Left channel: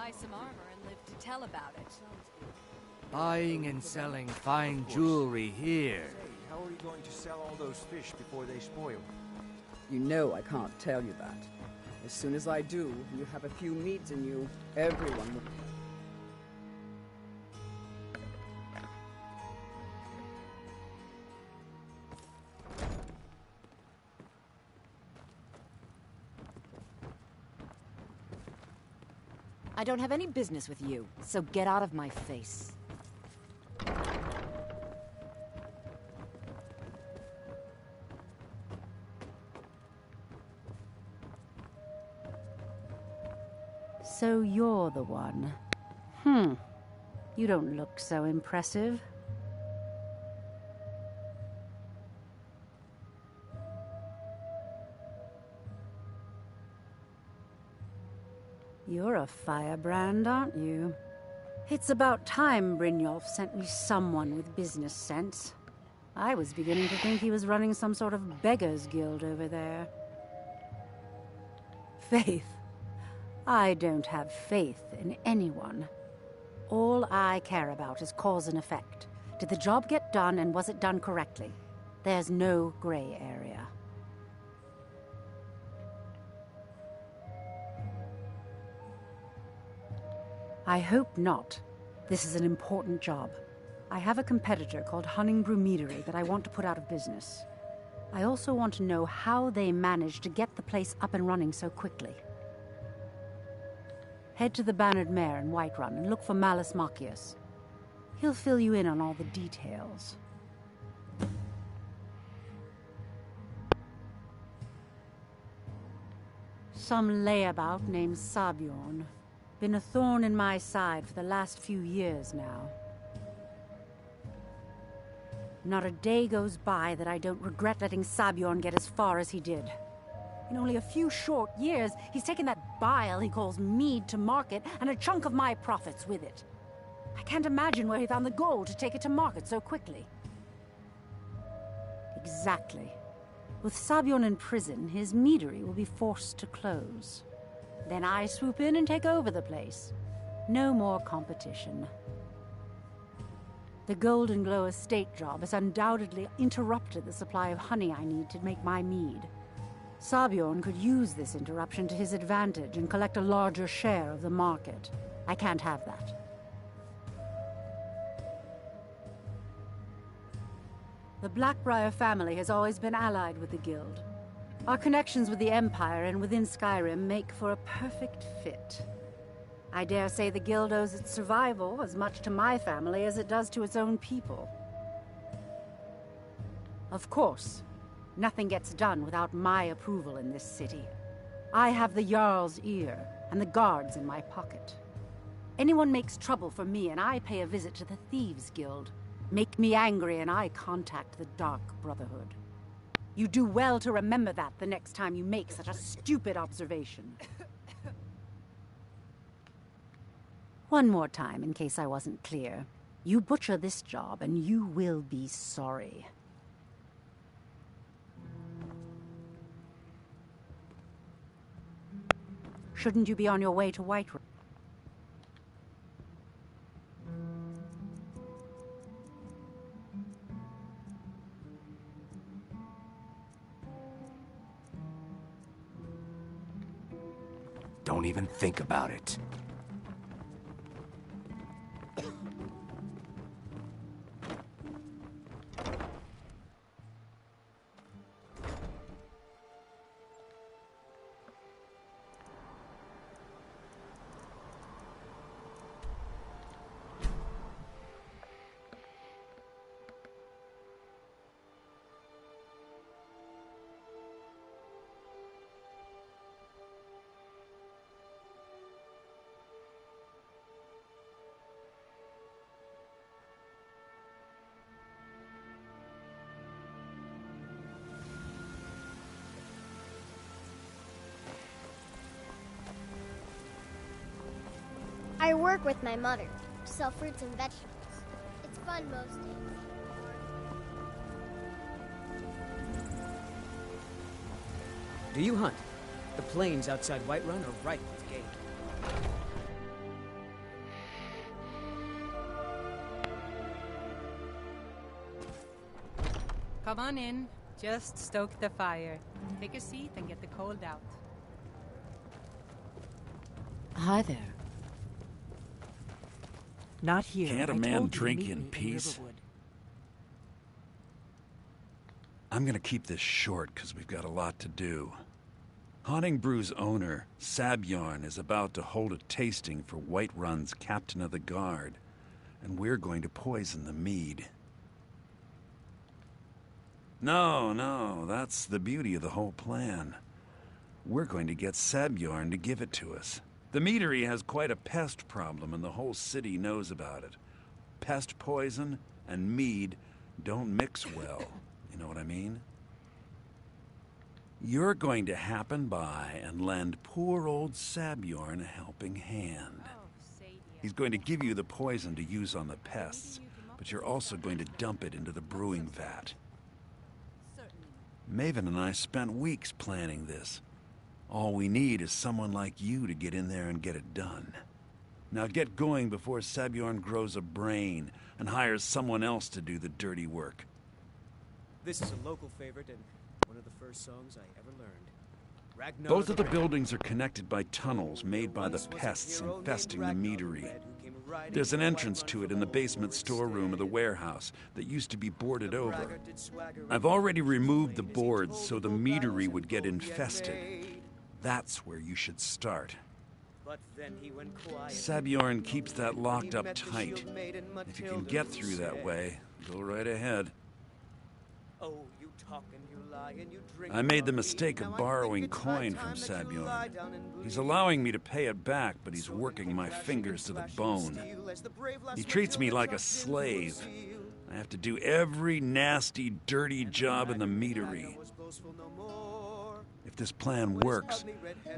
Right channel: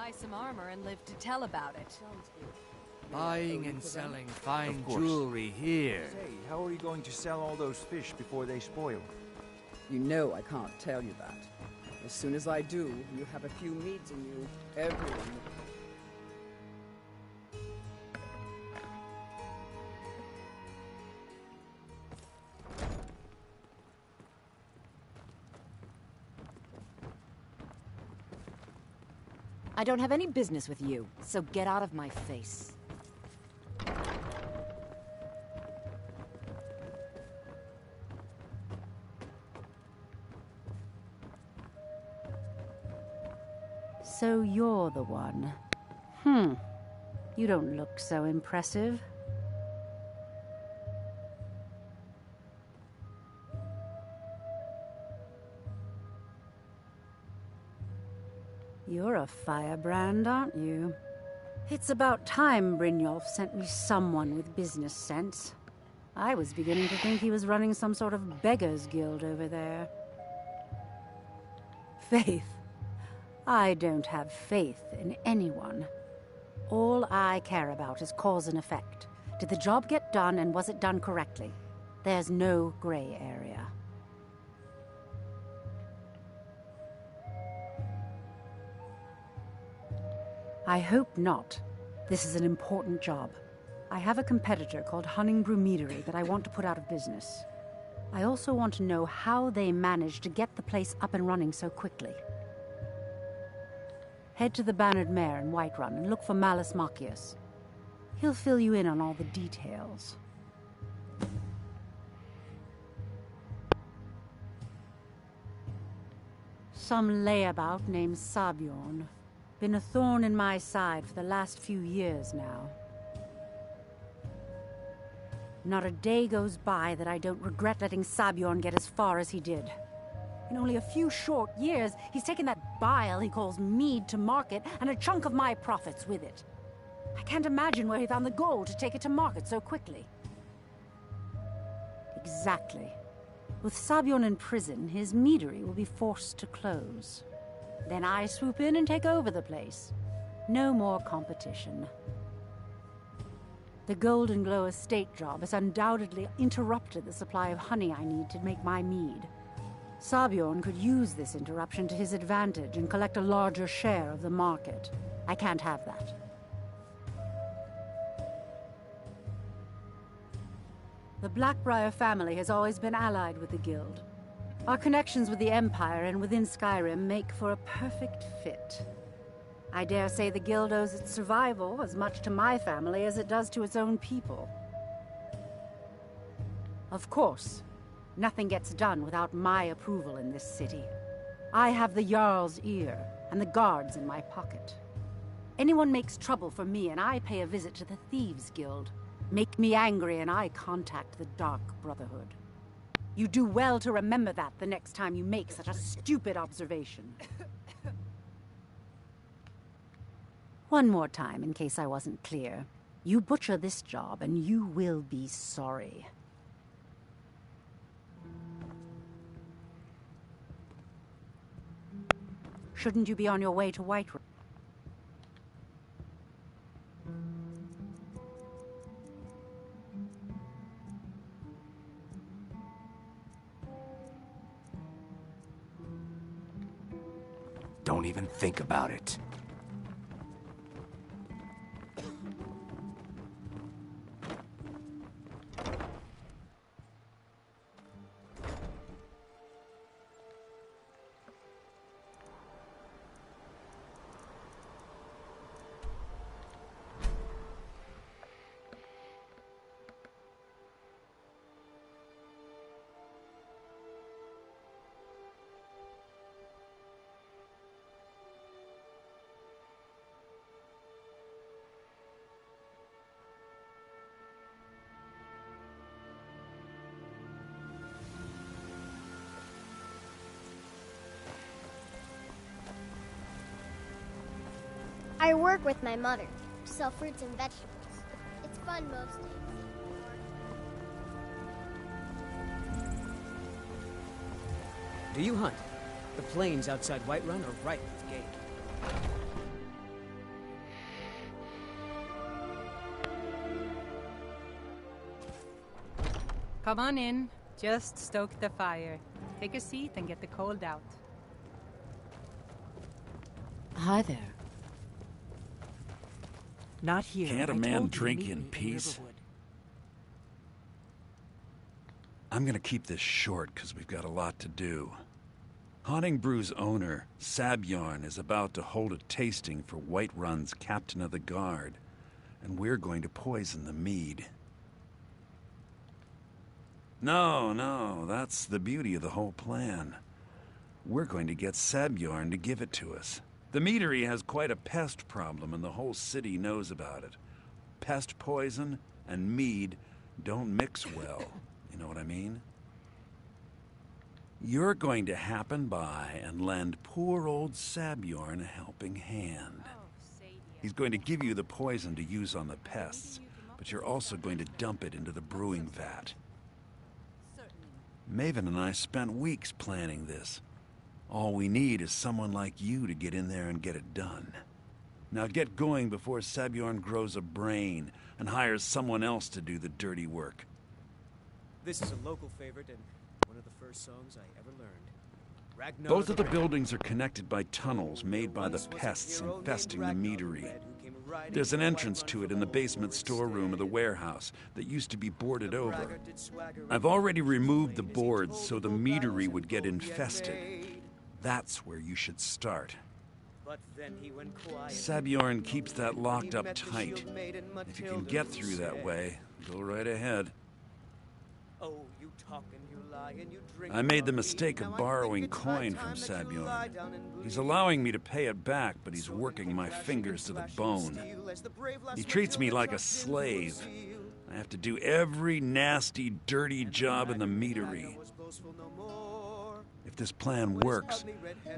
buy some armor and live to tell about it. Buying and selling fine jewelry here. Say, how are you going to sell all those fish before they spoil? You know I can't tell you that. As soon as I do, you have a few meads in you, everyone will... I don't have any business with you, so get out of my face. So you're the one. You don't look so impressive. You're a firebrand, aren't you? It's about time Brynjolf sent me someone with business sense. I was beginning to think he was running some sort of beggars guild over there. Faith. I don't have faith in anyone. All I care about is cause and effect. Did the job get done, and was it done correctly? There's no gray area. I hope not. This is an important job. I have a competitor called Hunningbrew Meadery that I want to put out of business. I also want to know how they managed to get the place up and running so quickly. Head to the Bannered Mare in Whiterun and look for Malus Machius. He'll fill you in on all the details. Some layabout named Sabjorn. Been a thorn in my side for the last few years now. Not a day goes by that I don't regret letting Sabjorn get as far as he did. In only a few short years, he's taken that bile he calls mead to market, and a chunk of my profits with it. I can't imagine where he found the gold to take it to market so quickly. Exactly. With Sabjorn in prison, his meadery will be forced to close. Then I swoop in and take over the place. No more competition. The Golden Glow estate job has undoubtedly interrupted the supply of honey I need to make my mead. Sabjorn could use this interruption to his advantage and collect a larger share of the market. I can't have that. The Blackbriar family has always been allied with the Guild. Our connections with the Empire and within Skyrim make for a perfect fit. I dare say the Guild owes its survival as much to my family as it does to its own people. Of course, nothing gets done without my approval in this city. I have the Jarl's ear and the guards in my pocket. Anyone makes trouble for me and I pay a visit to the Thieves' Guild. Make me angry and I contact the Dark Brotherhood. You do well to remember that the next time you make such a stupid observation. One more time, in case I wasn't clear. You butcher this job and you will be sorry. Shouldn't you be on your way to Whiterun? Don't even think about it. I work with my mother, sell fruits and vegetables. It's fun most days. Do you hunt? The plains outside Whiterun are ripe with game. Come on in. Just stoke the fire. Take a seat and get the cold out. Hi there. Not here. Can't a I man told you to drink meet in me peace? Riverwood. I'm gonna keep this short because we've got a lot to do. Honningbru's owner, Sabjorn, is about to hold a tasting for Whiterun's captain of the guard, and we're going to poison the mead. No, that's the beauty of the whole plan. We're going to get Sabjorn to give it to us. The meadery has quite a pest problem, and the whole city knows about it. Pest poison and mead don't mix well. You know what I mean? You're going to happen by and lend poor old Sabjorn a helping hand. He's going to give you the poison to use on the pests, but you're also going to dump it into the brewing vat. Maven and I spent weeks planning this. All we need is someone like you to get in there and get it done. Now get going before Sabjorn grows a brain and hires someone else to do the dirty work. This is a local favorite and one of the first songs I ever learned. Ragnar Both of the buildings are connected by tunnels made by the pests infesting the meadery. There's an entrance to it in the basement storeroom of the warehouse that used to be boarded over. I've already removed the boards so the meadery would get infested. That's where you should start. Sabjorn keeps that locked up tight. If you can get through that way, go right ahead. I made the mistake of borrowing coin from Sabjorn. He's allowing me to pay it back, but he's working my fingers to the bone. He treats me like a slave. I have to do every nasty, dirty job in the meadery. If this plan works,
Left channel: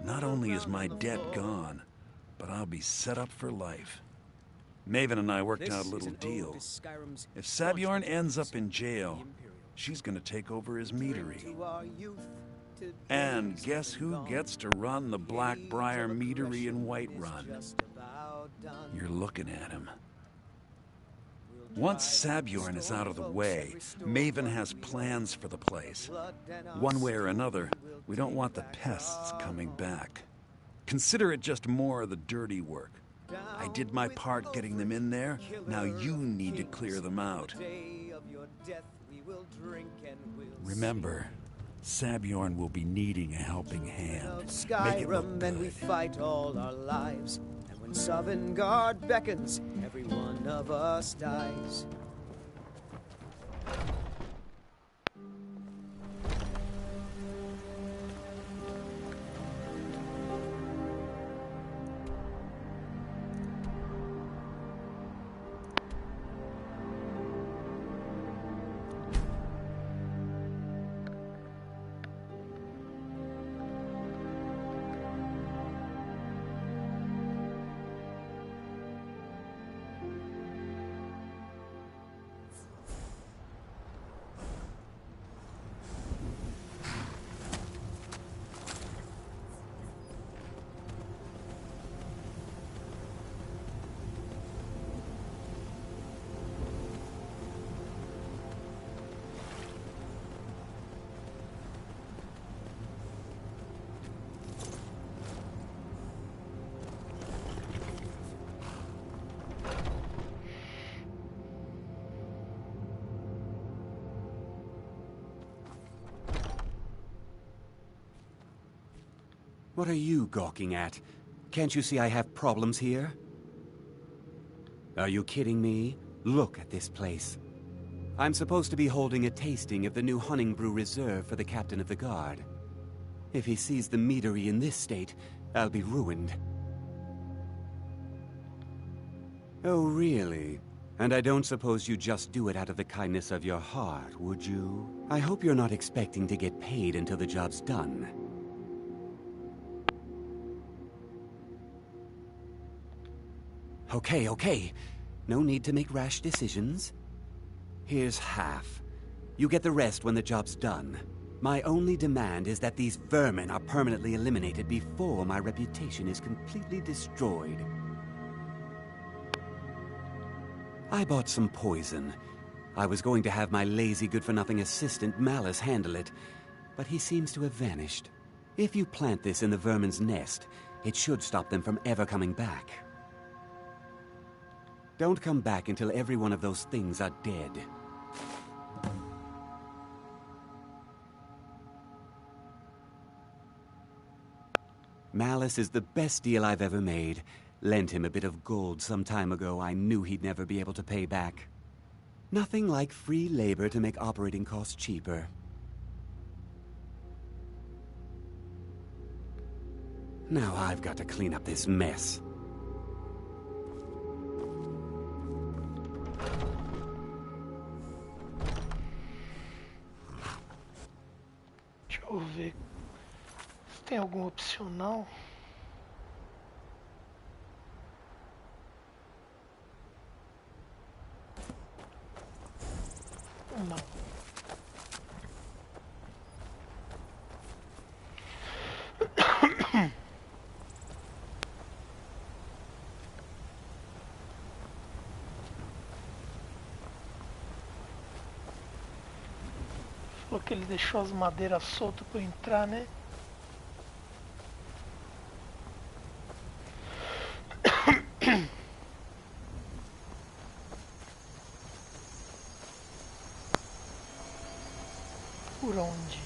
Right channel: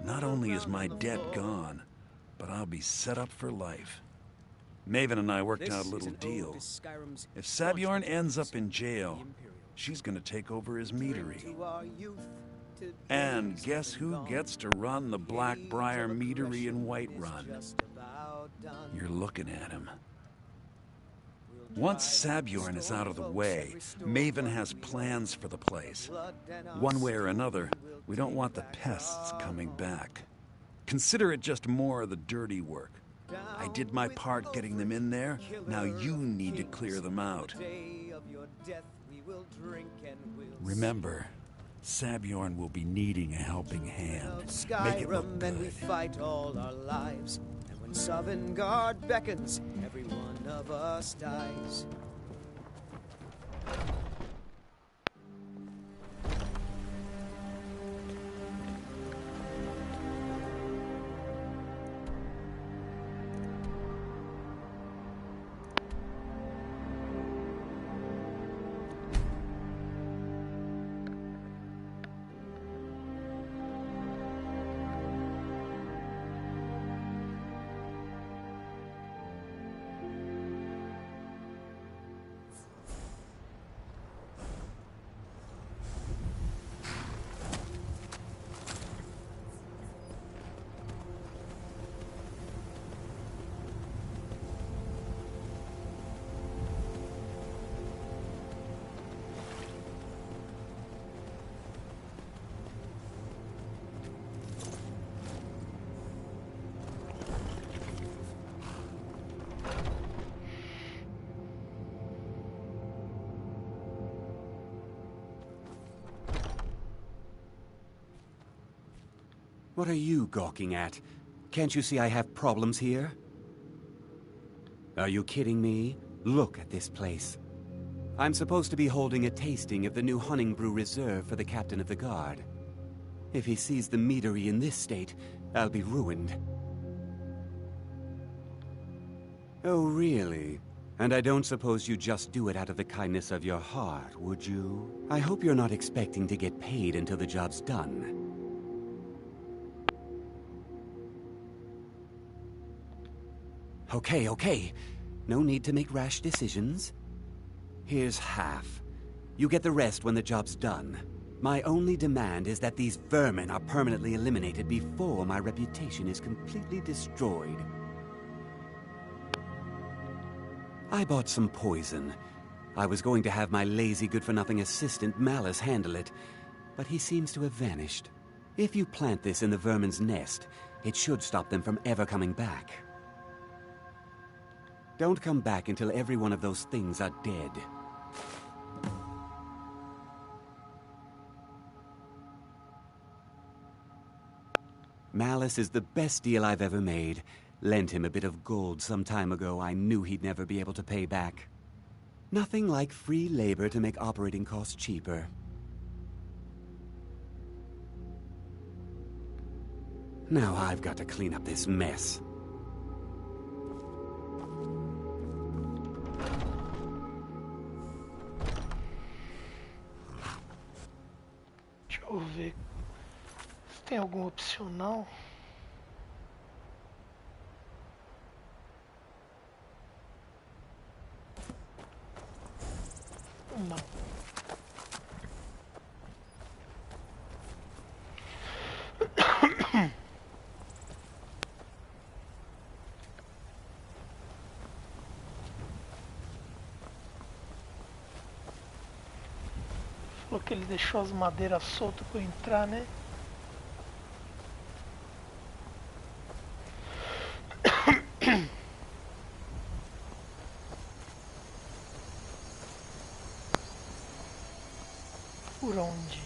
not only is my debt gone, but I'll be set up for life. Maven and I worked out a little deal. If Sabjorn ends up in jail, she's going to take over his meadery. And guess who gets to run the Blackbriar meadery in Whiterun? You're looking at him. Once Sabjorn is out of the way, Maven has plans for the place. One way or another, we don't want the pests coming back. Consider it just more of the dirty work. I did my part getting them in there. Now you need to clear them out. Remember, Sabjorn will be needing a helping hand. Make it look Skyrim, and we good. fight all our lives. And when Sovngarde beckons, every one of us dies. What are you gawking at? Can't you see I have problems here? Are you kidding me? Look at this place. I'm supposed to be holding a tasting of the new Honningbrew Reserve for the captain of the guard. If he sees the meadery in this state, I'll be ruined. Oh, really? And I don't suppose you just do it out of the kindness of your heart, would you? I hope you're not expecting to get paid until the job's done. Okay. No need to make rash decisions. Here's half. You get the rest when the job's done. My only demand is that these vermin are permanently eliminated before my reputation is completely destroyed. I bought some poison. I was going to have my lazy, good-for-nothing assistant Malice handle it, but he seems to have vanished. If you plant this in the vermin's nest, it should stop them from ever coming back. Don't come back until every one of those things are dead. Malice is the best deal I've ever made. Lent him a bit of gold some time ago I knew he'd never be able to pay back. Nothing like free labor to make operating costs cheaper. Now I've got to clean up this mess. Deixa eu ver se tem algum opcional. Não. Falou que ele deixou as madeiras soltas para eu entrar, né? Por onde?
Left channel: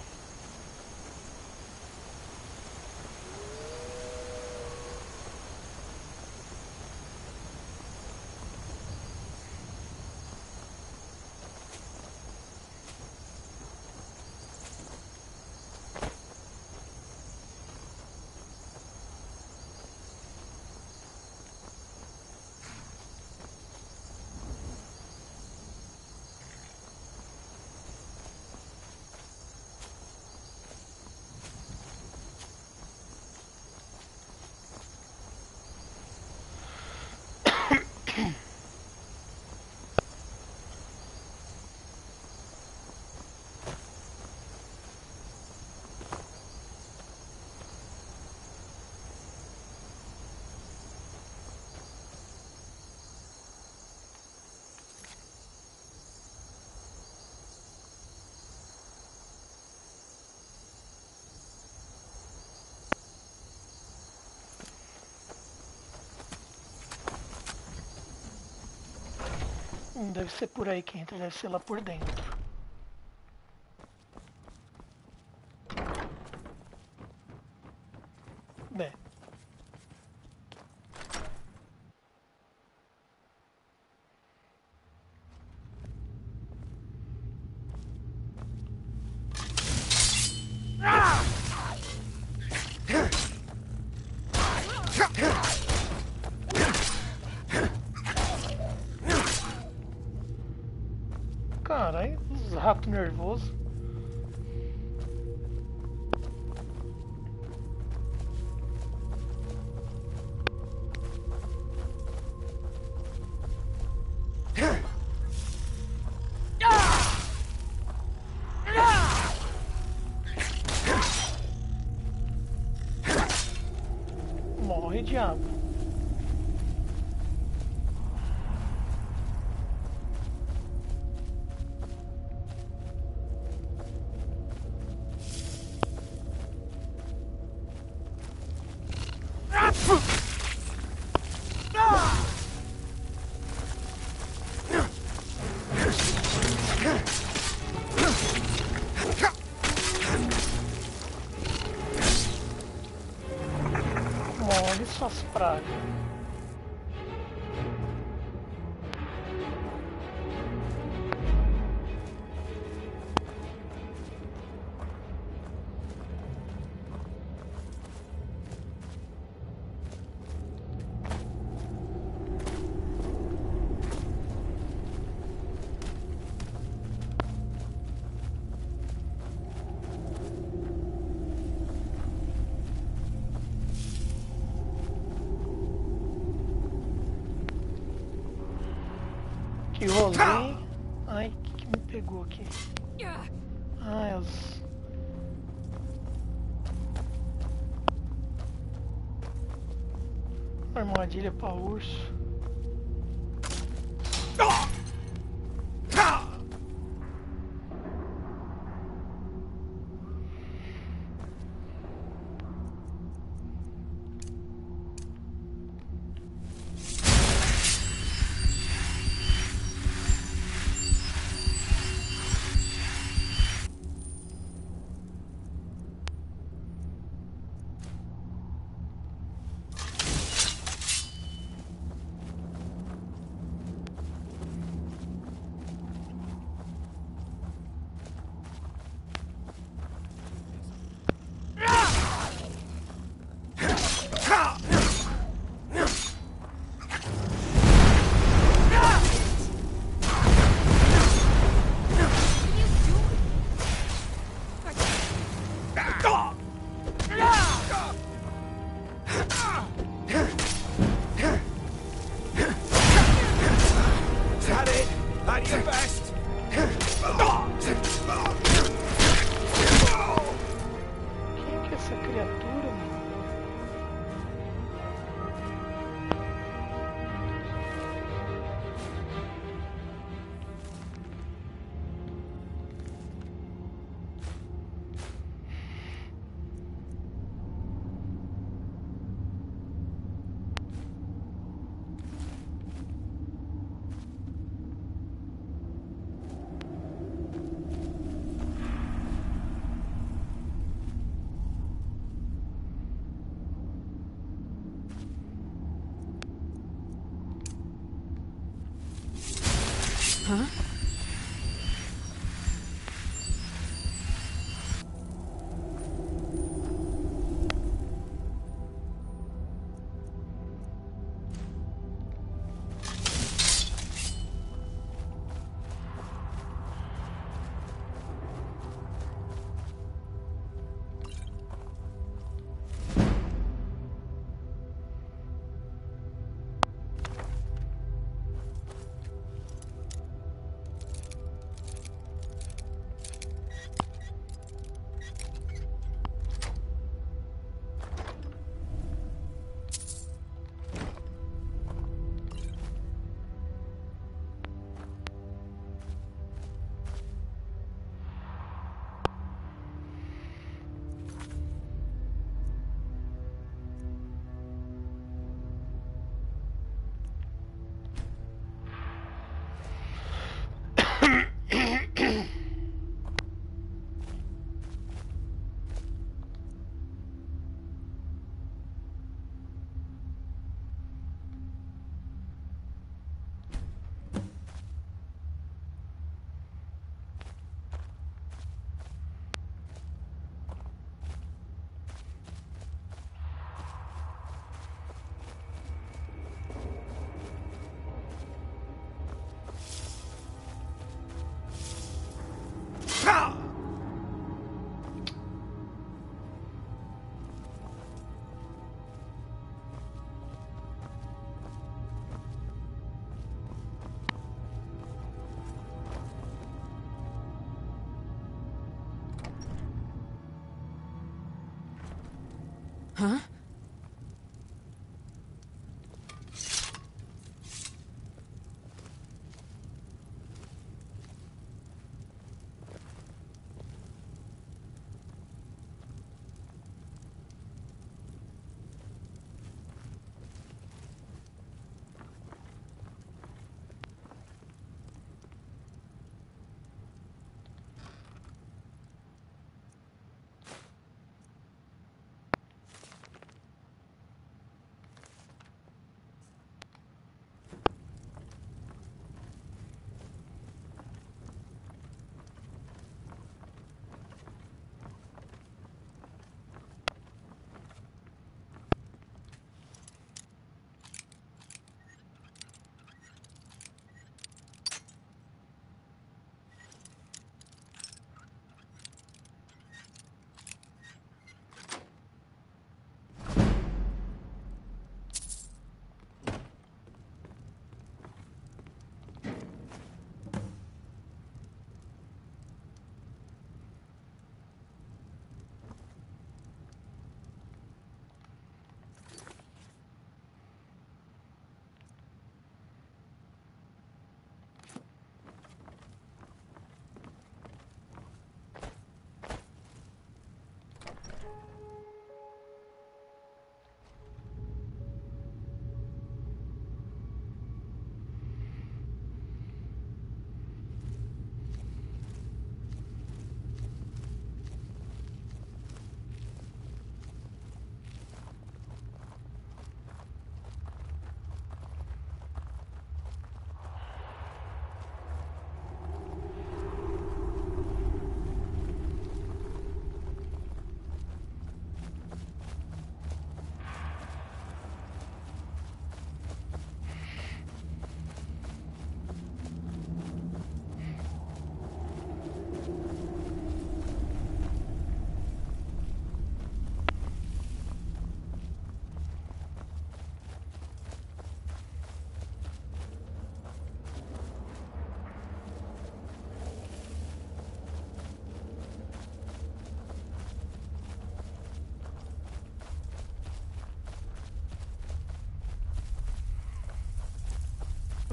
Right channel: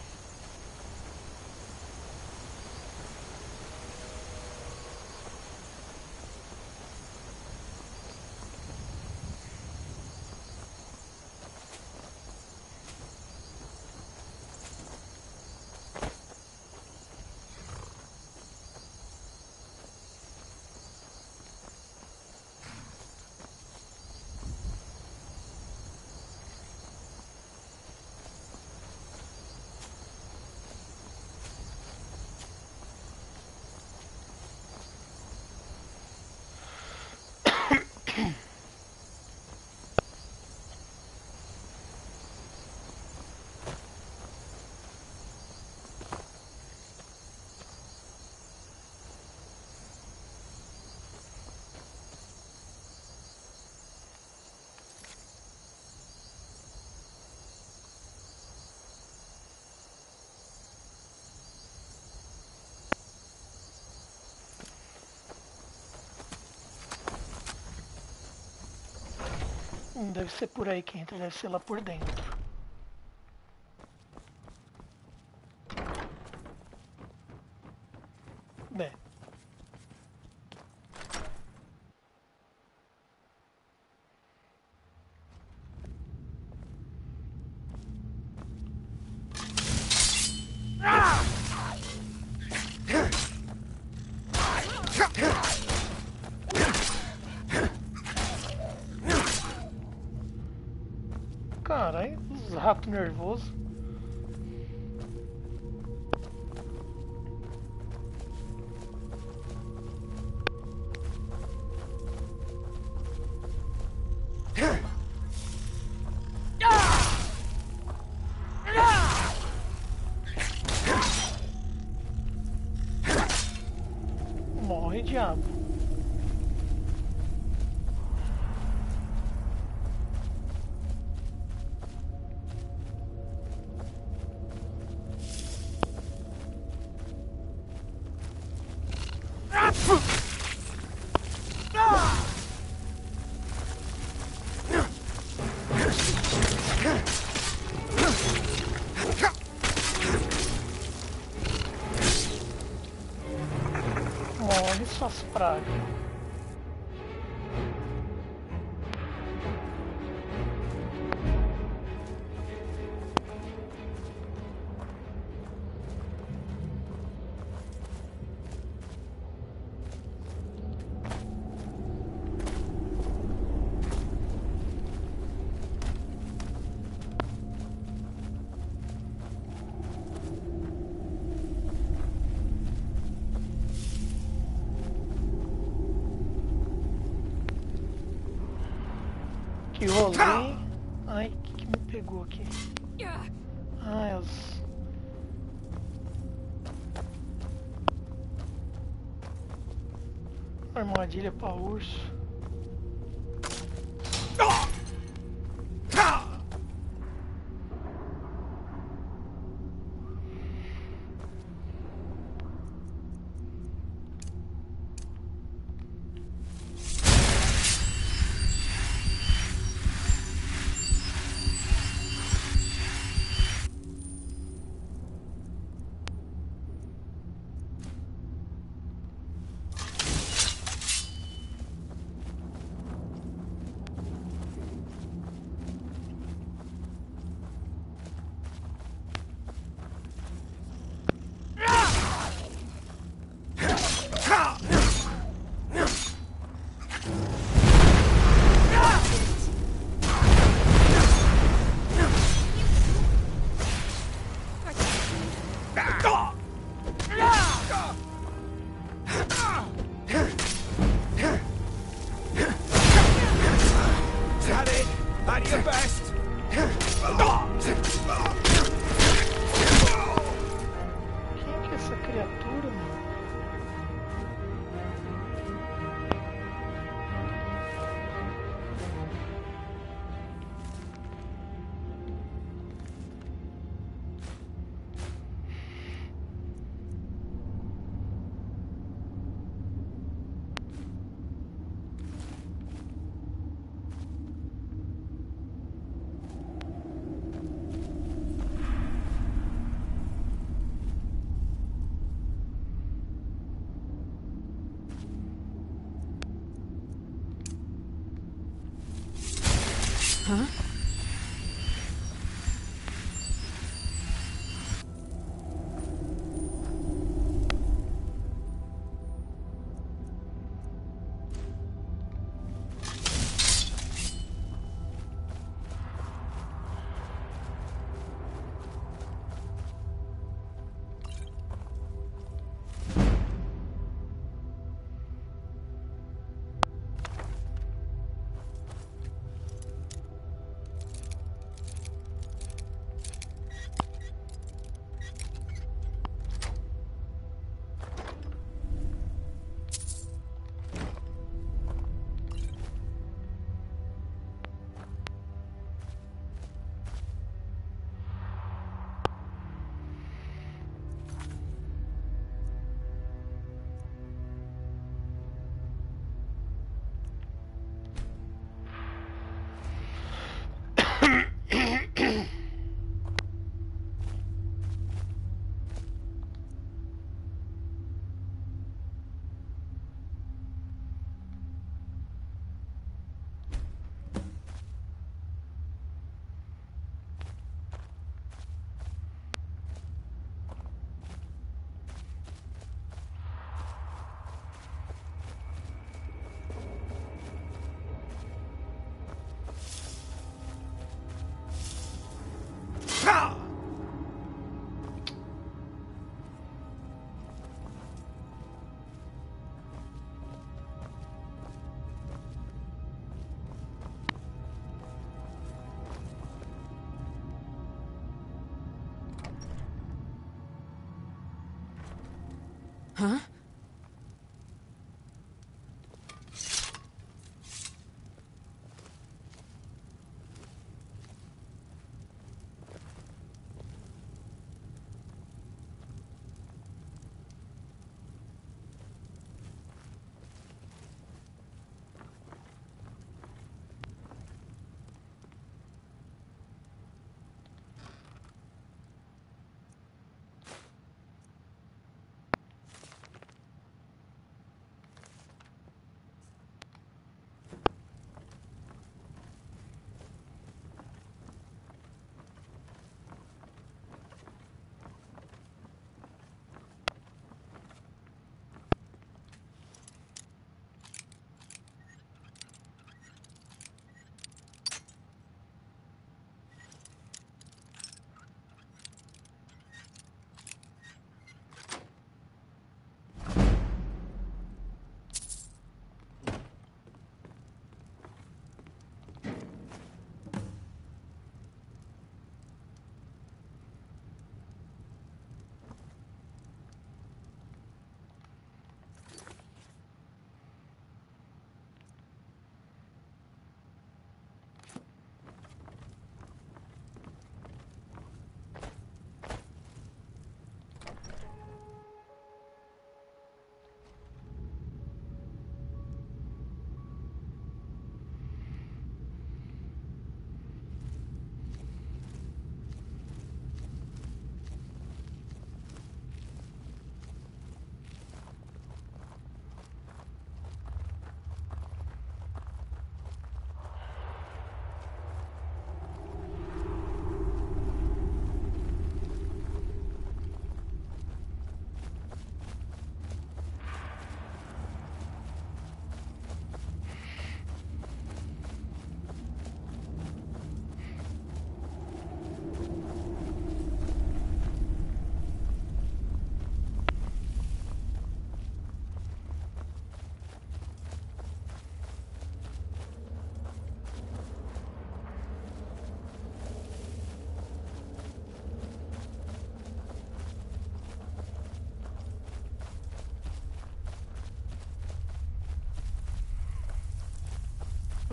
Não deve ser por aí que entra, deve ser lá por dentro. Bem. Caralho, os ratos nervosos. Morre, diabo. Morre suas pragas. Que rolê. Ai, o que me pegou aqui? Ai, as... Armadilha pra urso. Huh? Huh?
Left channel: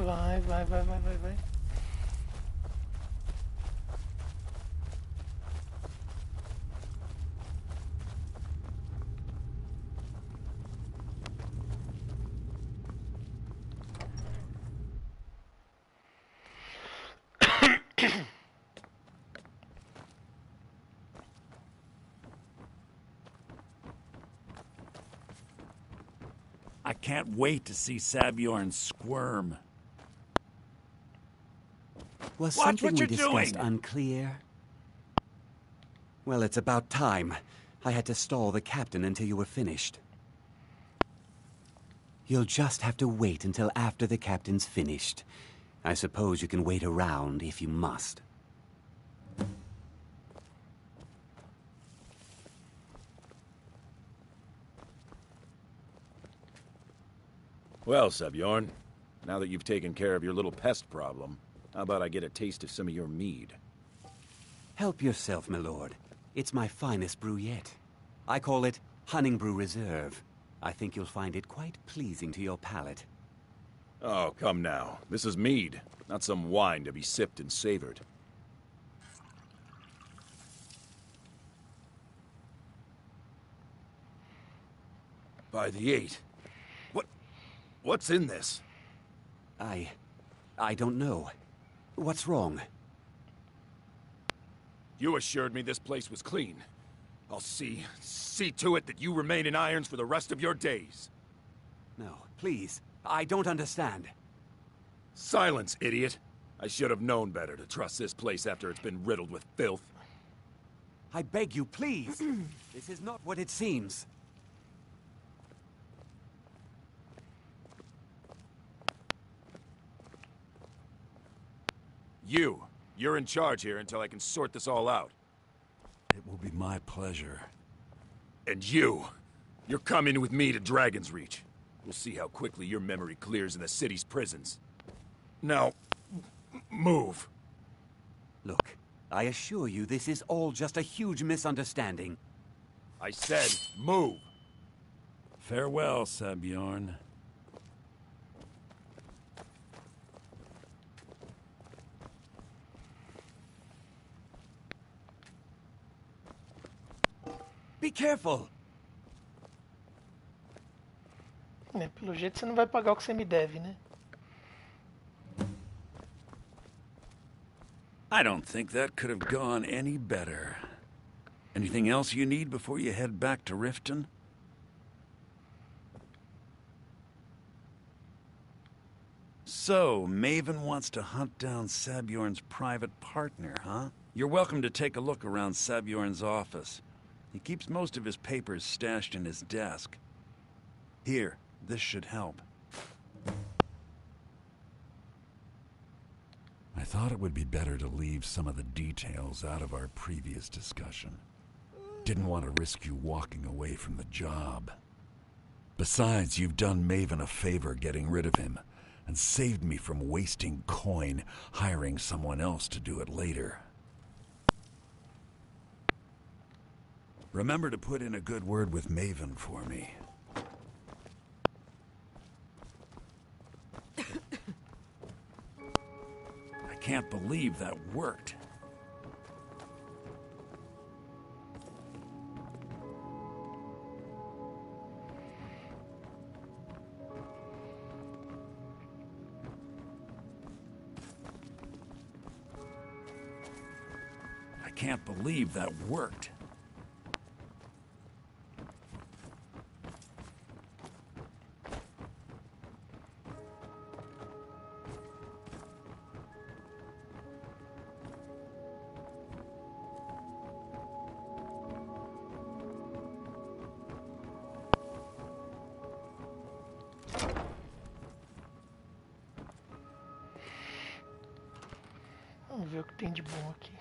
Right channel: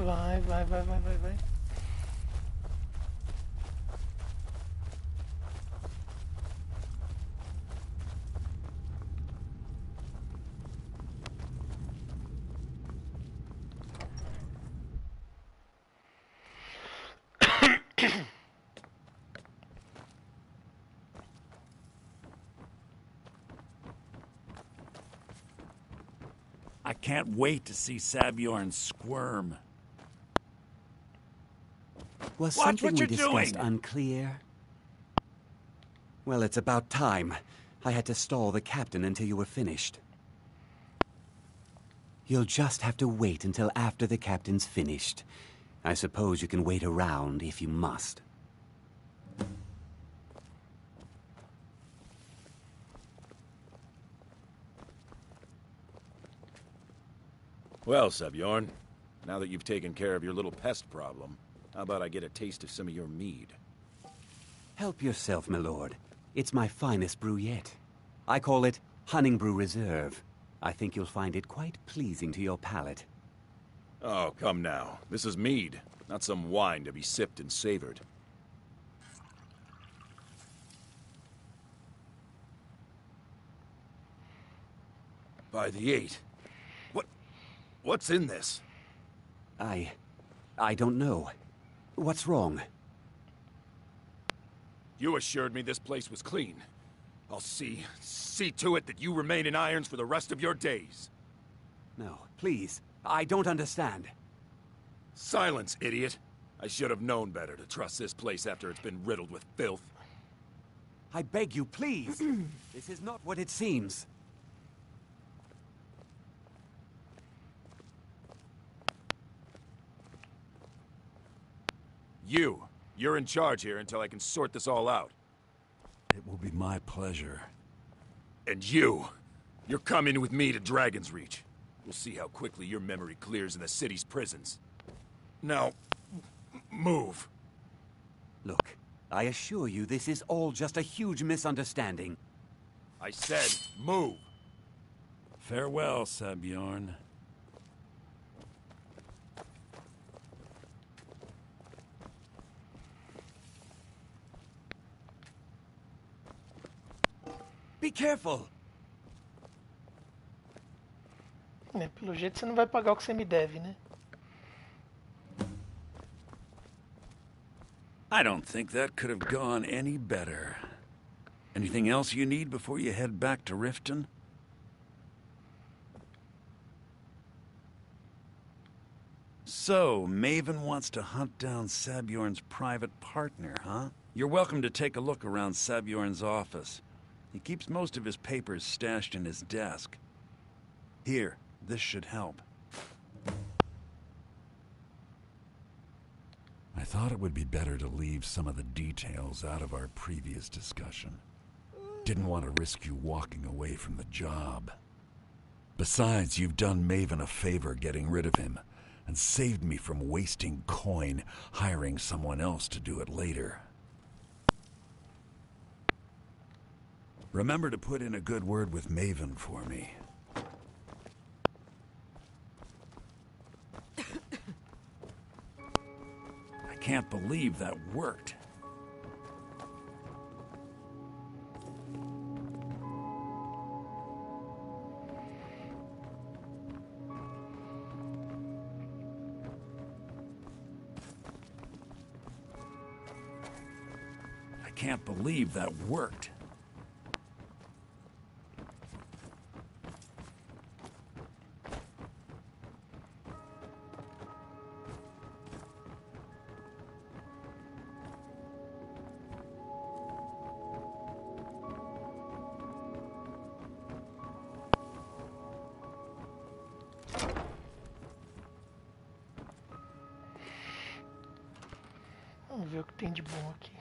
Vai. I can't wait to see Sabjorn squirm. Was Watch something what we you're discussed doing. unclear? Well, it's about time. I had to stall the captain until you were finished. You'll just have to wait until after the captain's finished. I suppose you can wait around if you must. Well, Sabjorn, now that you've taken care of your little pest problem, how about I get a taste of some of your mead? Help yourself, my lord. It's my finest brew yet. I call it Hunning Brew Reserve. I think you'll find it quite pleasing to your palate. Oh, come now. This is mead, not some wine to be sipped and savored. By the 8. What's in this? I don't know. What's wrong? You assured me this place was clean. I'll see to it that you remain in irons for the rest of your days. No, please. I don't understand. Silence, idiot. I should have known better to trust this place after it's been riddled with filth. I beg you, please. This is not what it seems. You're in charge here until I can sort this all out. It will be my pleasure. And you're coming with me to Dragon's Reach. We'll see how quickly your memory clears in the city's prisons. Now, move. Look, I assure you this is all just a huge misunderstanding. I said, move. Farewell, Sabjorn. Be careful! Pelo jeito você não vai pagar o que você me deve, né? I don't think that could have gone any better. Anything else you need before you head back to Riften? So, Maven wants to hunt down Sabjorn's private partner, huh? You're welcome to take a look around Sabjorn's office. He keeps most of his papers stashed in his desk. Here, this should help. I thought it would be better to leave some of the details out of our previous discussion. Didn't want to risk you walking away from the job. Besides, you've done Maven a favor getting rid of him, and saved me from wasting coin hiring someone else to do it later. Remember to put in a good word with Maven for me. I can't believe that worked. I can't believe that worked. Vamos ver o que tem de bom aqui.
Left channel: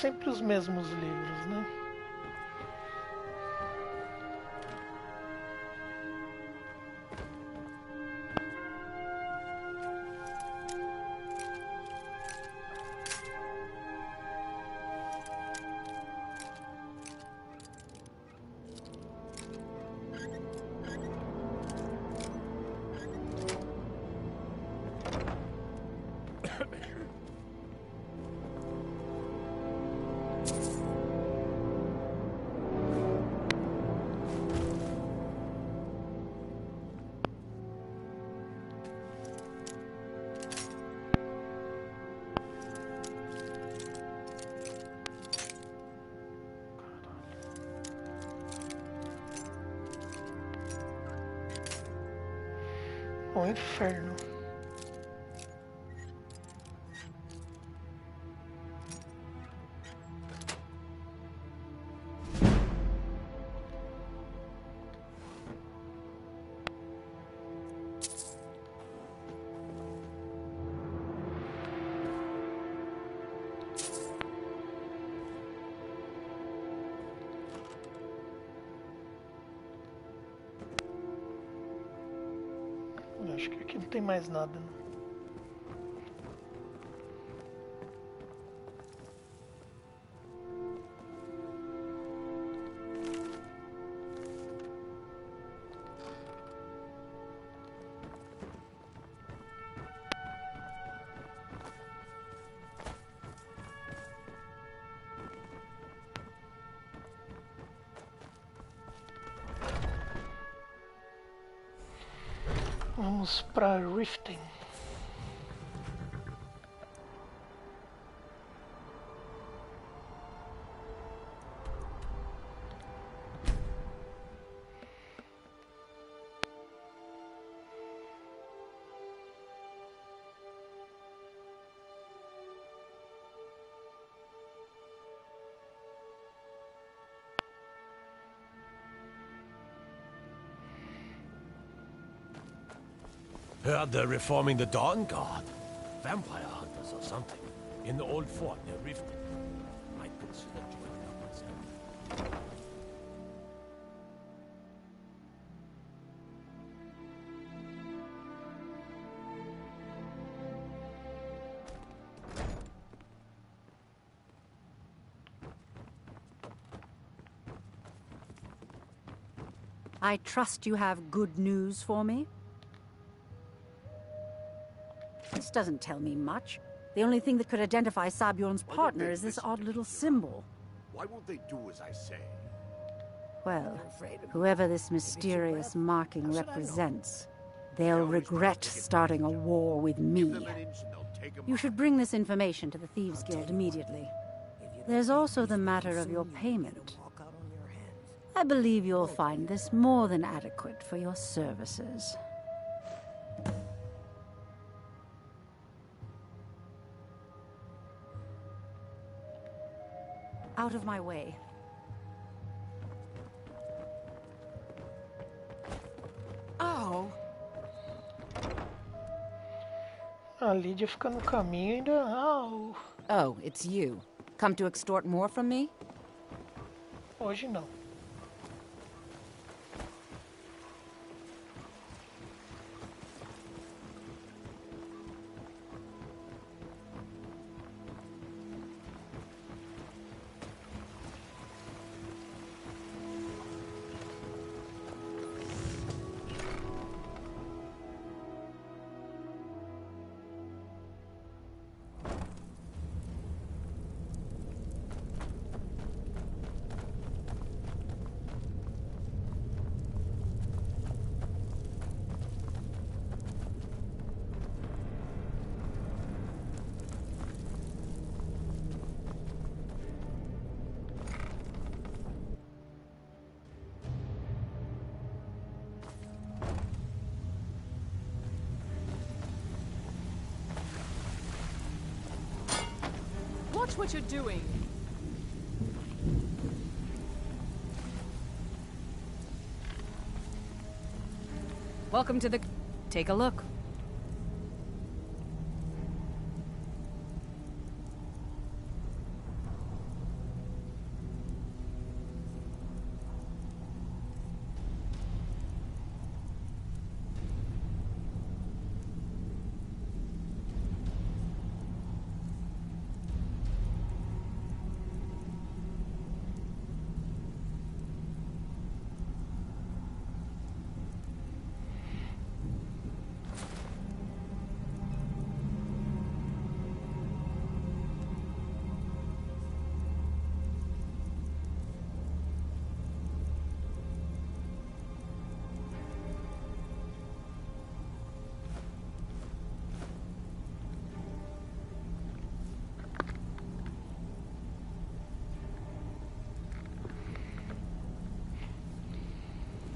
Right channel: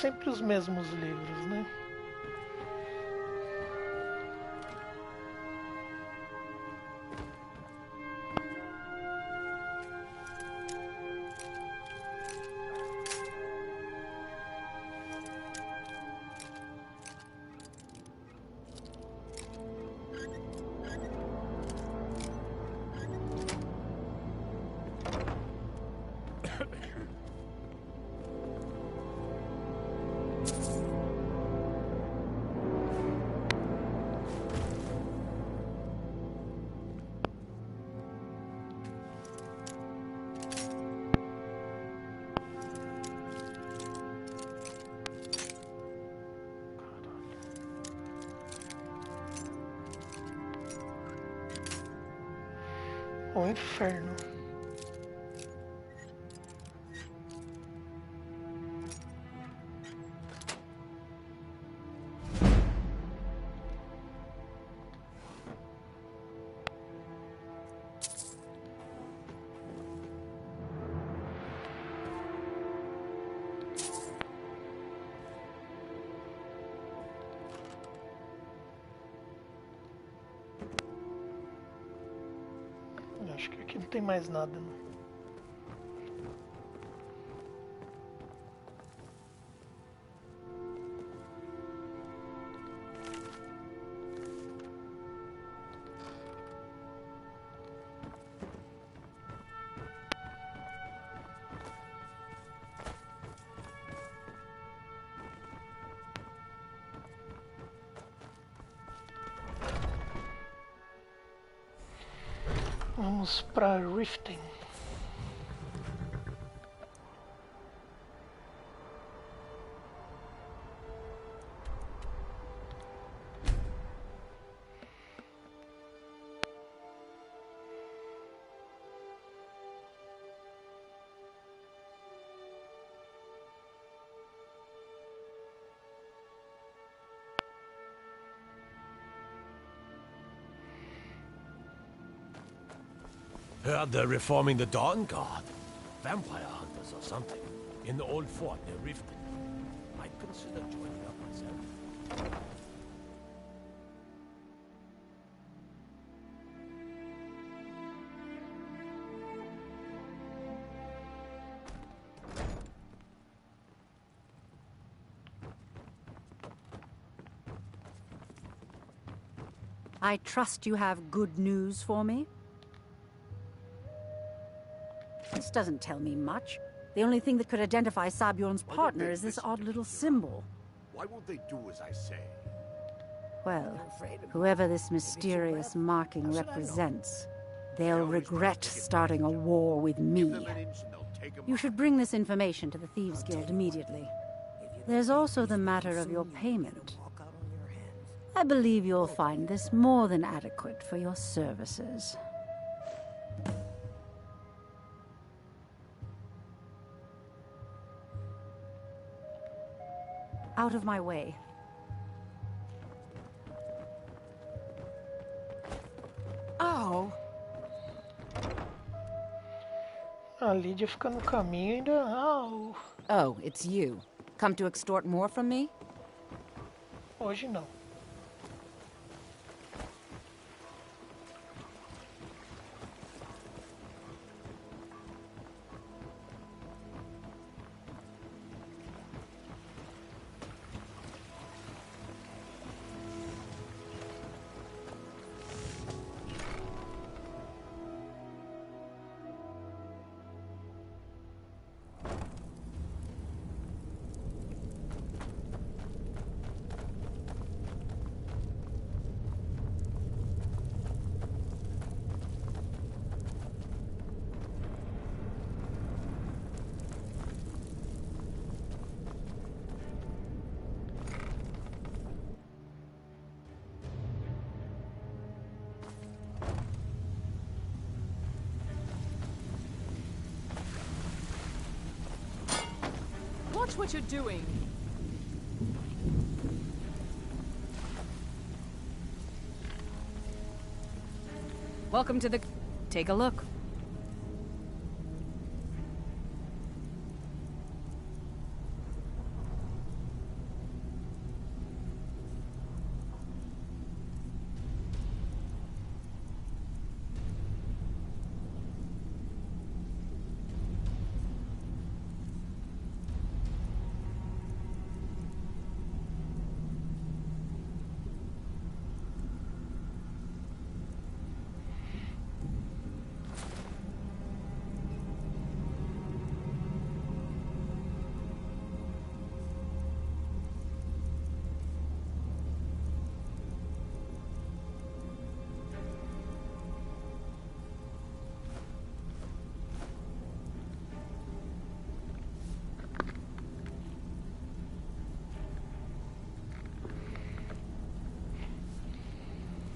sempre os mesmos livros, né? O inferno. Acho que aqui não tem mais nada, não. Vamos para Riften. Heard they're reforming the Dawn Guard. Vampire hunters or something. In the old fort near Riften. Might consider joining up myself. I trust you have good news for me? This doesn't tell me much. The only thing that could identify Sabjorn's partner is this odd little symbol. Why won't they do as I say? Well, whoever this mysterious marking represents, they'll regret starting a war with me. You should bring this information to the Thieves Guild immediately. There's also the matter of your payment. I believe you'll find this more than adequate for your services. Out of my way. Oh. A Lydia fica no caminho ainda. Oh. Oh, it's you. Come to extort more from me? Hoje não. Watch what you're doing. Welcome to the... Take a look.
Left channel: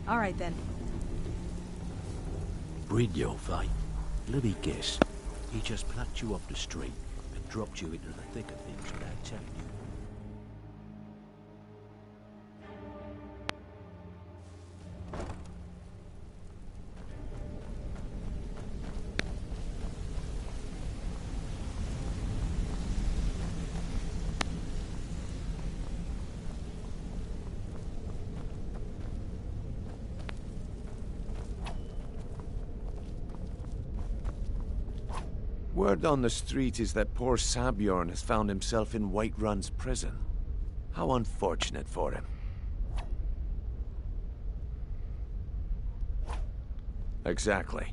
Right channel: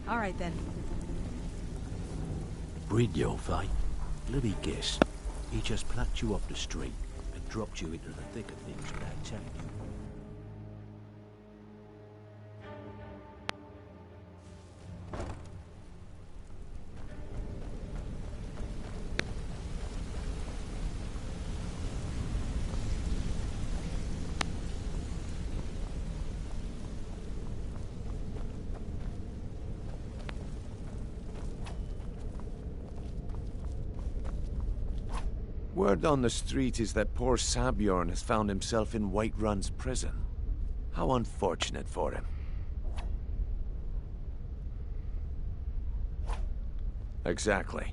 All right, then. Brynjolf, eh? Let me guess. He just plucked you off the street and dropped you into the thick of things without telling you. Word on the street is that poor Sabjorn has found himself in Whiterun's prison. How unfortunate for him. Exactly.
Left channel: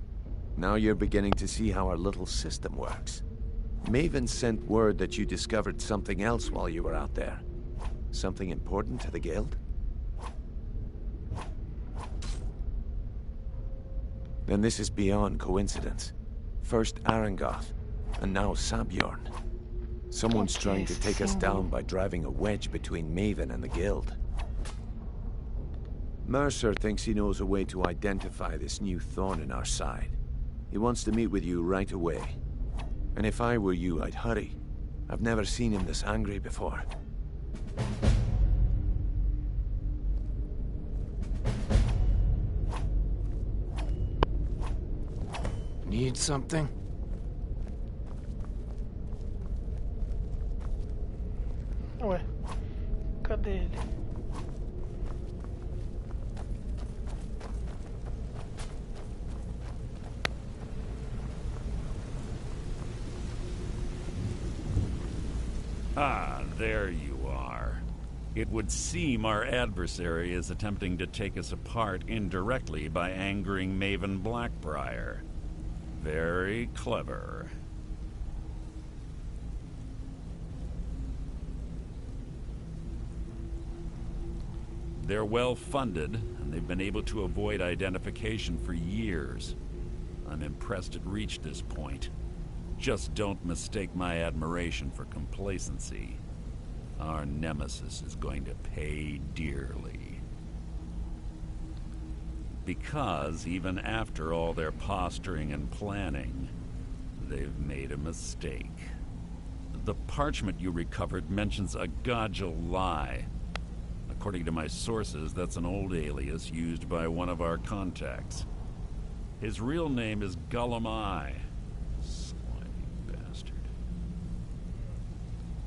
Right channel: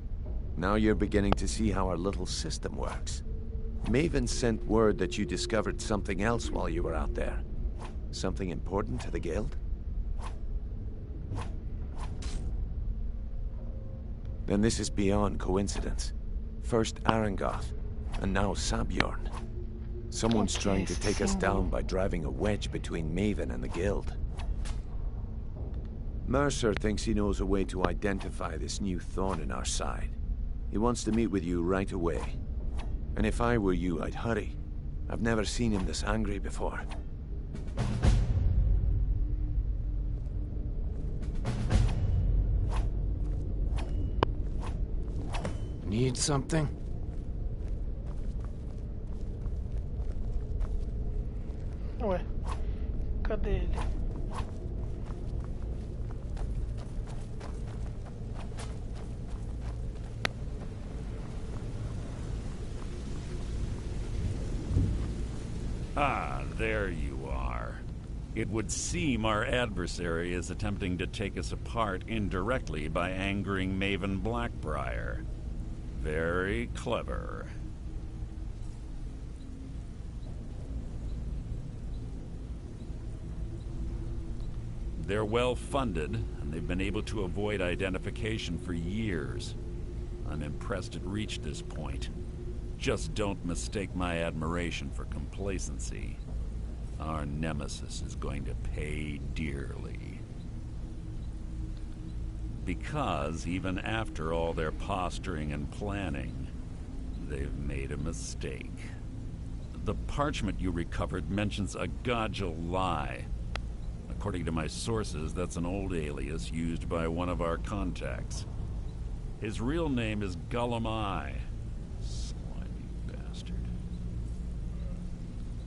Now you're beginning to see how our little system works. Maven sent word that you discovered something else while you were out there. Something important to the guild? Then this is beyond coincidence. First Arangoth, and now Sabjorn. Someone's trying to take us down by driving a wedge between Maven and the guild. Mercer thinks he knows a way to identify this new thorn in our side. He wants to meet with you right away. And if I were you, I'd hurry. I've never seen him this angry before. Need something? Ué, cadê ele? Ah, there you are. It would seem our adversary is attempting to take us apart indirectly by angering Maven Blackbriar. Very clever. They're well funded, and they've been able to avoid identification for years. I'm impressed it reached this point. Just don't mistake my admiration for complacency. Our nemesis is going to pay dearly. Because even after all their posturing and planning, they've made a mistake. The parchment you recovered mentions a Godgel lie. According to my sources, that's an old alias used by one of our contacts. His real name is Gullumai. Slimy bastard.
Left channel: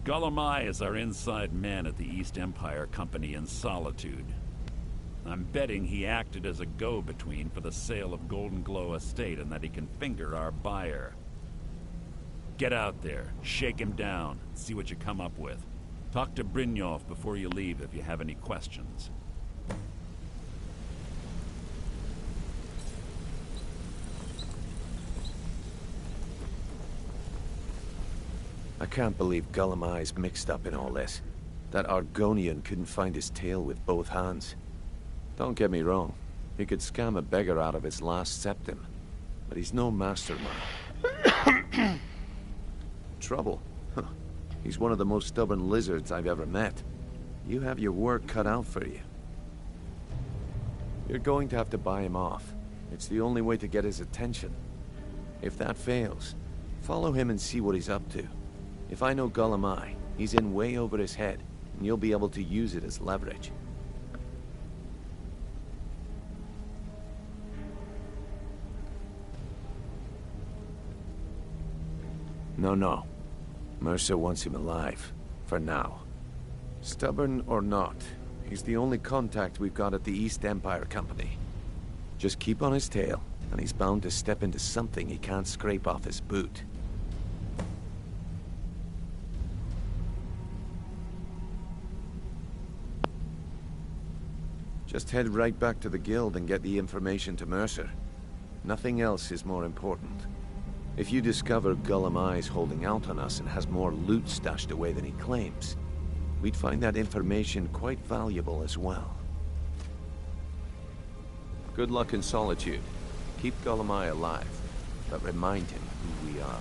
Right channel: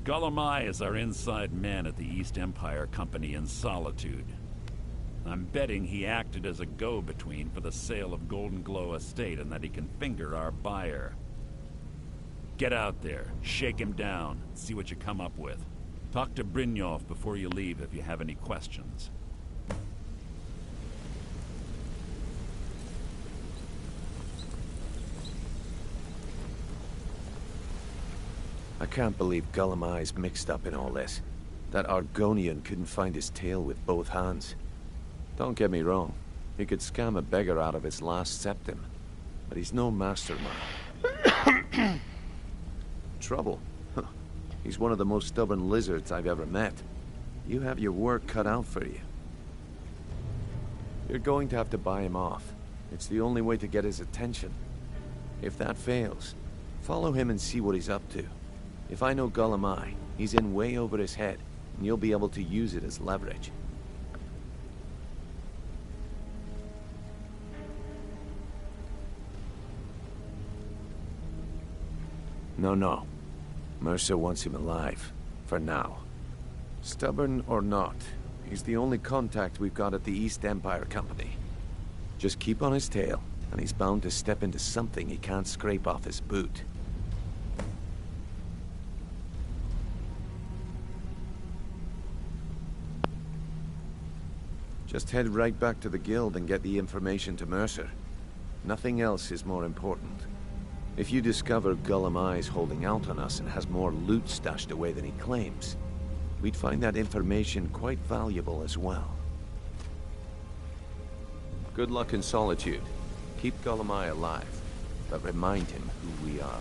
Gullumai is our inside man at the East Empire Company in Solitude. I'm betting he acted as a go-between for the sale of Golden Glow Estate and that he can finger our buyer. Get out there, shake him down, see what you come up with. Talk to Brynjolf before you leave if you have any questions. I can't believe Gullumai's mixed up in all this. That Argonian couldn't find his tail with both hands. Don't get me wrong, he could scam a beggar out of his last septim, but he's no mastermind. Trouble? Huh. He's one of the most stubborn lizards I've ever met. You have your work cut out for you. You're going to have to buy him off. It's the only way to get his attention. If that fails, follow him and see what he's up to. If I know Gullumai, he's in way over his head, and you'll be able to use it as leverage. No. Mercer wants him alive. For now. Stubborn or not, he's the only contact we've got at the East Empire Company. Just keep on his tail, and he's bound to step into something he can't scrape off his boot. Just head right back to the guild and get the information to Mercer. Nothing else is more important. If you discover Gullumai's holding out on us and has more loot stashed away than he claims, we'd find that information quite valuable as well. Good luck in Solitude. Keep Gullumai alive, but remind him who we are.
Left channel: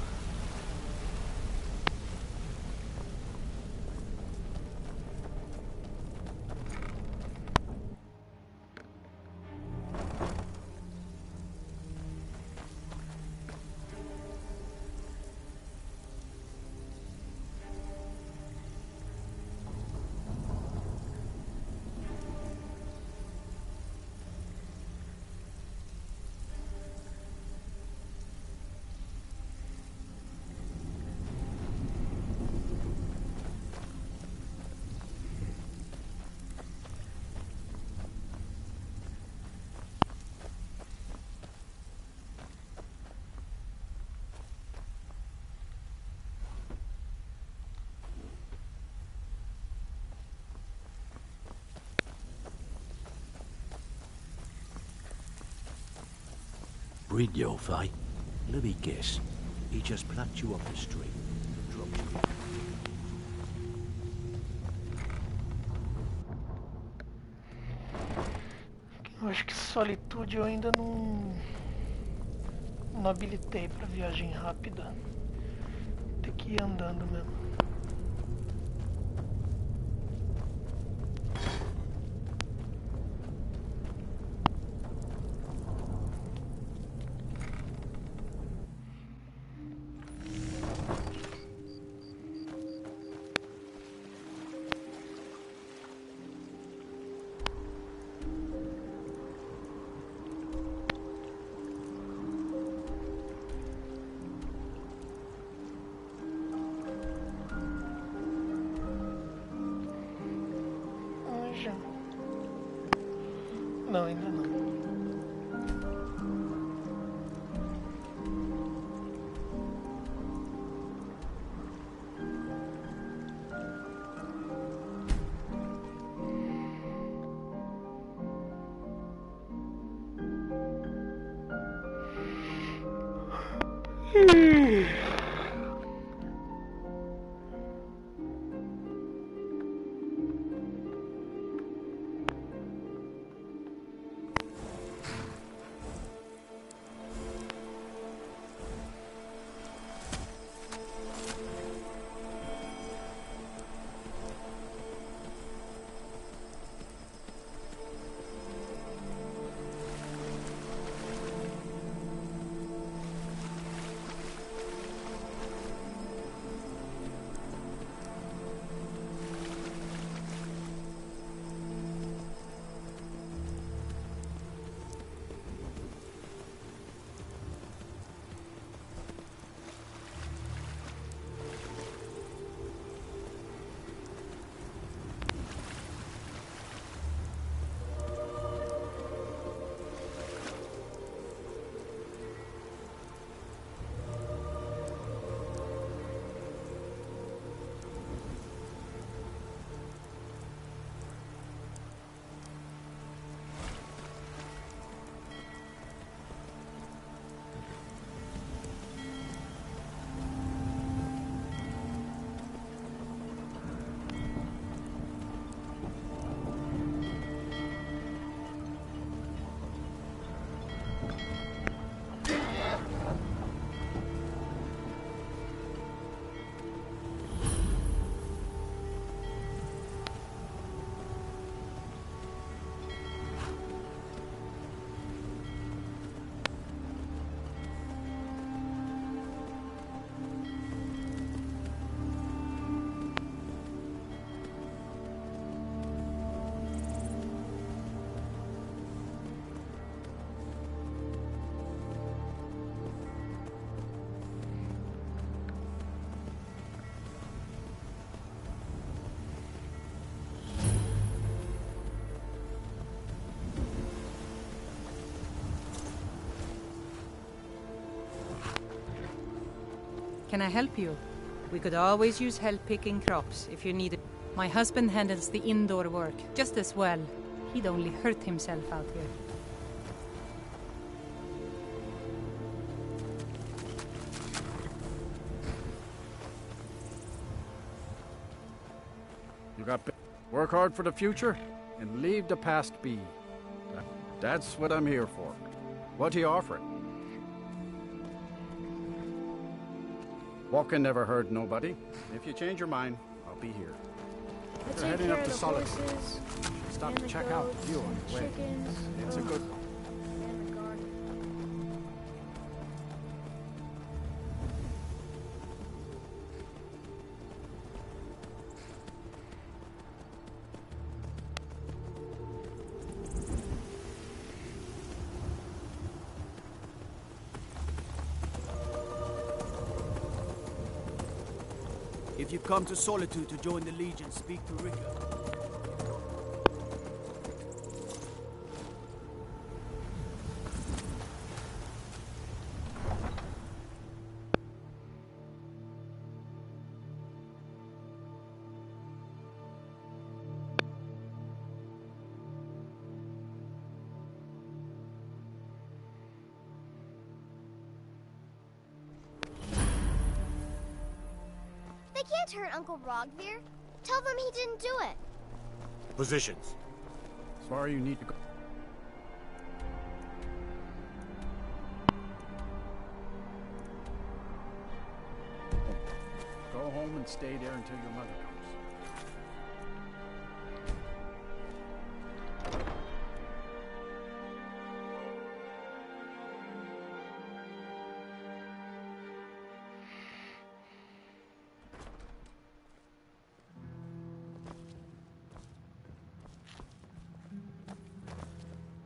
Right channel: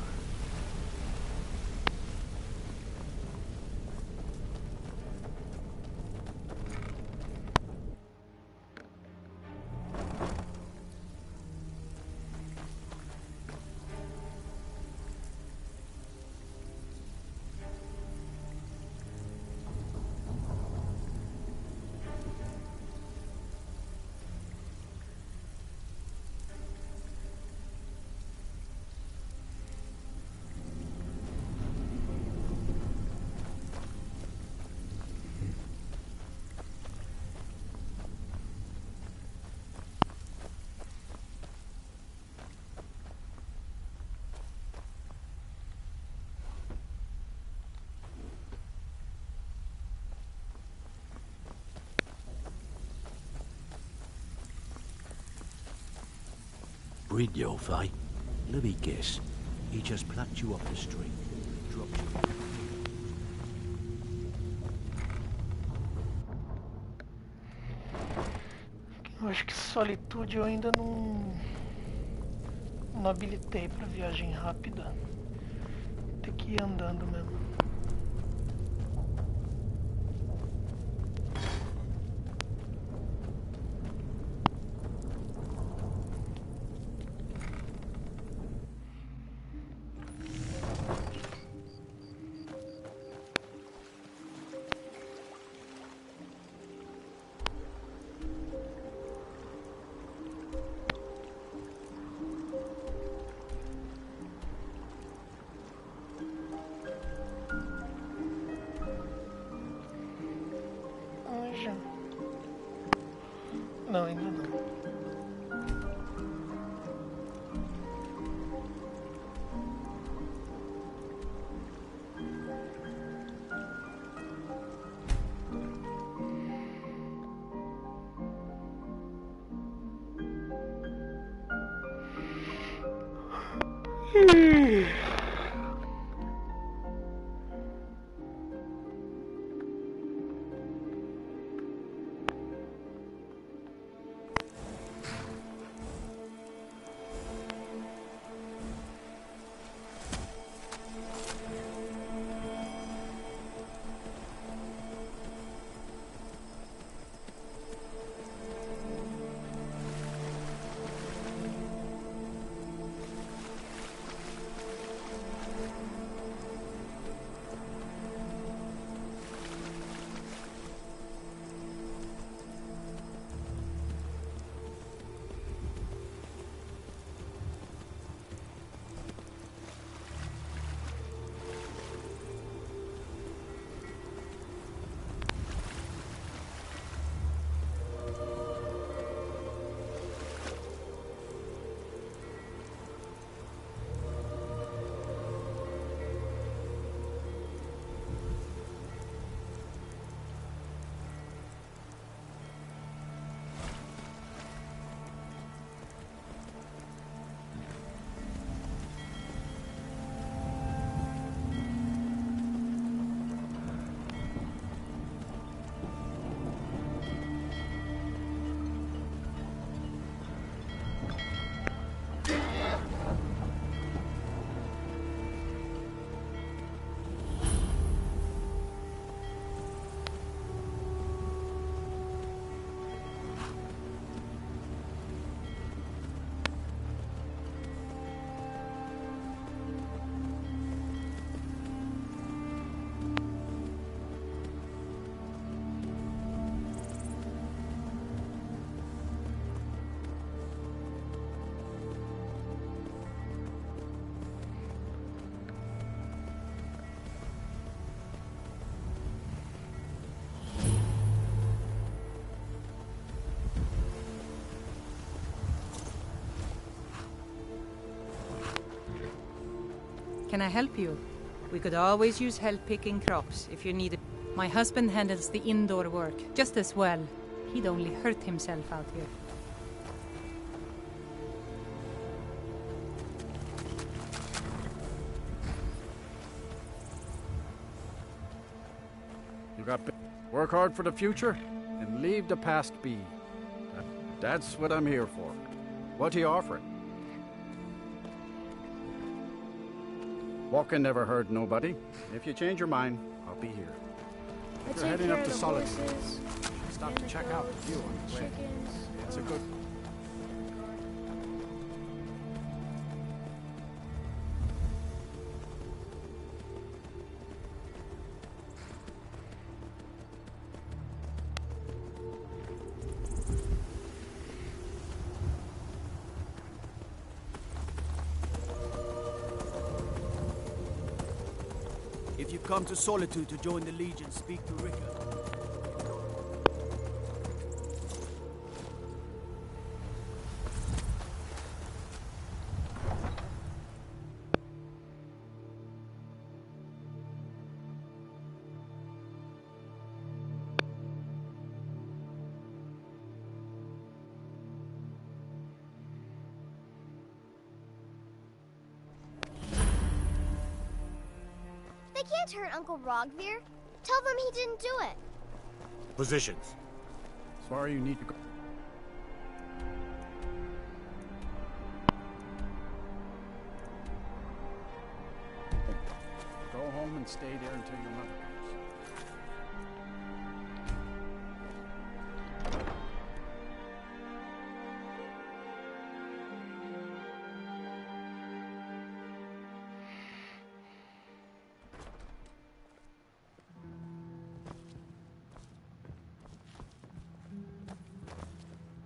Fridtjof, eh? Let me guess. He just plucked you off the street, dropped you. Eu acho que solitude eu ainda não habilitei pra viagem rápida. Tem que ir andando mesmo. Já. Não, ainda não. Can I help you? We could always use help picking crops if you need it. My husband handles the indoor work just as well. He'd only hurt himself out here. You got work hard for the future and leave the past be. That's what I'm here for. What are you offering? Walking never hurt nobody. If you change your mind, I'll be here. If you're heading up to Solitude, stop to check out the view on the way. It's a good one. If you've come to Solitude to join the Legion, speak to Ricker. can't hurt Uncle Rogvir. Tell them he didn't do it. Positions. As far as you need to go. Go home and stay there until your mother comes.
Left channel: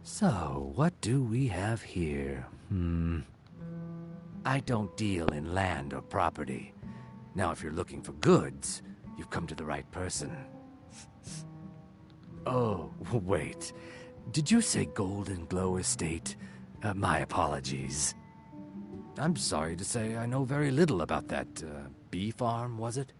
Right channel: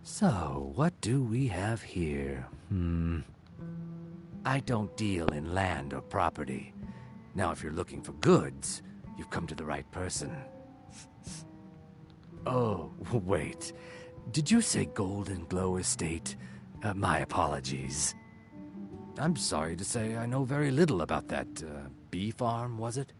So, what do we have here? I don't deal in land or property. Now, if you're looking for goods, you've come to the right person. Oh, wait. Did you say Golden Glow Estate? My apologies. I'm sorry to say I know very little about that, bee farm, was it?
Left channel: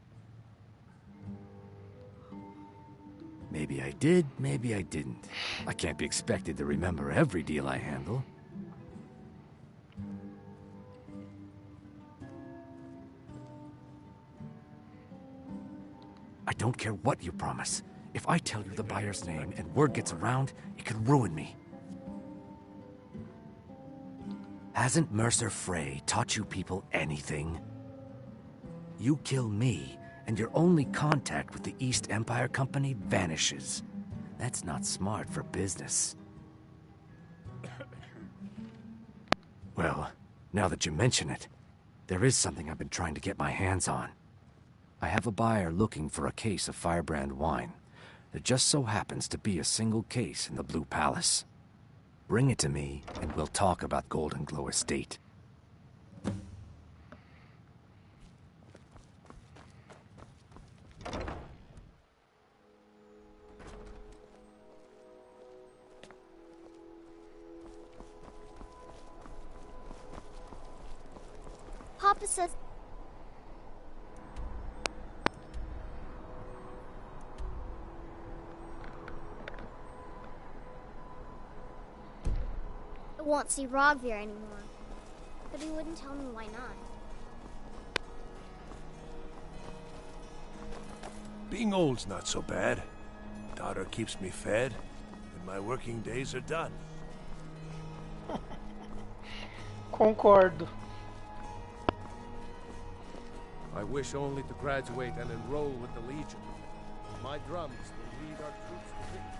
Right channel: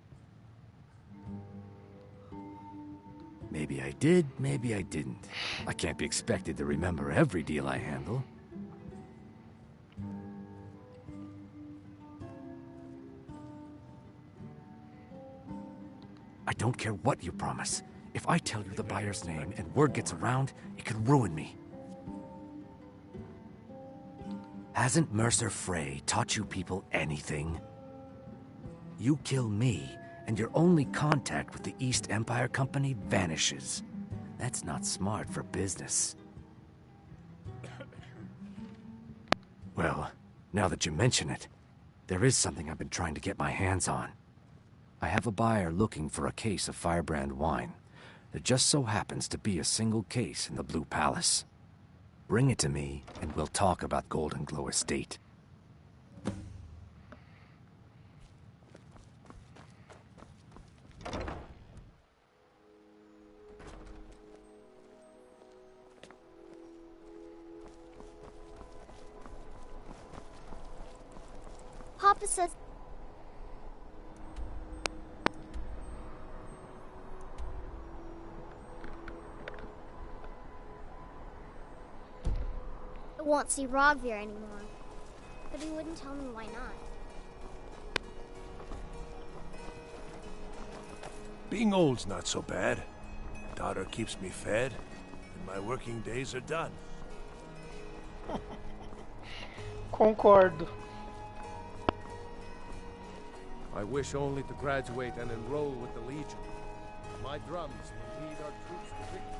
Maybe I did, maybe I didn't. I can't be expected to remember every deal I handle. I don't care what you promise. If I tell you the buyer's name and word gets around, it could ruin me. Hasn't Mercer Frey taught you people anything? You kill me, and your only contact with the East Empire Company vanishes. That's not smart for business. Well, now that you mention it, there is something I've been trying to get my hands on. I have a buyer looking for a case of Firebrand wine. There just so happens to be a single case in the Blue Palace. Bring it to me, and we'll talk about Golden Glow Estate. Papa says... I won't see Rogvir anymore. But he wouldn't tell me why not. Being old's not so bad. Daughter keeps me fed, and my working days are done. Concordo. I wish only to graduate and enroll with the Legion. My drums will lead our troops to victory.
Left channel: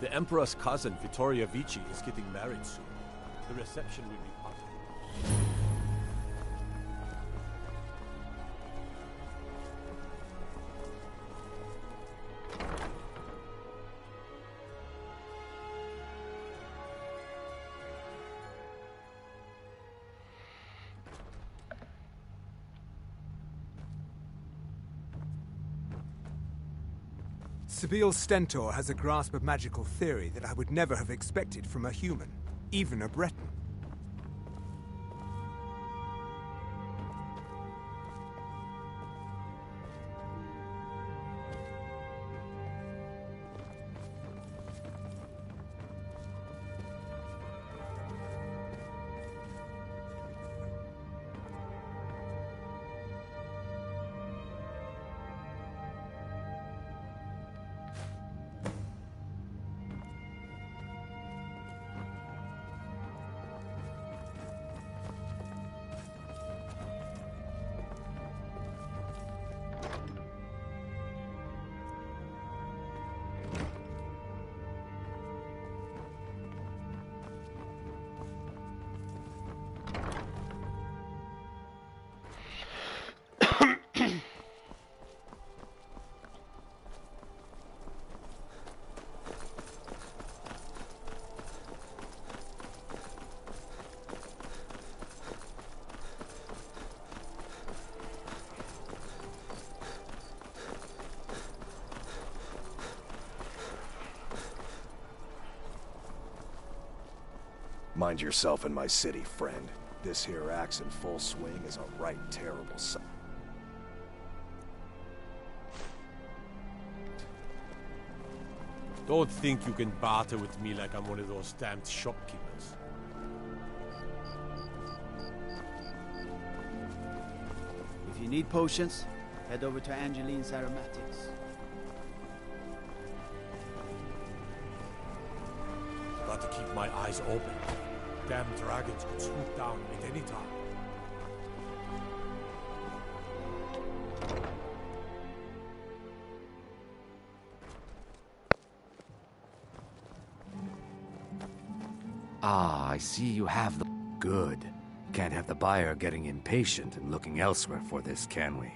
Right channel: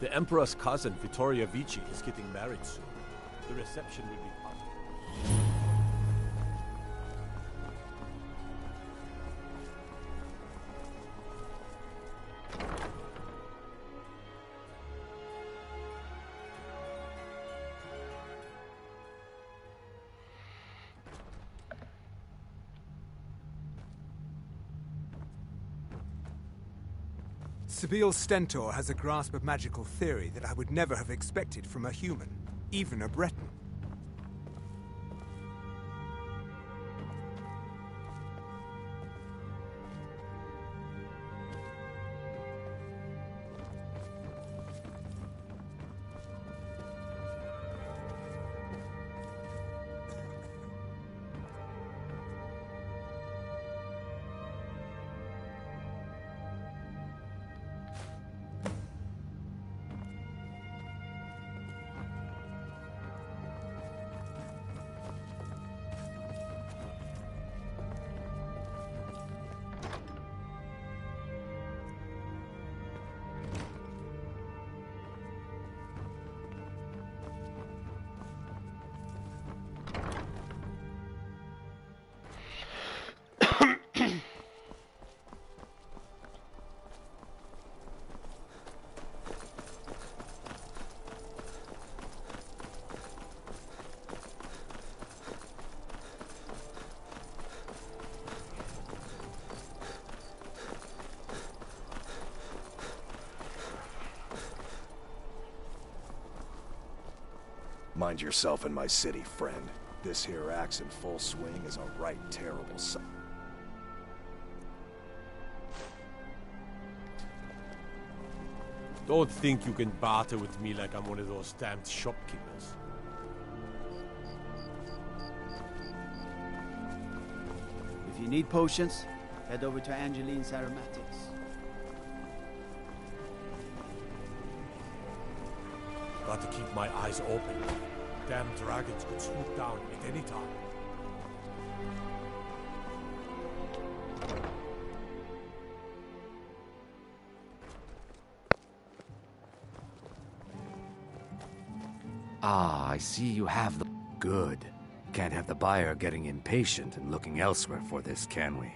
The Emperor's cousin, Vittoria Vici, is getting married soon. The reception will be public. Sibyl Stentor has a grasp of magical theory that I would never have expected from a human, even a Breton. Mind yourself in my city, friend. This here axe in full swing is a right terrible sight. Don't think you can barter with me like I'm one of those damned shopkeepers. If you need potions, head over to Angeline's Aromatics. Got to keep my eyes open. Damn dragons could swoop down at any time. Ah, I see you have the... Good. Can't have the buyer getting impatient and looking elsewhere for this, can we?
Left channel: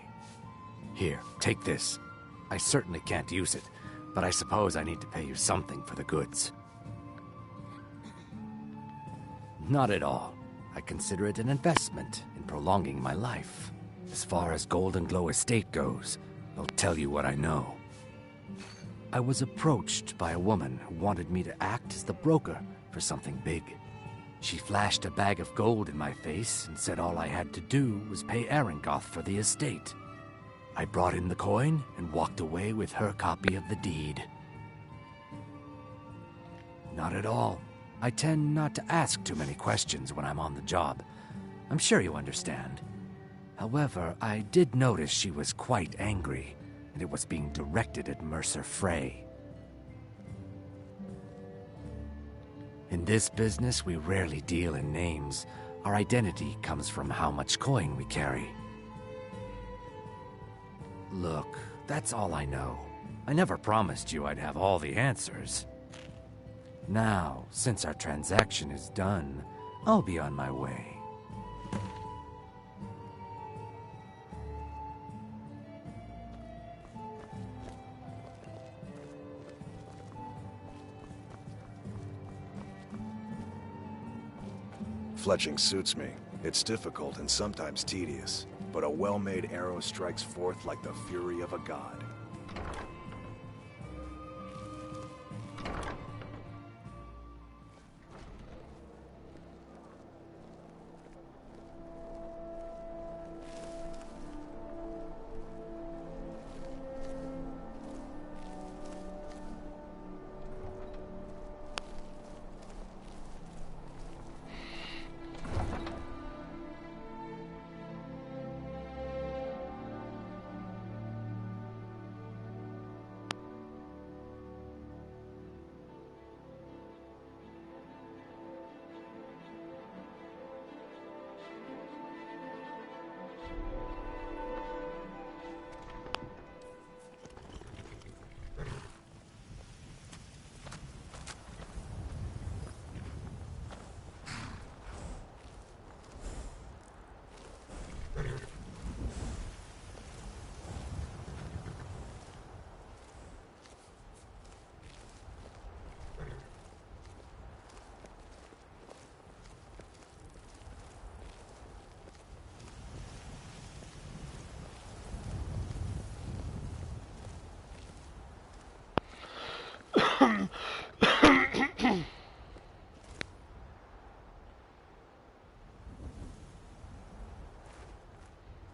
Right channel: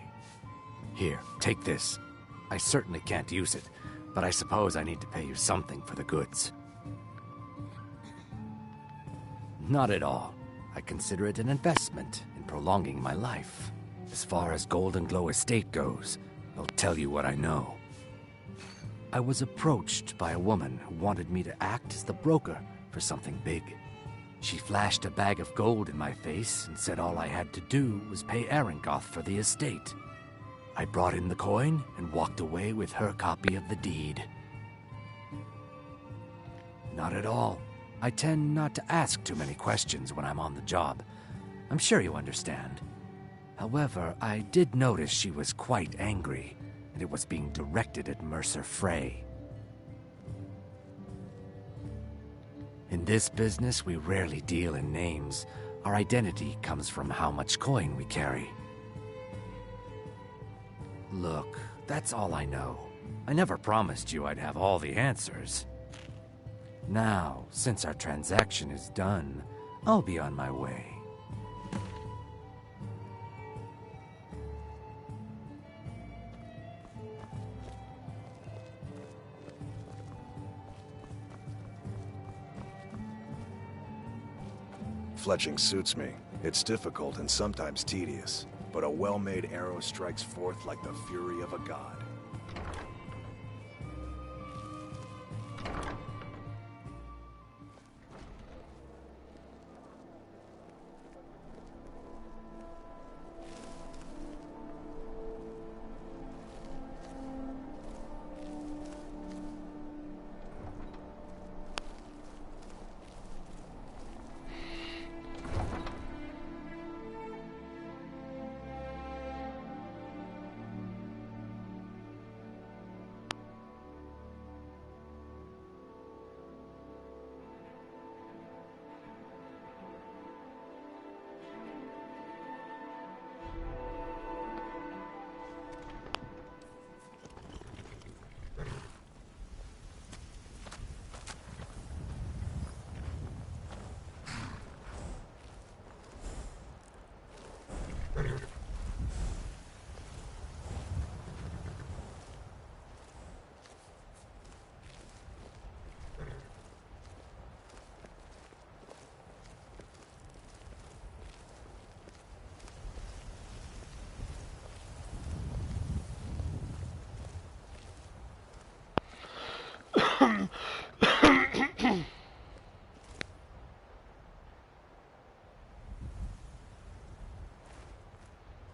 Here, take this. I certainly can't use it, but I suppose I need to pay you something for the goods. Not at all. I consider it an investment in prolonging my life. As far as Golden Glow Estate goes, I'll tell you what I know. I was approached by a woman who wanted me to act as the broker for something big. She flashed a bag of gold in my face and said all I had to do was pay Arangoth for the estate. I brought in the coin and walked away with her copy of the deed. Not at all. I tend not to ask too many questions when I'm on the job. I'm sure you understand. However, I did notice she was quite angry, and it was being directed at Mercer Frey. In this business, we rarely deal in names. Our identity comes from how much coin we carry. Look, that's all I know. I never promised you I'd have all the answers. Now, since our transaction is done, I'll be on my way. Fletching suits me. It's difficult and sometimes tedious, but a well-made arrow strikes forth like the fury of a god.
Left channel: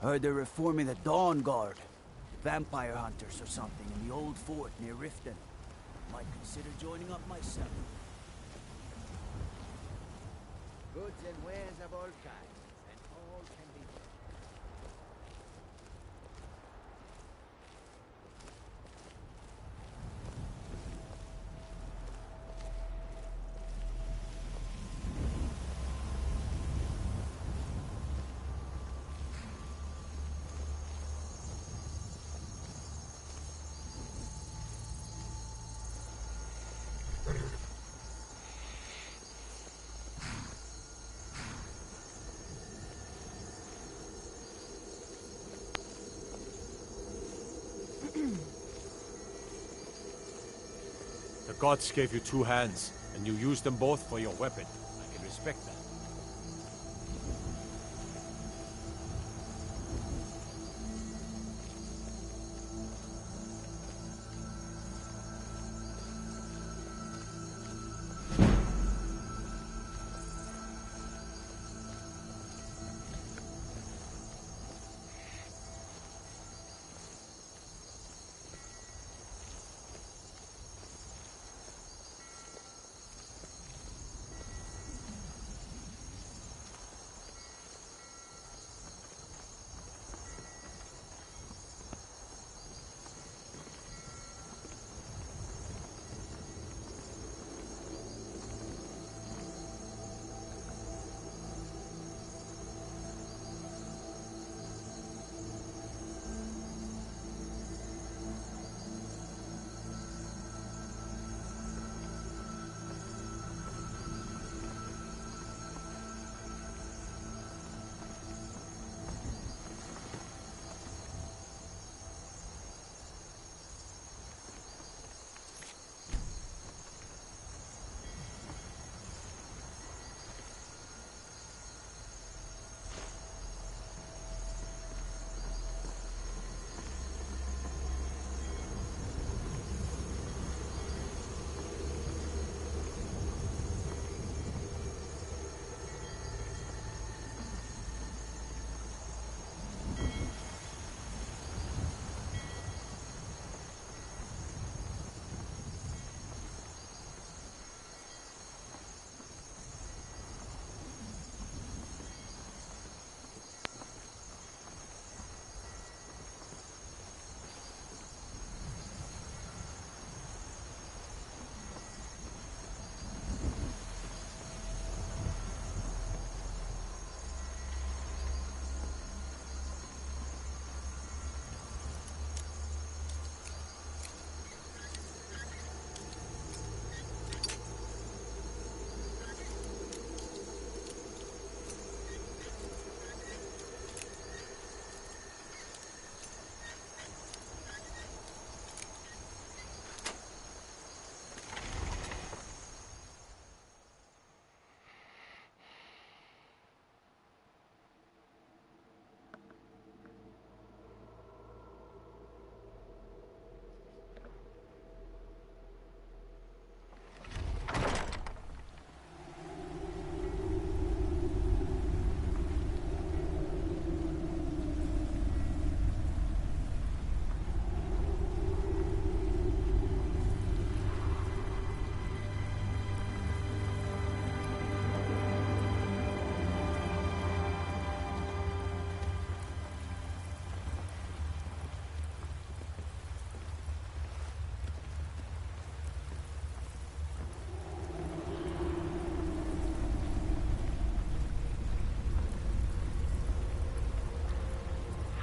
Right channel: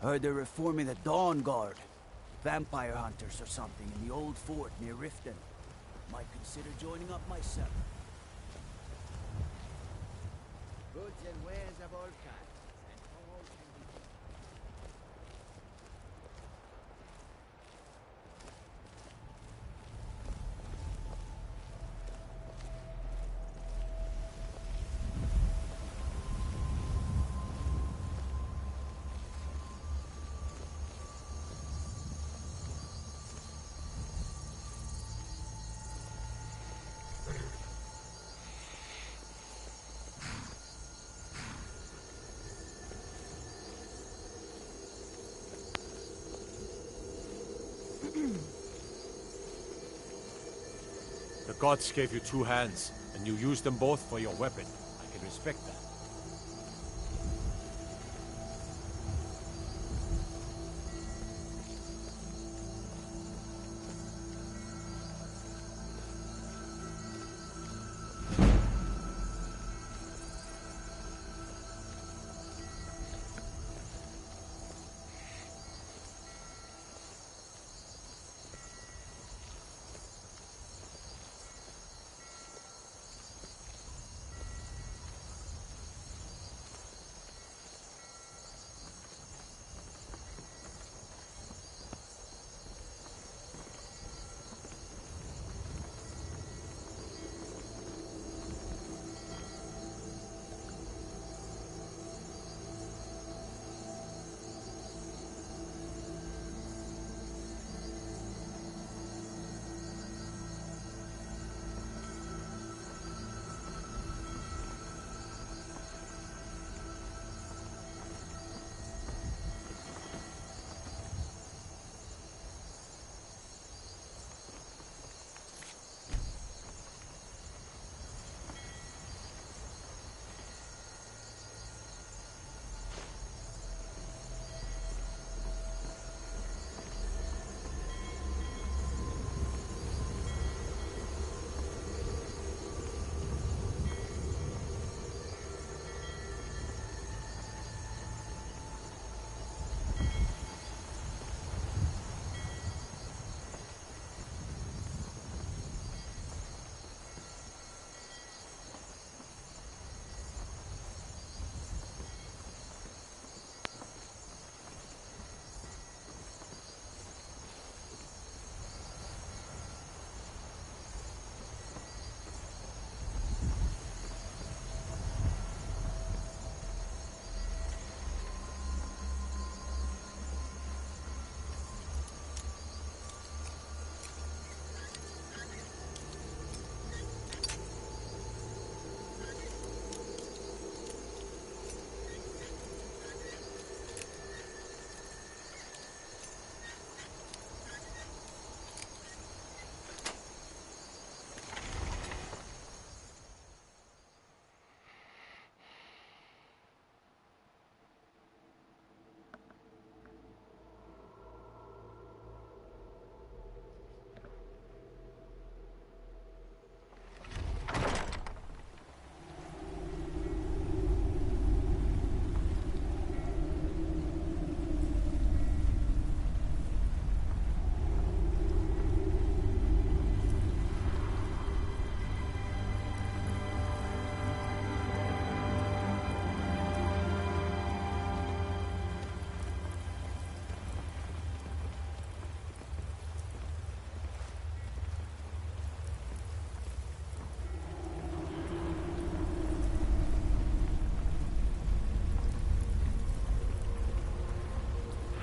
Heard they're reforming the Dawn Guard. Vampire hunters or something in the old fort near Riften. Might consider joining up myself. Goods and wares of all kinds, and all can be bought. The gods gave you two hands, and you used them both for your weapon. I can respect that.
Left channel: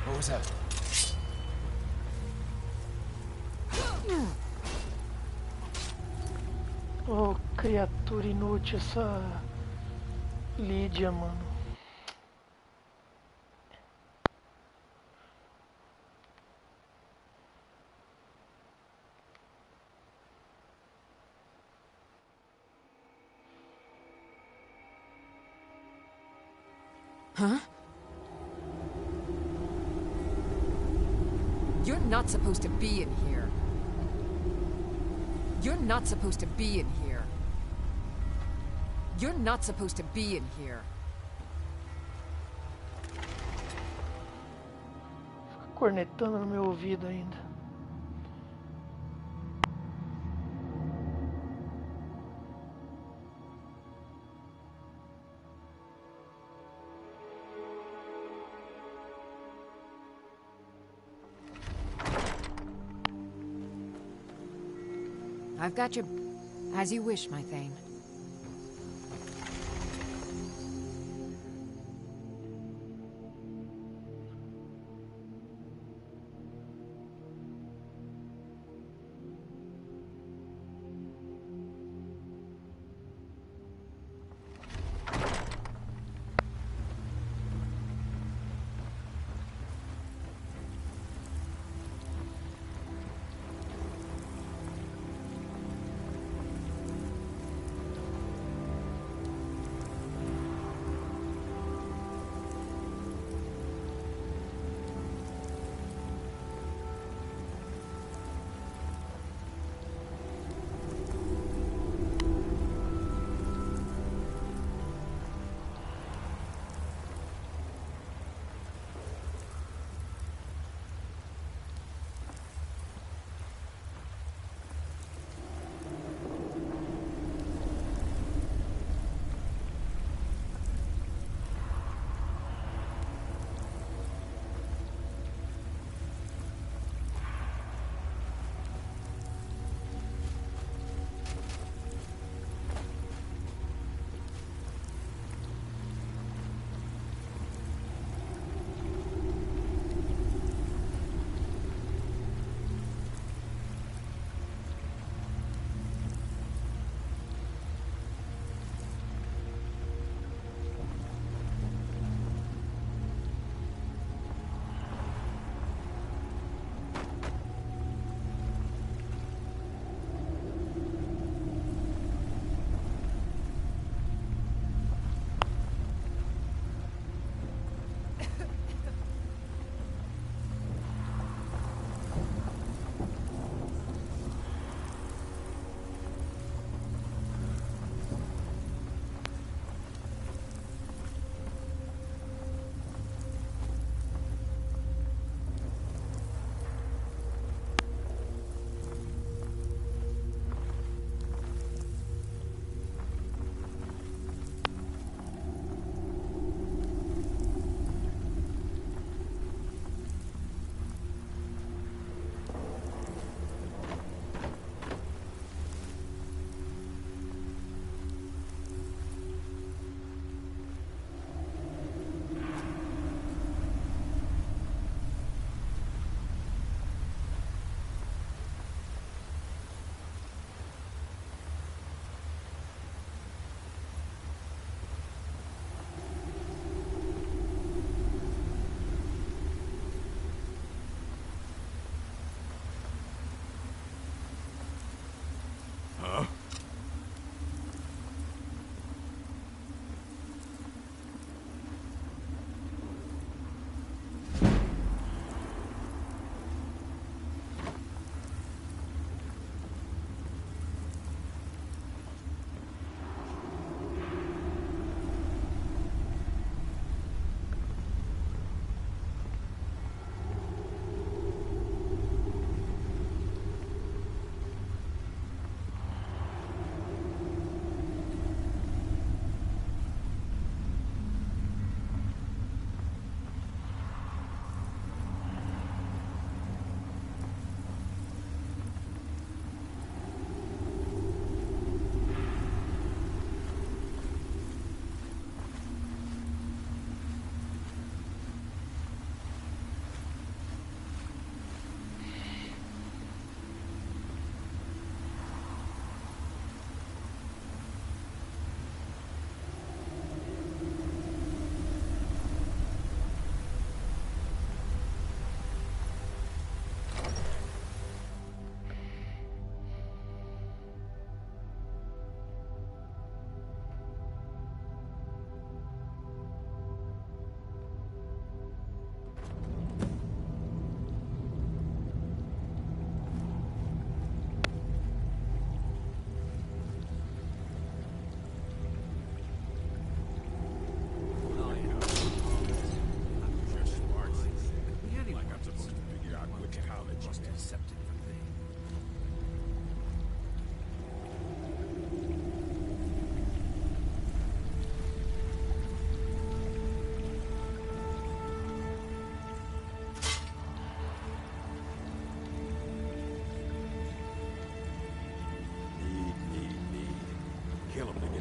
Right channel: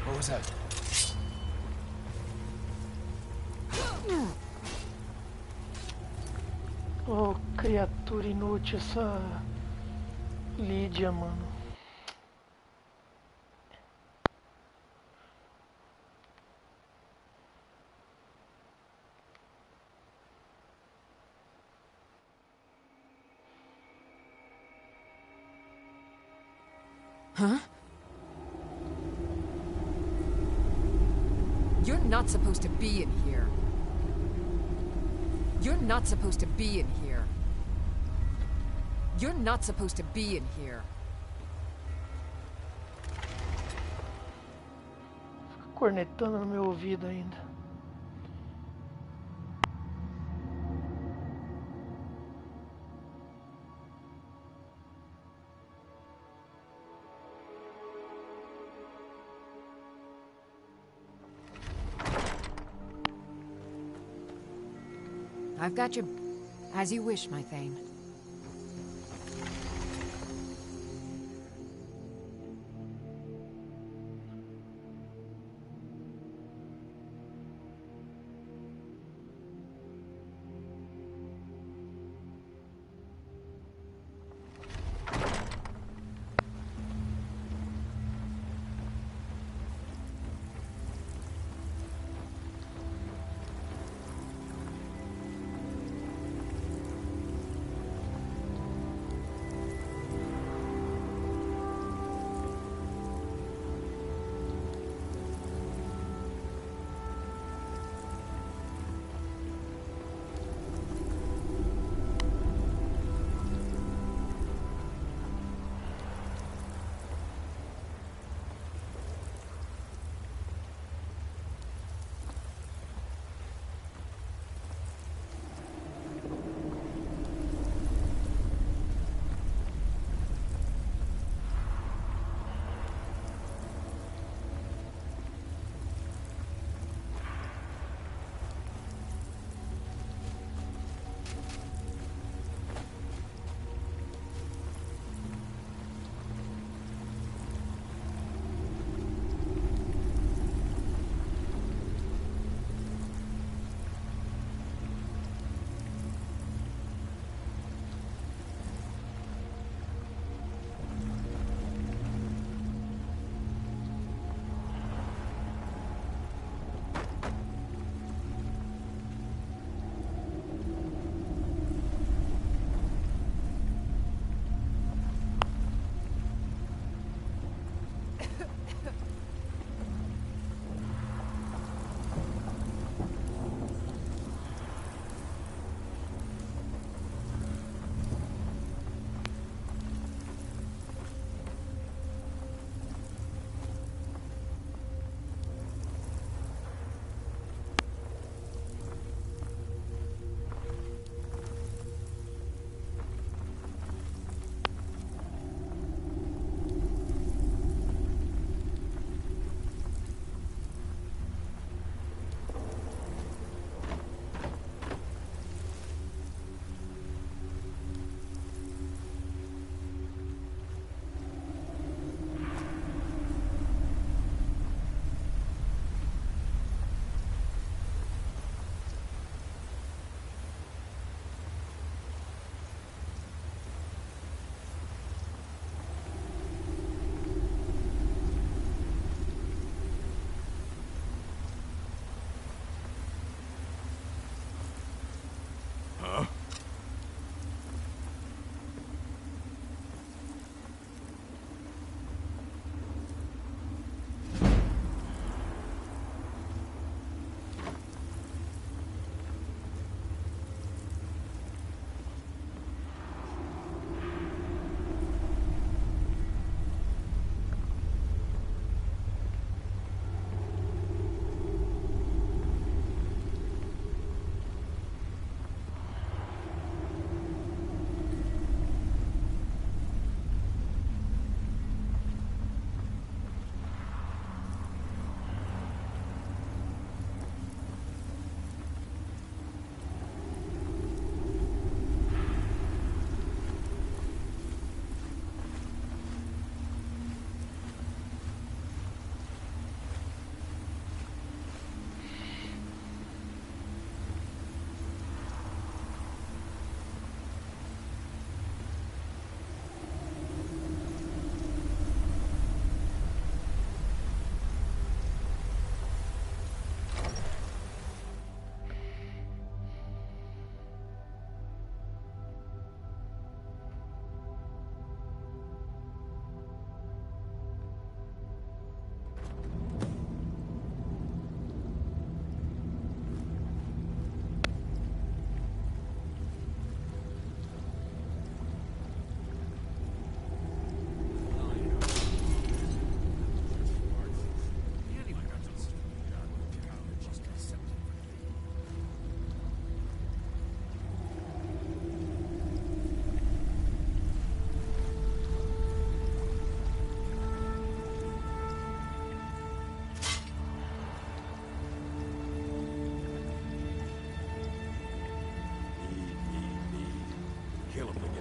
What was that? Oh, criatura inútil essa Lídia, mano. Huh? You're not supposed to be in here. You're not supposed to be in here. You're not supposed to be in here. Fica cornetando no meu ouvido ainda. I've got your... As you wish, my Thane.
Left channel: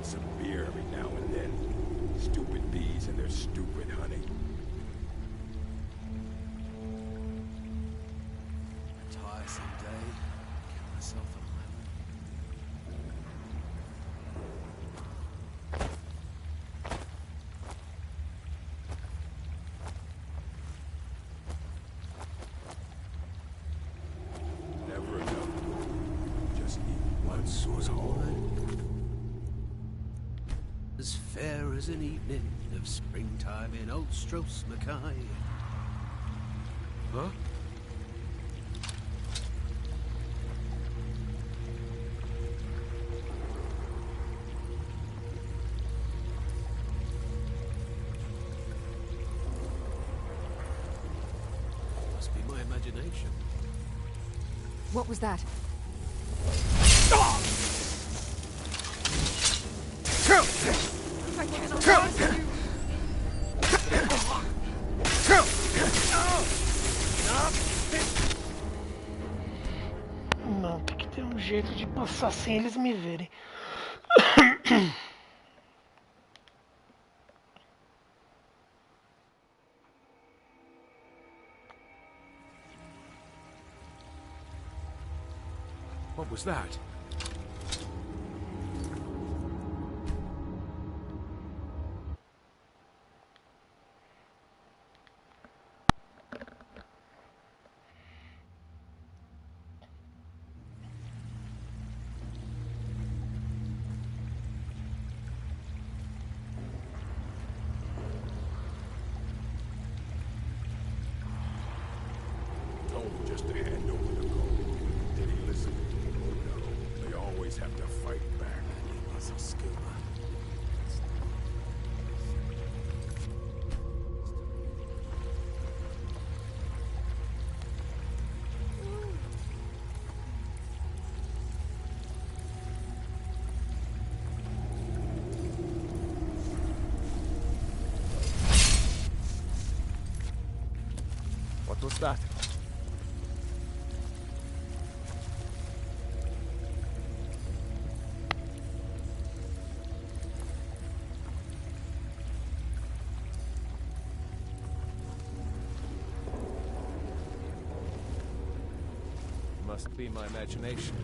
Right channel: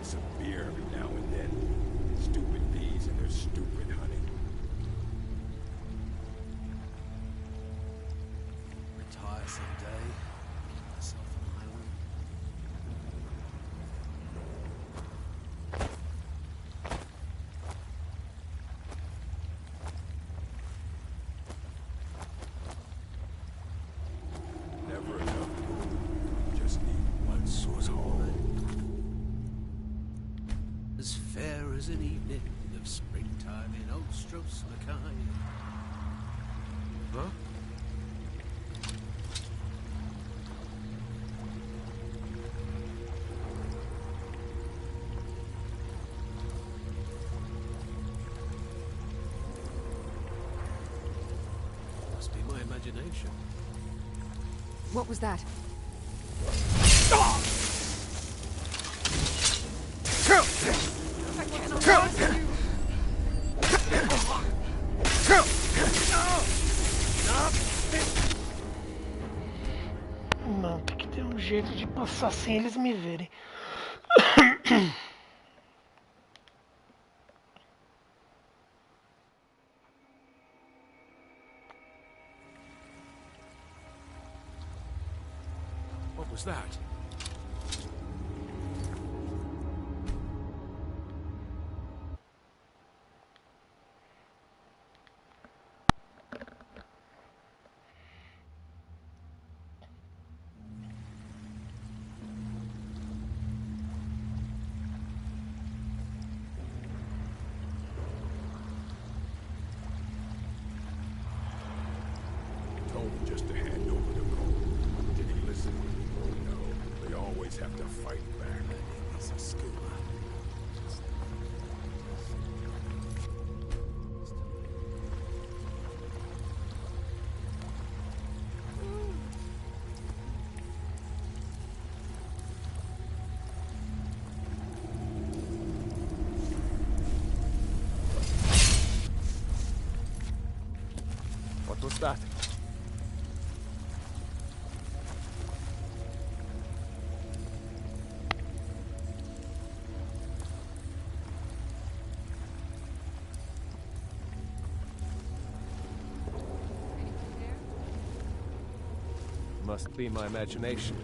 get some beer every now and then. Stupid bees and their stupid honey. Retire someday. Get myself an island. Never enough gold. Just need one source hole. As fair as an evening of springtime in old Stros Mackay. Huh? Must be my imagination. What was that? I cannot trust you. Não, tem que ter um jeito de passar sem eles me verem. What was that? Told him just to hand over the gold. Did he listen? Oh no. They always have to fight back. I need me some scuba. What was that? Must be my imagination.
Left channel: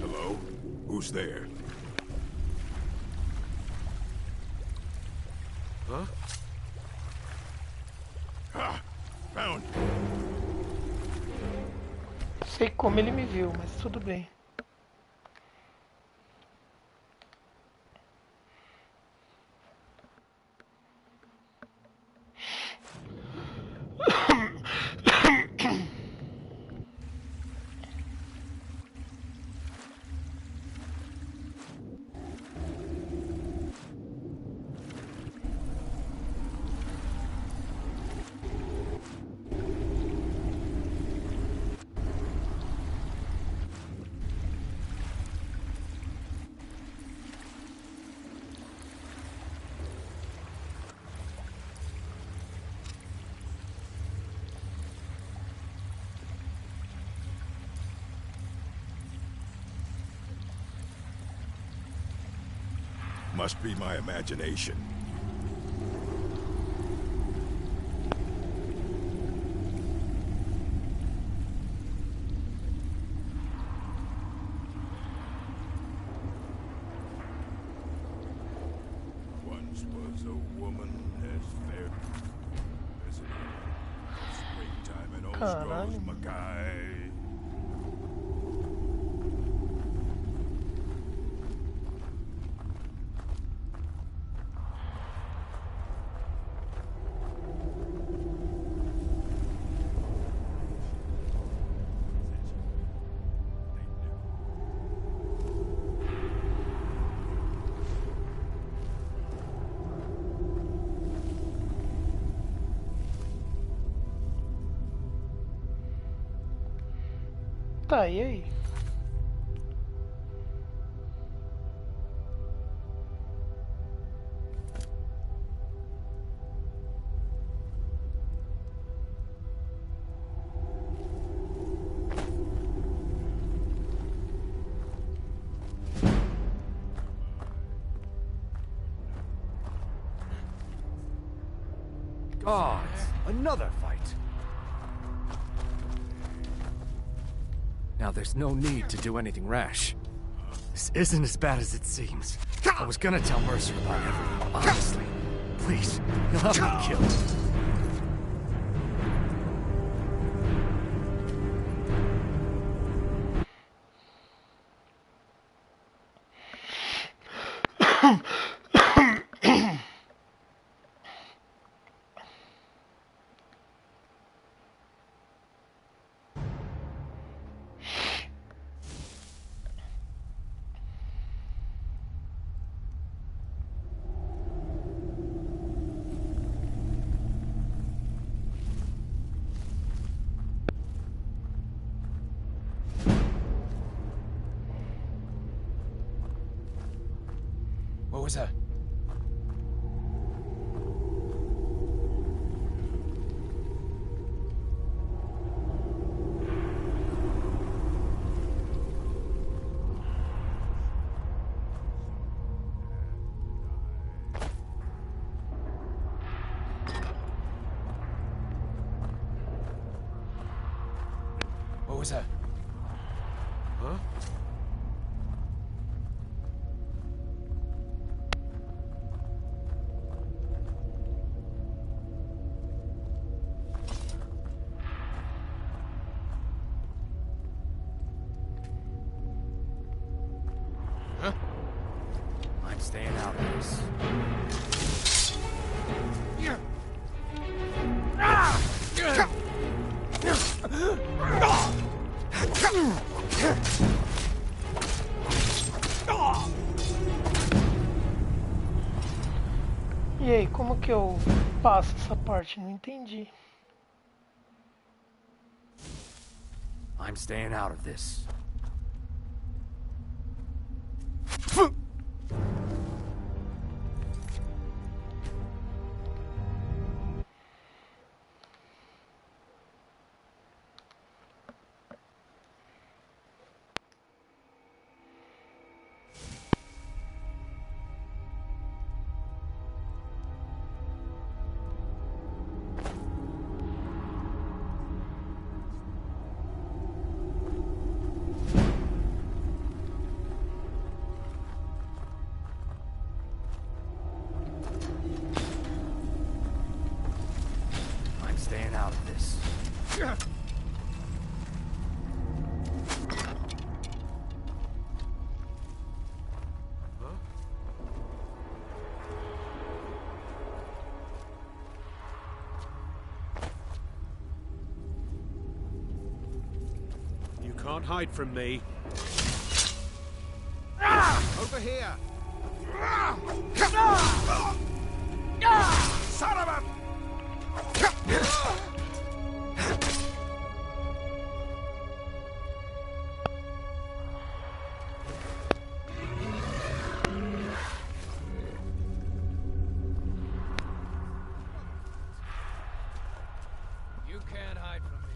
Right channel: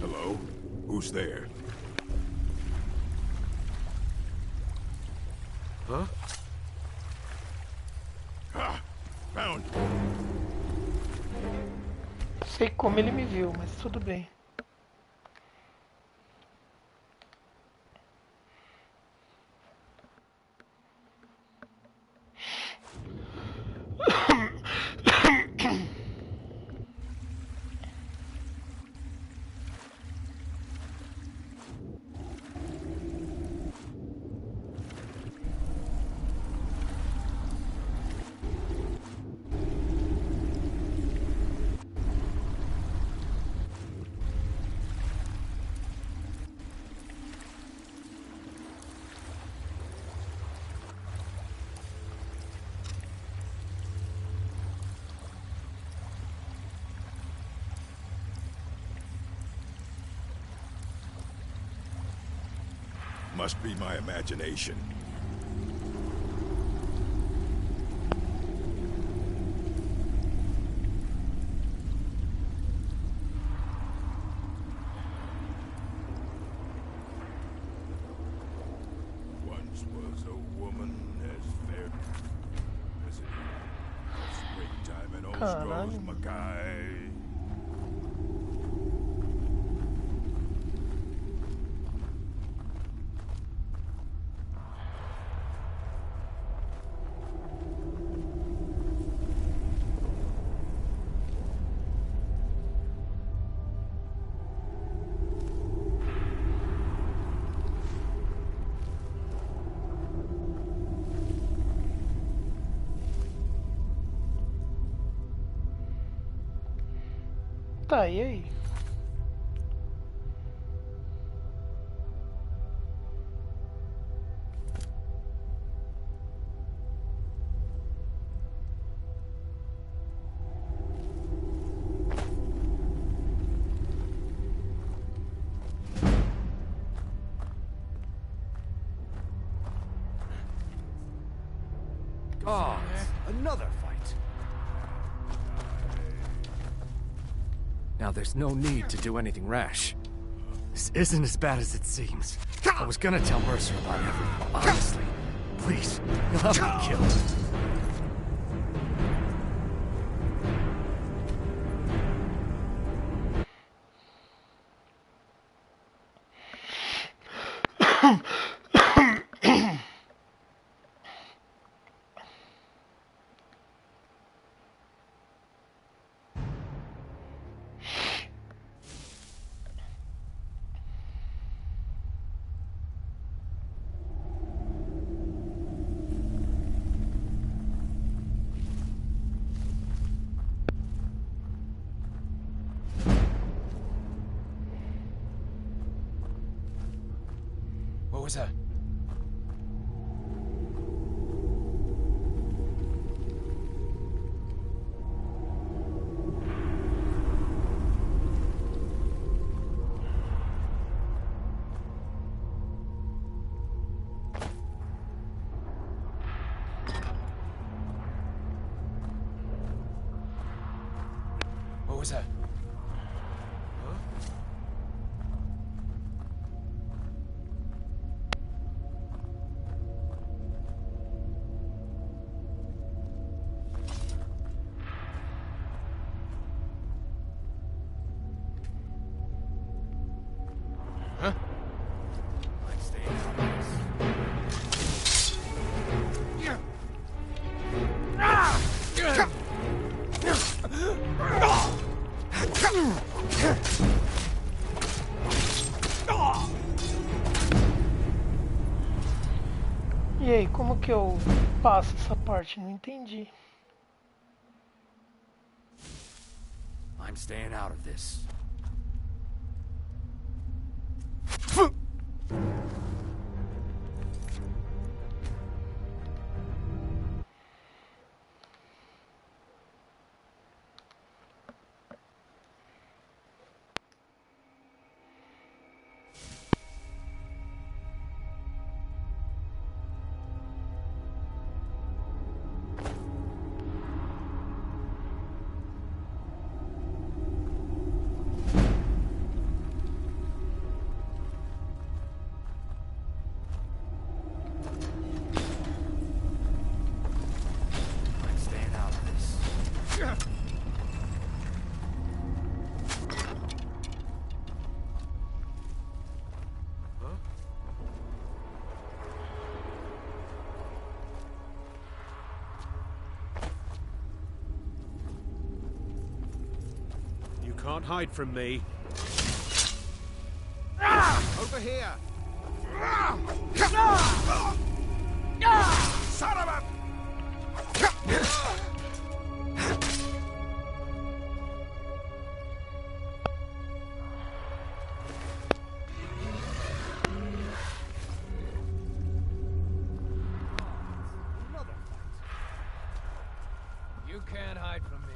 Hello? Who's there? Huh? Ah! Found! Sei como ele me viu, mas tudo bem. Must be my imagination. once was a woman as fair as it is. Springtime in Ostro's Mackay. Tá, e aí? Gods! Another fight! Now there's no need to do anything rash. This isn't as bad as it seems. I was gonna tell Mercer about everything, honestly. Please, he'll have me killed. What was that? What was that? Huh? I'm staying out of this. E aí, como que eu passo essa parte? Não entendi. I'm staying out of this. You can't hide from me. Over here! Son of a... You can't hide from me.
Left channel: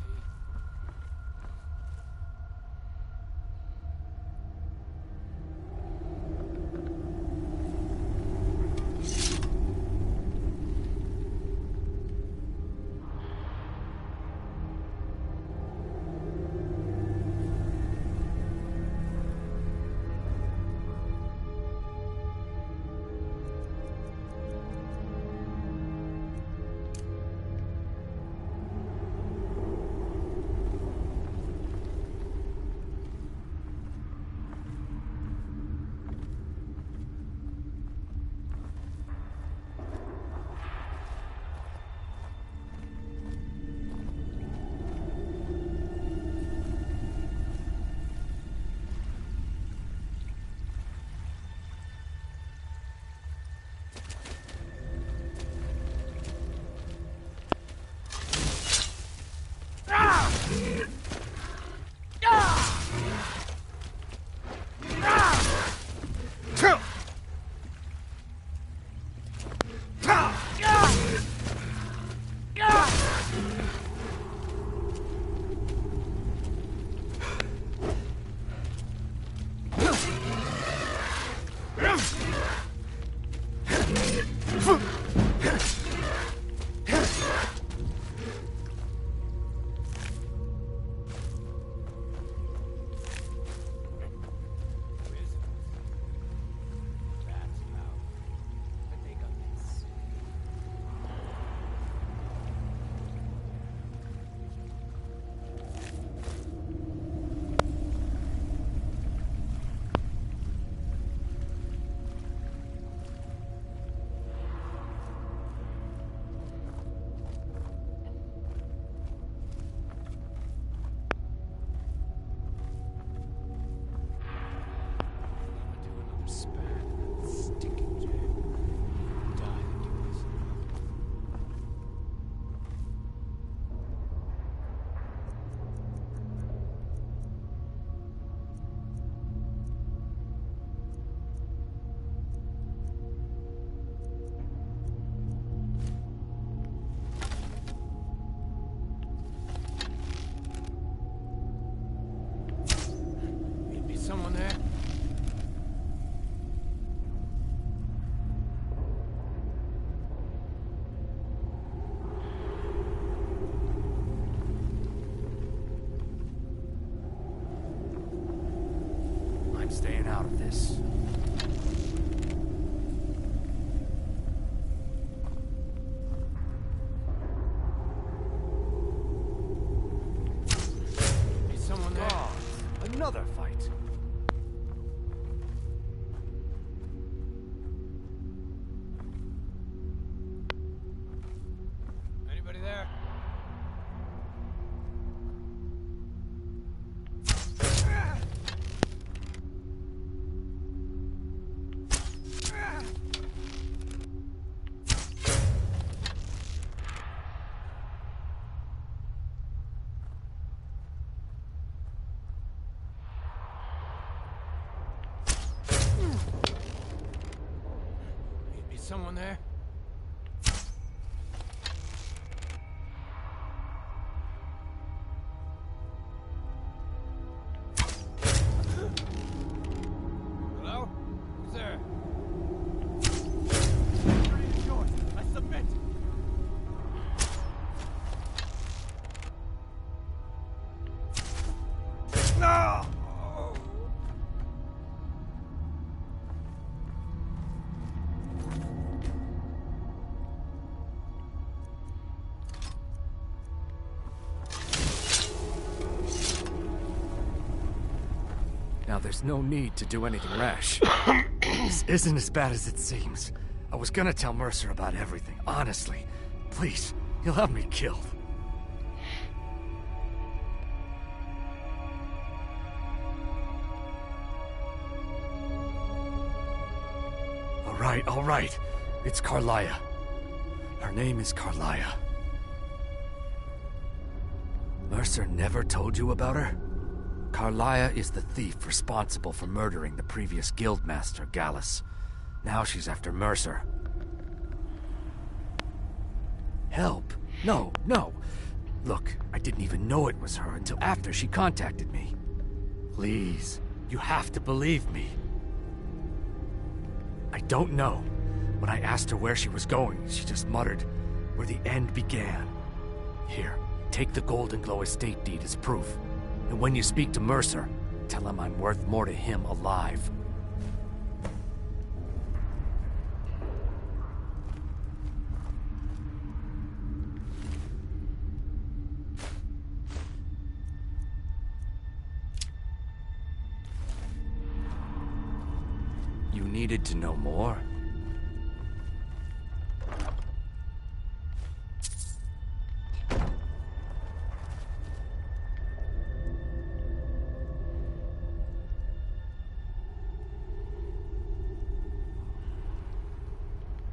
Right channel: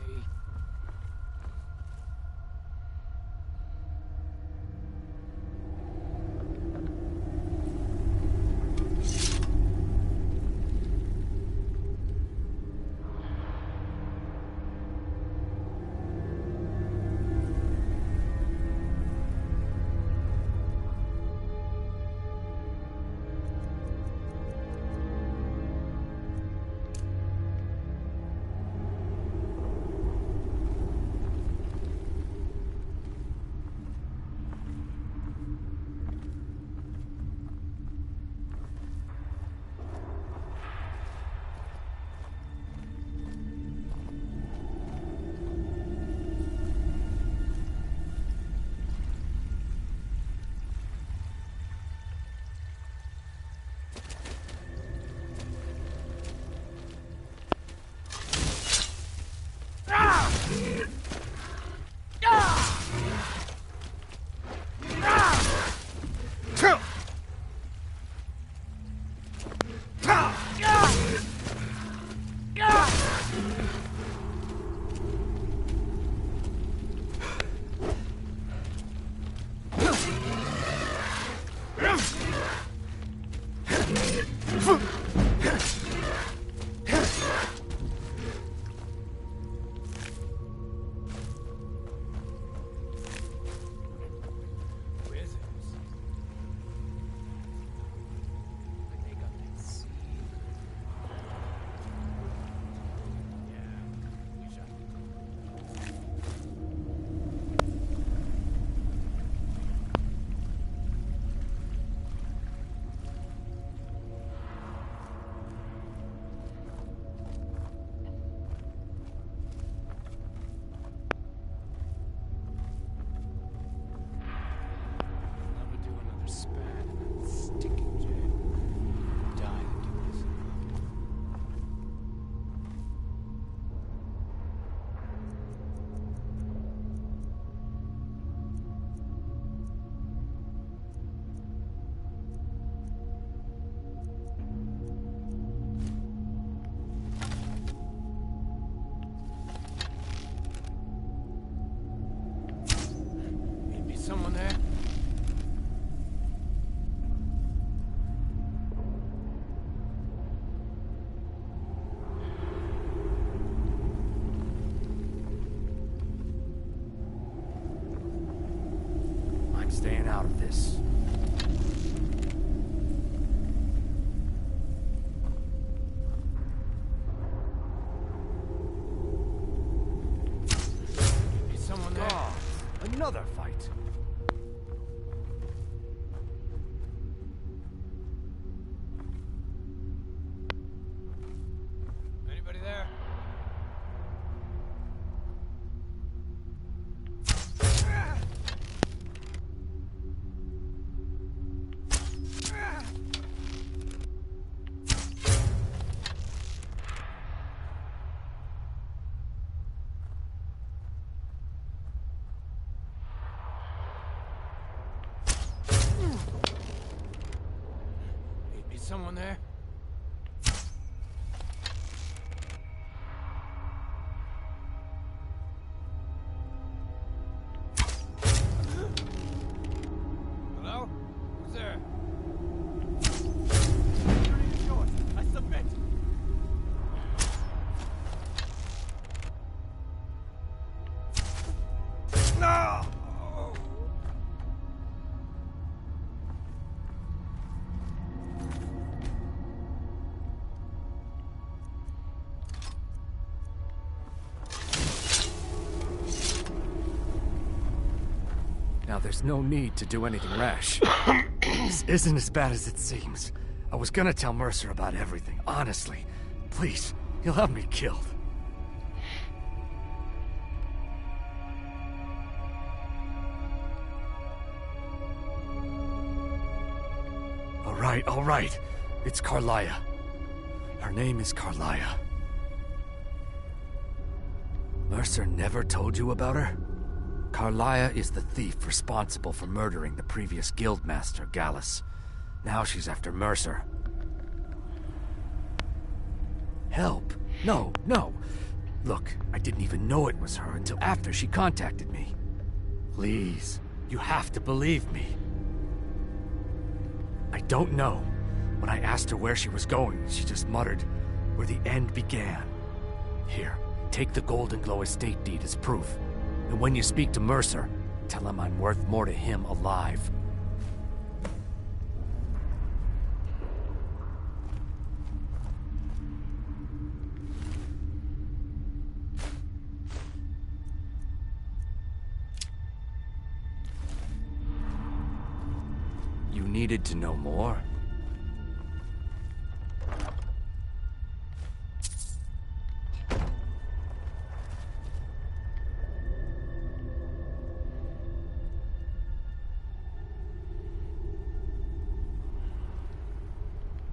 someone there? I'm staying out of this. Is someone there? God, another fight. Anybody there? Is someone there? Hello? Who's there? Victory is yours. I submit. No! Now, there's no need to do anything rash. This isn't as bad as it seems. I was gonna tell Mercer about everything, honestly. Please, he'll have me killed. All right. It's Carlia. Her name is Carlia. Mercer never told you about her? Carlia is the thief responsible for murdering the previous guildmaster, Gallus. Now she's after Mercer. Help? No. Look, I didn't even know it was her until after she contacted me. Please, you have to believe me. I don't know. When I asked her where she was going, she just muttered, "Where the end began." Here, take the Golden Glow estate deed as proof. And when you speak to Mercer, tell him I'm worth more to him alive. You needed to know more?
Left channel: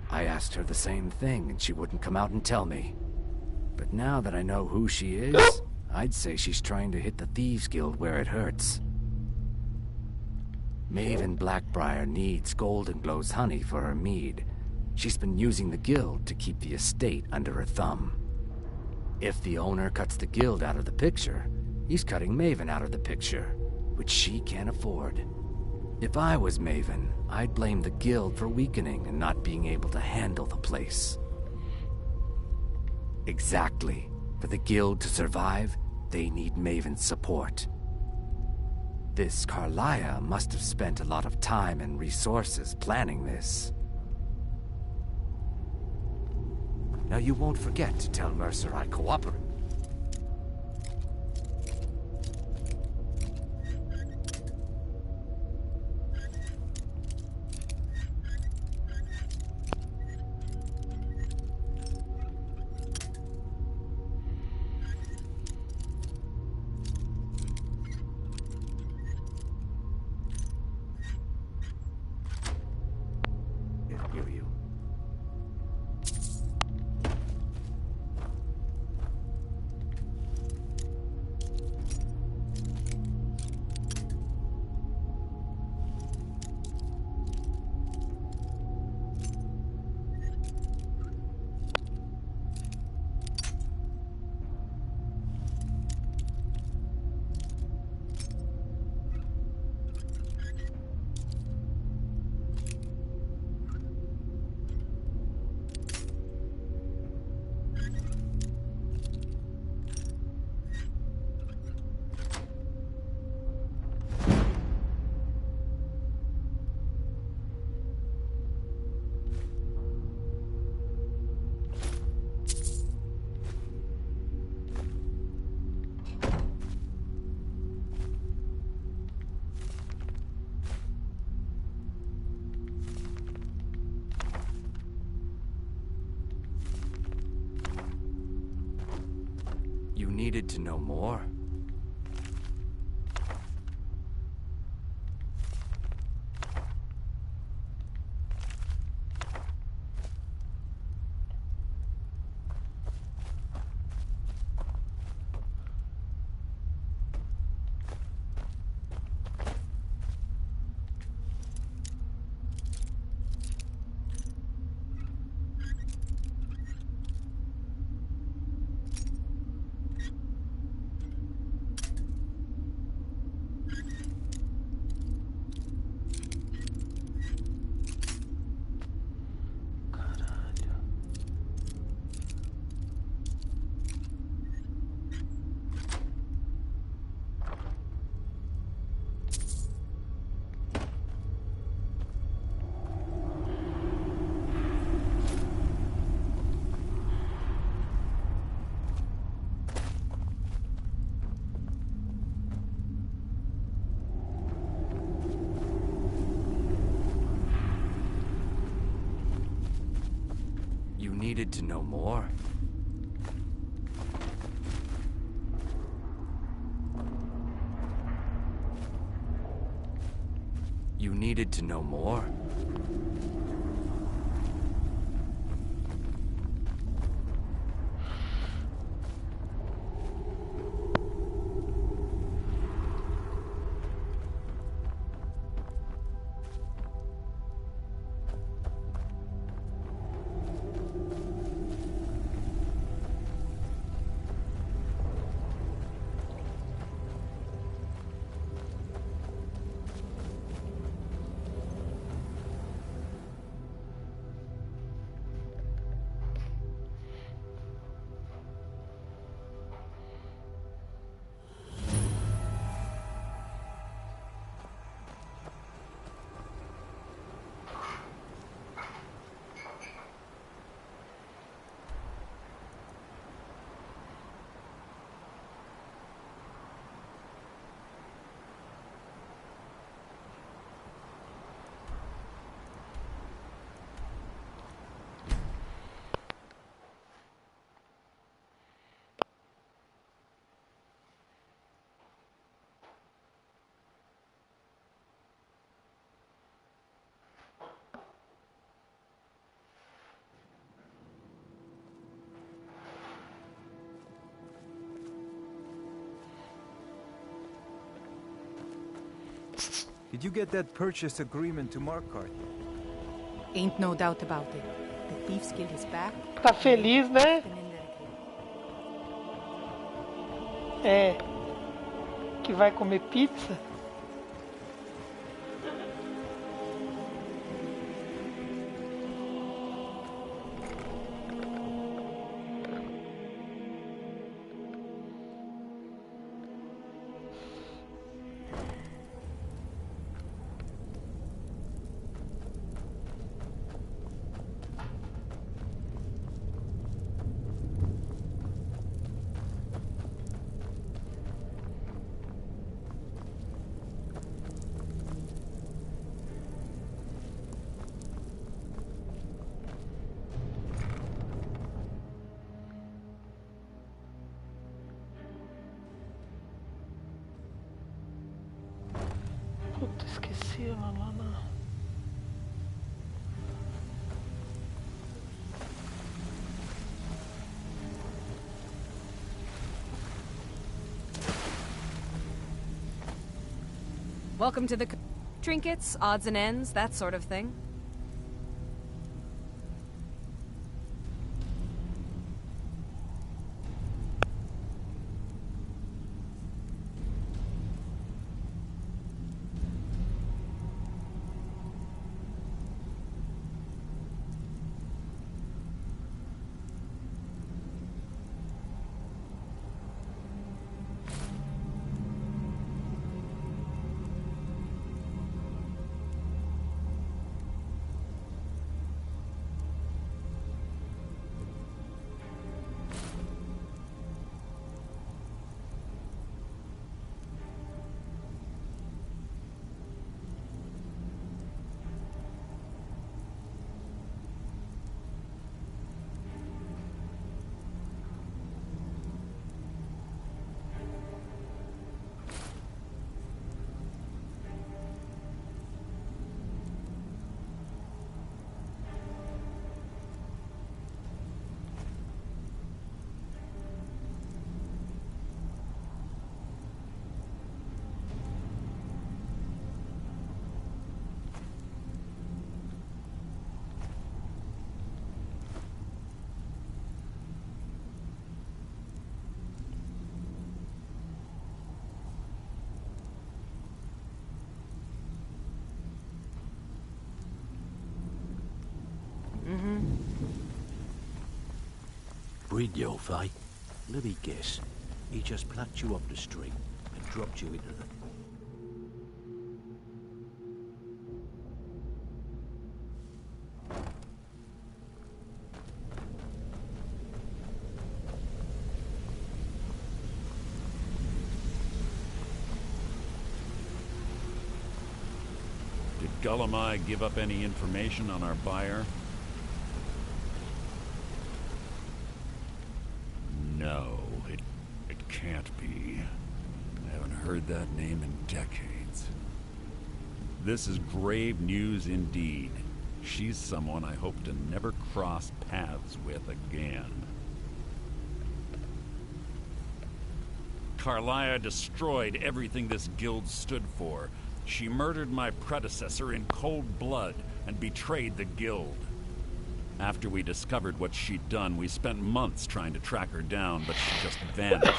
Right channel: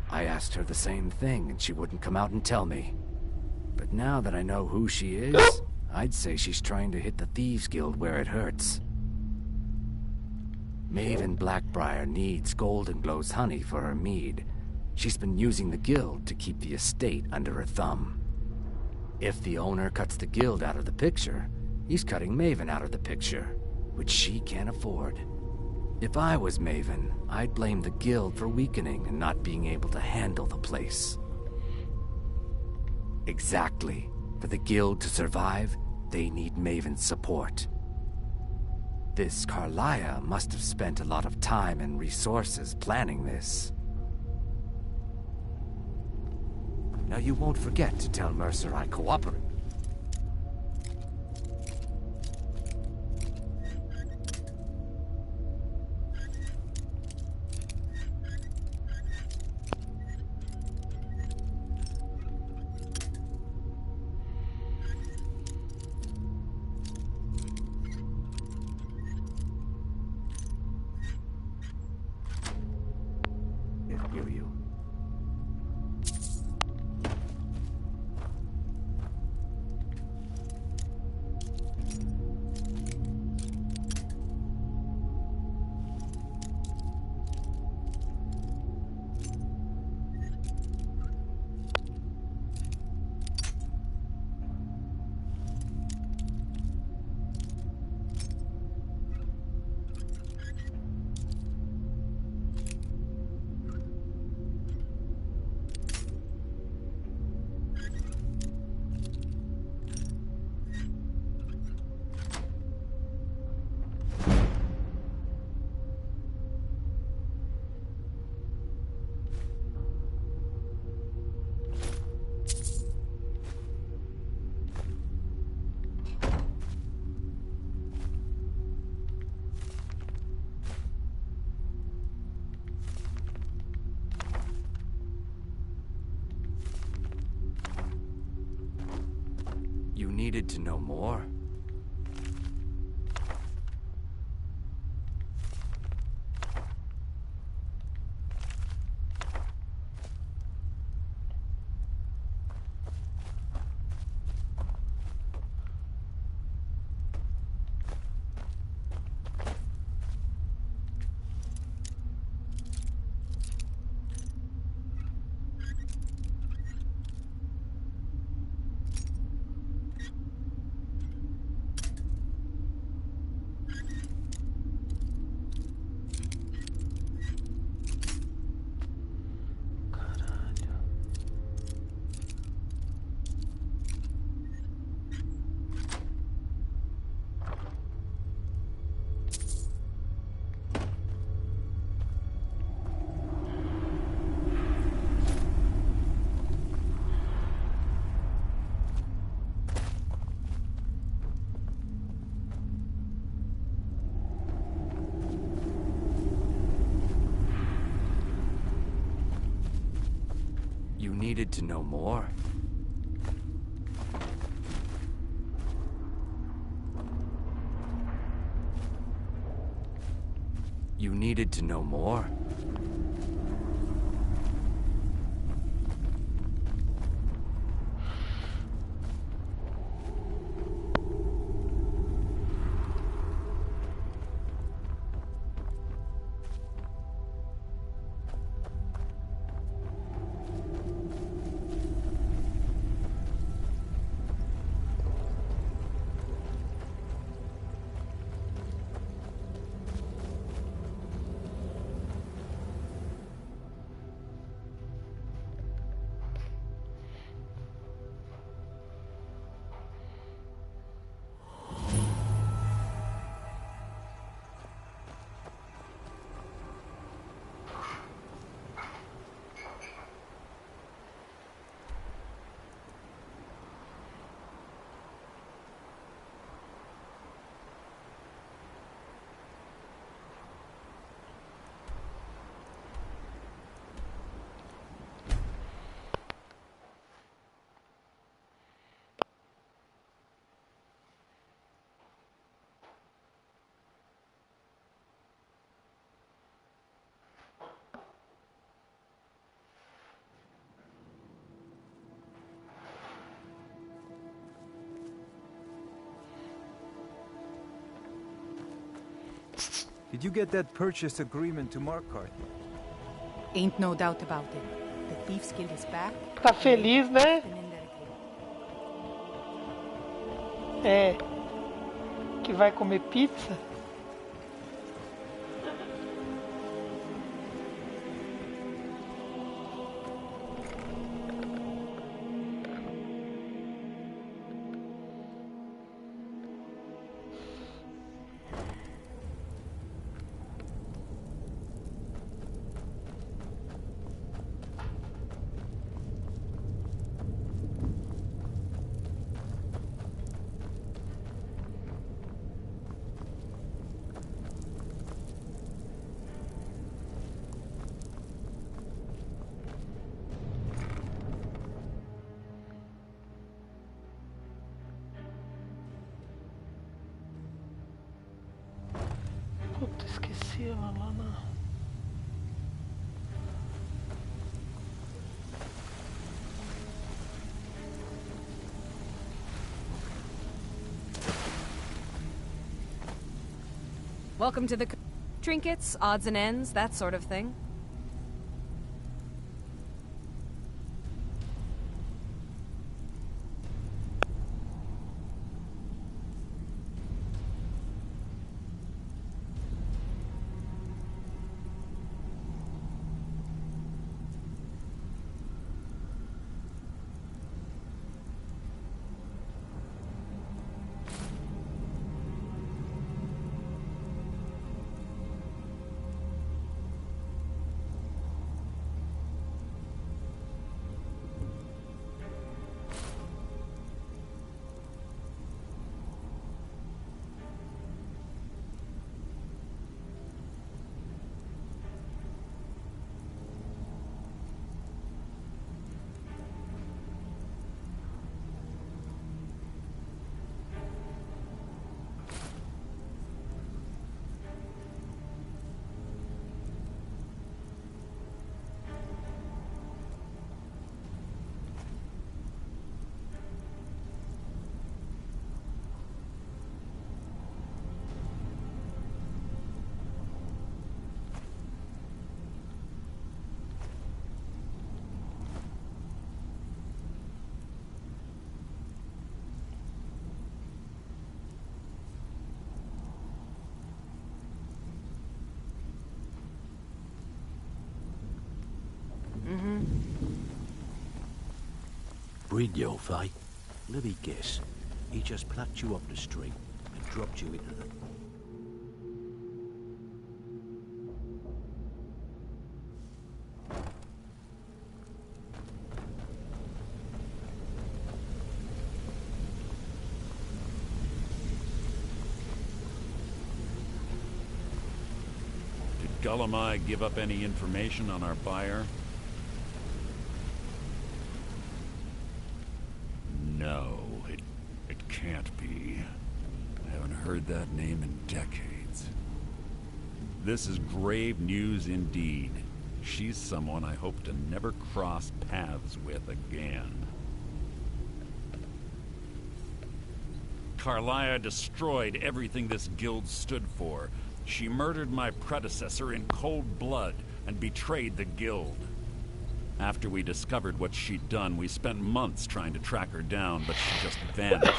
I asked her the same thing, and she wouldn't come out and tell me. But now that I know who she is, I'd say she's trying to hit the Thieves Guild where it hurts. Maven Blackbriar needs Golden Glow's honey for her mead. She's been using the guild to keep the estate under her thumb. If the owner cuts the guild out of the picture, he's cutting Maven out of the picture, which she can't afford. If I was Maven, I'd blame the guild for weakening and not being able to handle the place. Exactly. For the guild to survive, they need Maven's support. This Carlia must have spent a lot of time and resources planning this. Now you won't forget to tell Mercer I cooperate. needed to know more? You needed to know more? You needed to know more? Did you get that purchase agreement to Markarth yet? Ain't no doubt about it. The Thieves Guild is back. Tá feliz, né? É. Que vai comer pizza? Puta, esqueci ela lá na... Welcome to the... Trinkets, odds and ends, that sort of thing. Brynjolf, eh? Let me guess. He just plucked you off the street and dropped you into the... Did Gullamai give up any information on our buyer? No, it can't be. I haven't heard that name in decades. This is grave news indeed. She's someone I hope to never cross paths with again. Carlia destroyed everything this guild stood for. She murdered my predecessor in cold blood and betrayed the guild. After we discovered what she'd done, we spent months trying to track her down, but she just vanished.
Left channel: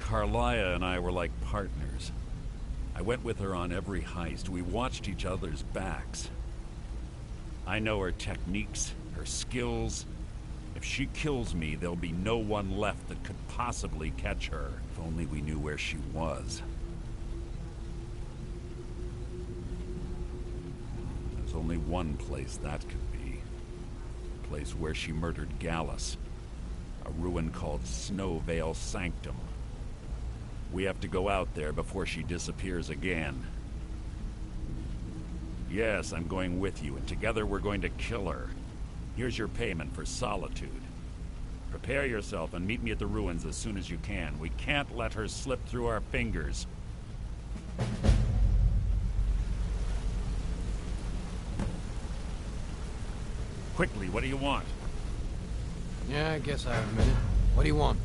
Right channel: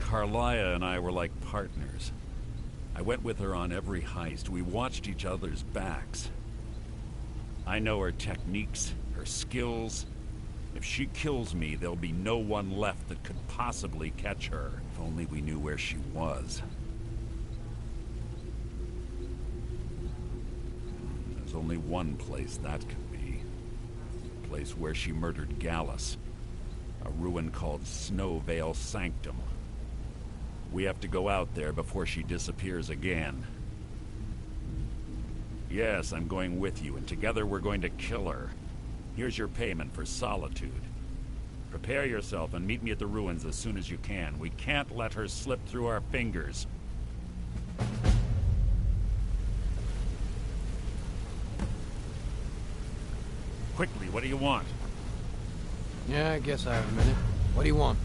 Carlia and I were like partners. I went with her on every heist. We watched each other's backs. I know her techniques, her skills. If she kills me, there'll be no one left that could possibly catch her. If only we knew where she was. There's only one place that could be. The place where she murdered Gallus. A ruin called Snowvale Sanctum. We have to go out there before she disappears again. Yes, I'm going with you, and together we're going to kill her. Here's your payment for solitude. Prepare yourself and meet me at the ruins as soon as you can. We can't let her slip through our fingers. Quickly, what do you want? Yeah, I guess I have a minute. What do you want?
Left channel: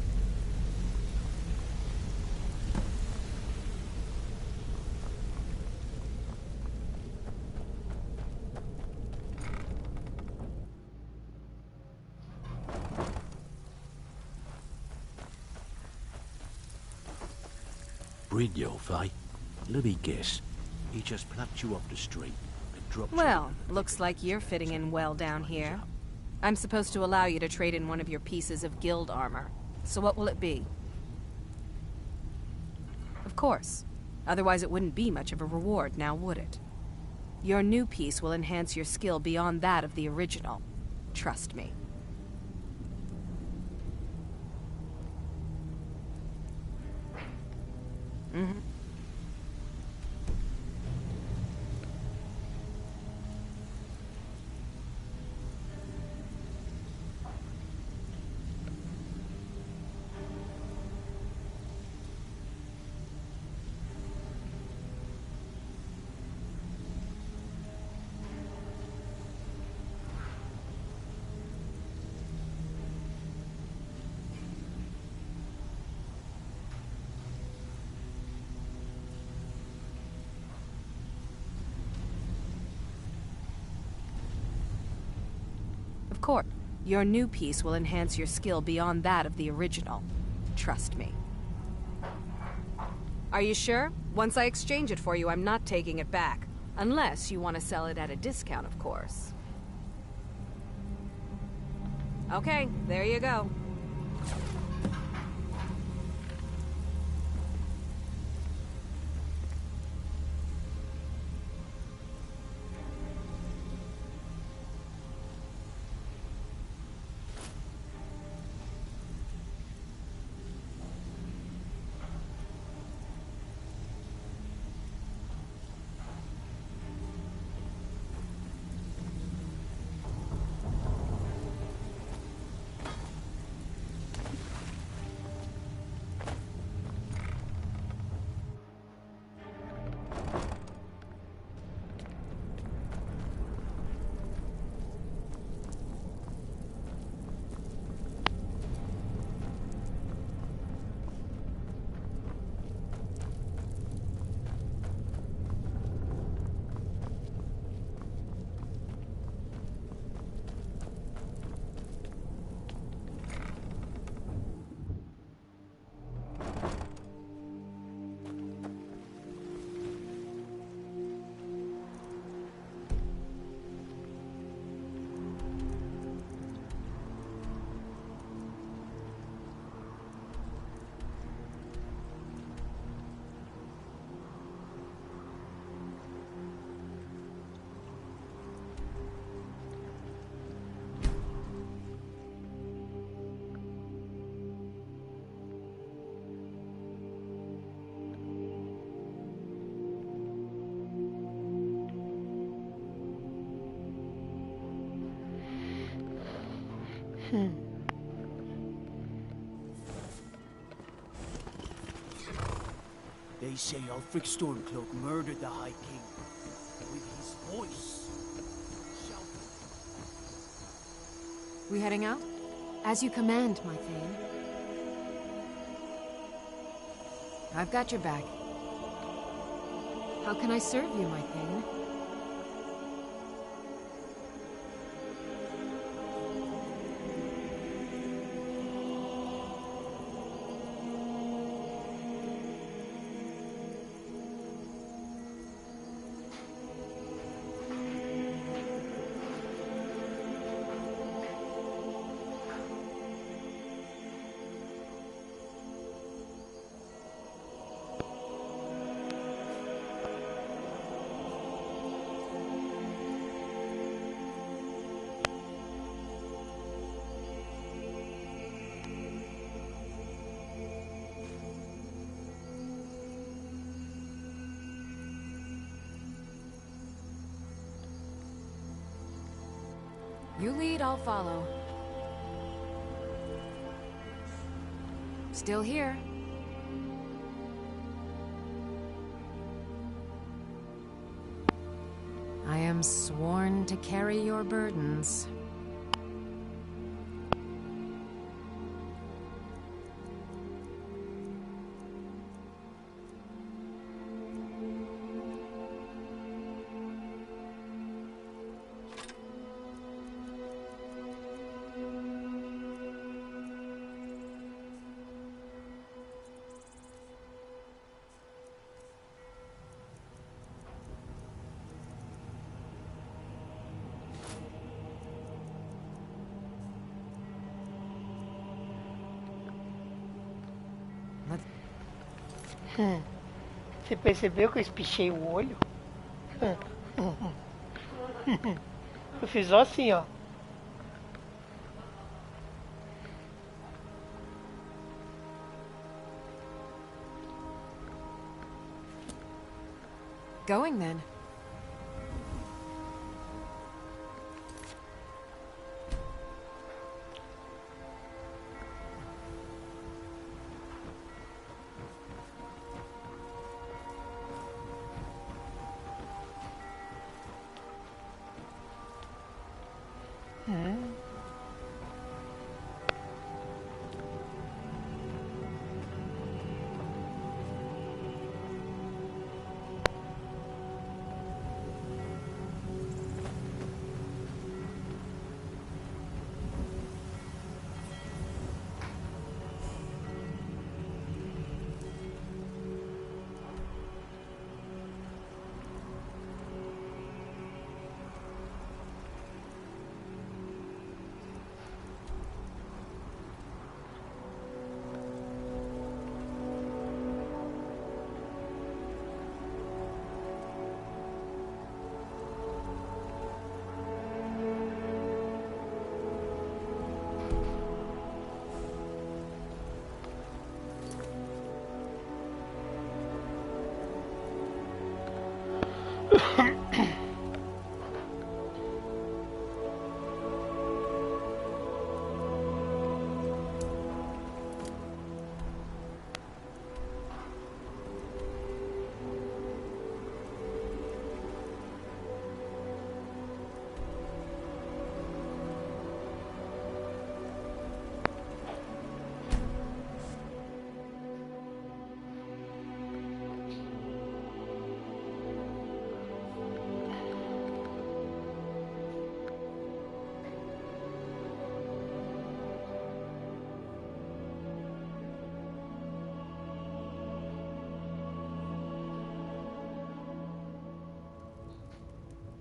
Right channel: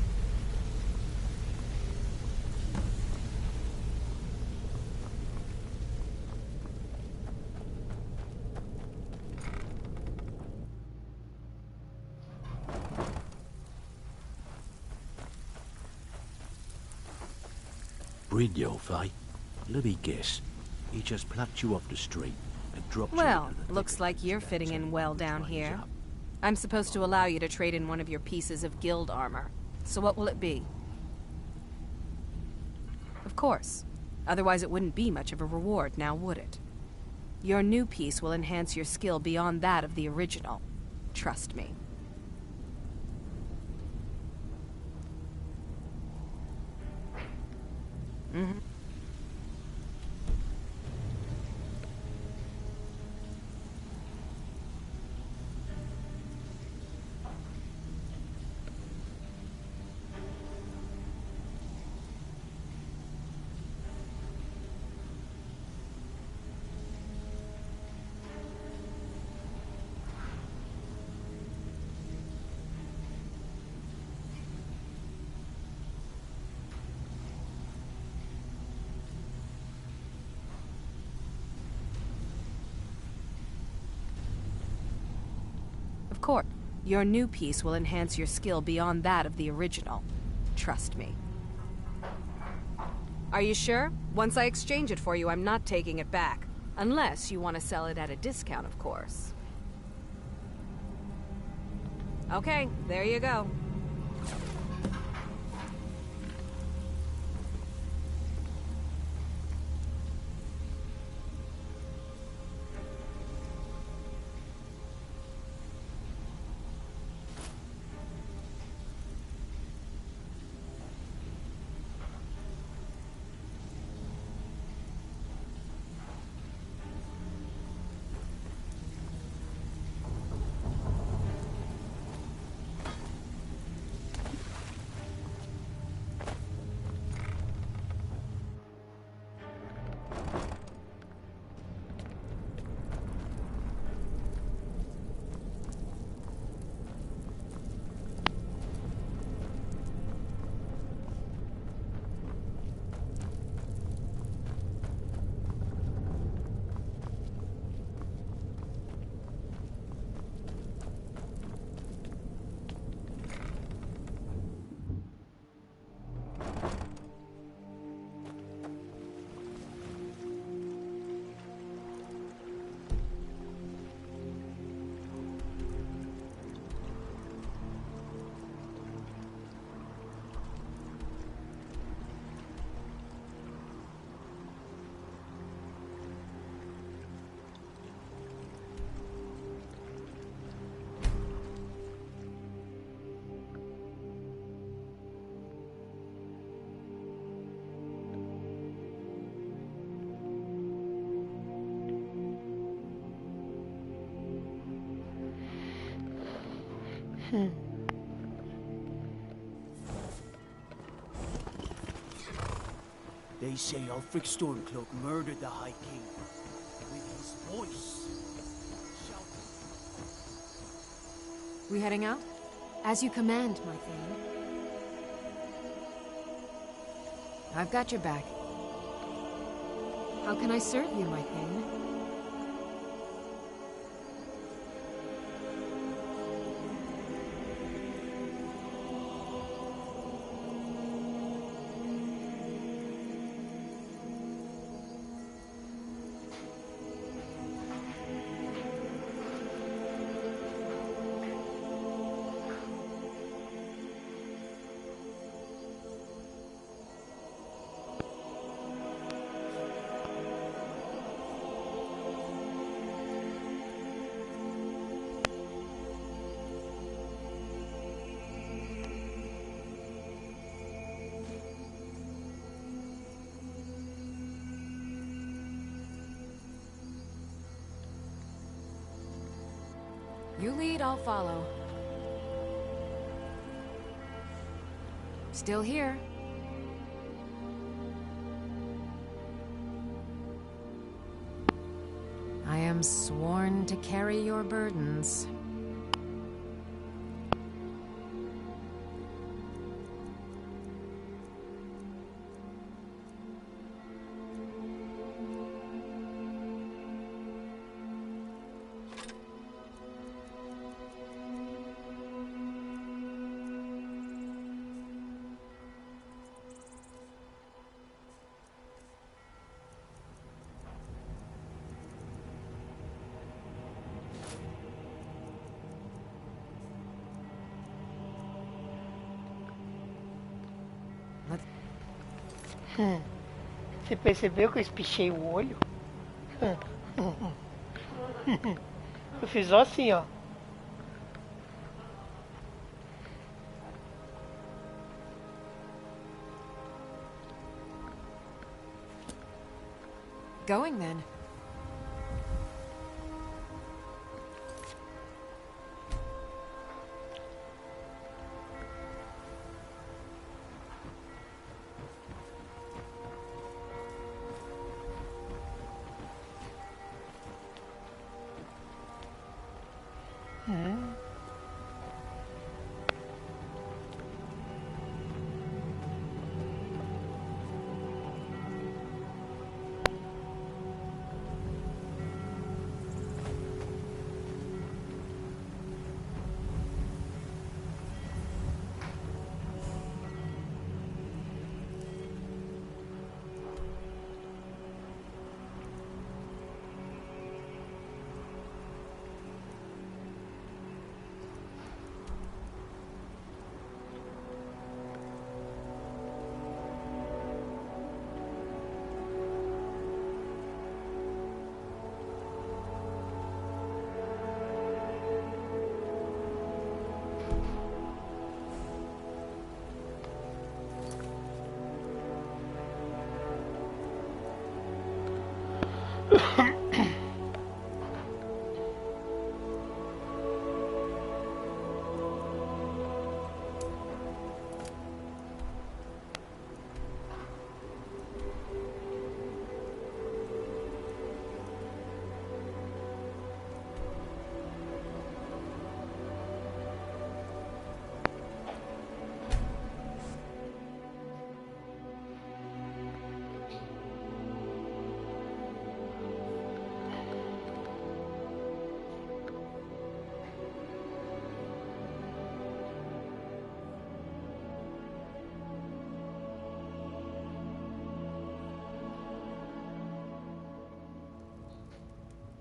Brynjolf, eh? Let me guess. He just plucked you off the street and dropped you Well, into the... looks like you're fitting in well down here. I'm supposed to allow you to trade in one of your pieces of guild armor. So what will it be? Of course. Otherwise it wouldn't be much of a reward, now would it? Your new piece will enhance your skill beyond that of the original. Trust me. Mm-hmm. Of course, your new piece will enhance your skill beyond that of the original. Trust me. Are you sure? Once I exchange it for you, I'm not taking it back. Unless you want to sell it at a discount, of course. Okay, there you go. They say Ulfric Stormcloak murdered the High King with his voice. Shouting. We heading out? As you command, my Thane. I've got your back. How can I serve you, my Thane? You lead, I'll follow. Still here. I am sworn to carry your burdens. Você percebeu que eu espichei o olho? Eu fiz só assim, ó. Going then.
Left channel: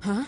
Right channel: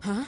Huh?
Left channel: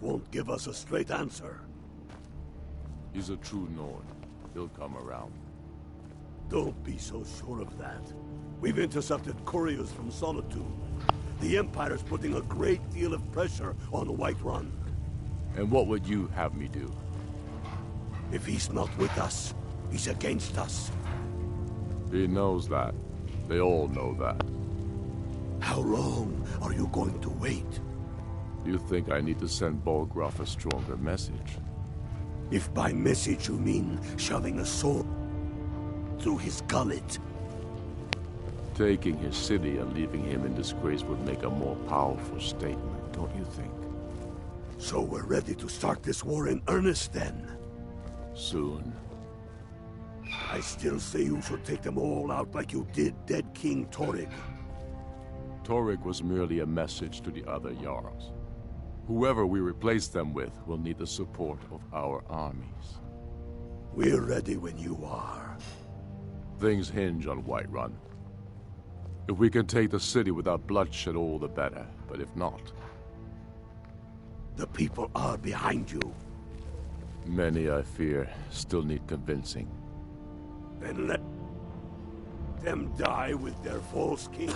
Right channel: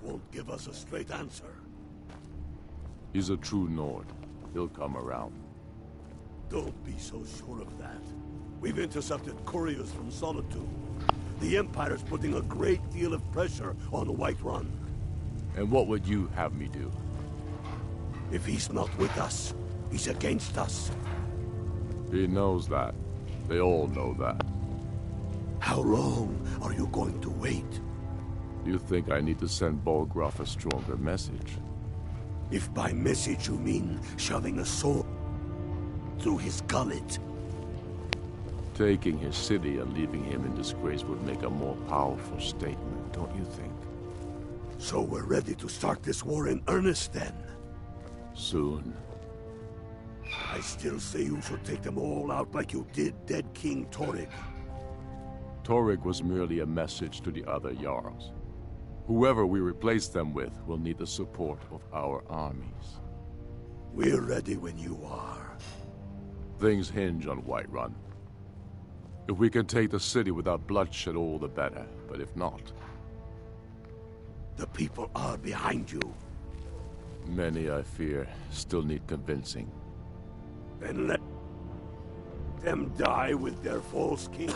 won't give us a straight answer. He's a true Nord. He'll come around. Don't be so sure of that. We've intercepted couriers from Solitude. The Empire's putting a great deal of pressure on Whiterun. And what would you have me do? If he's not with us, he's against us. He knows that. They all know that. How long are you going to wait? You think I need to send Bolgraf a stronger message? If by message you mean shoving a sword through his gullet. Taking his city and leaving him in disgrace would make a more powerful statement, don't you think? So we're ready to start this war in earnest then? Soon. I still say you should take them all out like you did dead King Torrig. Torrig was merely a message to the other Jarls. Whoever we replace them with will need the support of our armies. We're ready when you are. Things hinge on Whiterun. If we can take the city without bloodshed, all the better. But if not... The people are behind you. Many, I fear, still need convincing. Then let them die with their false king.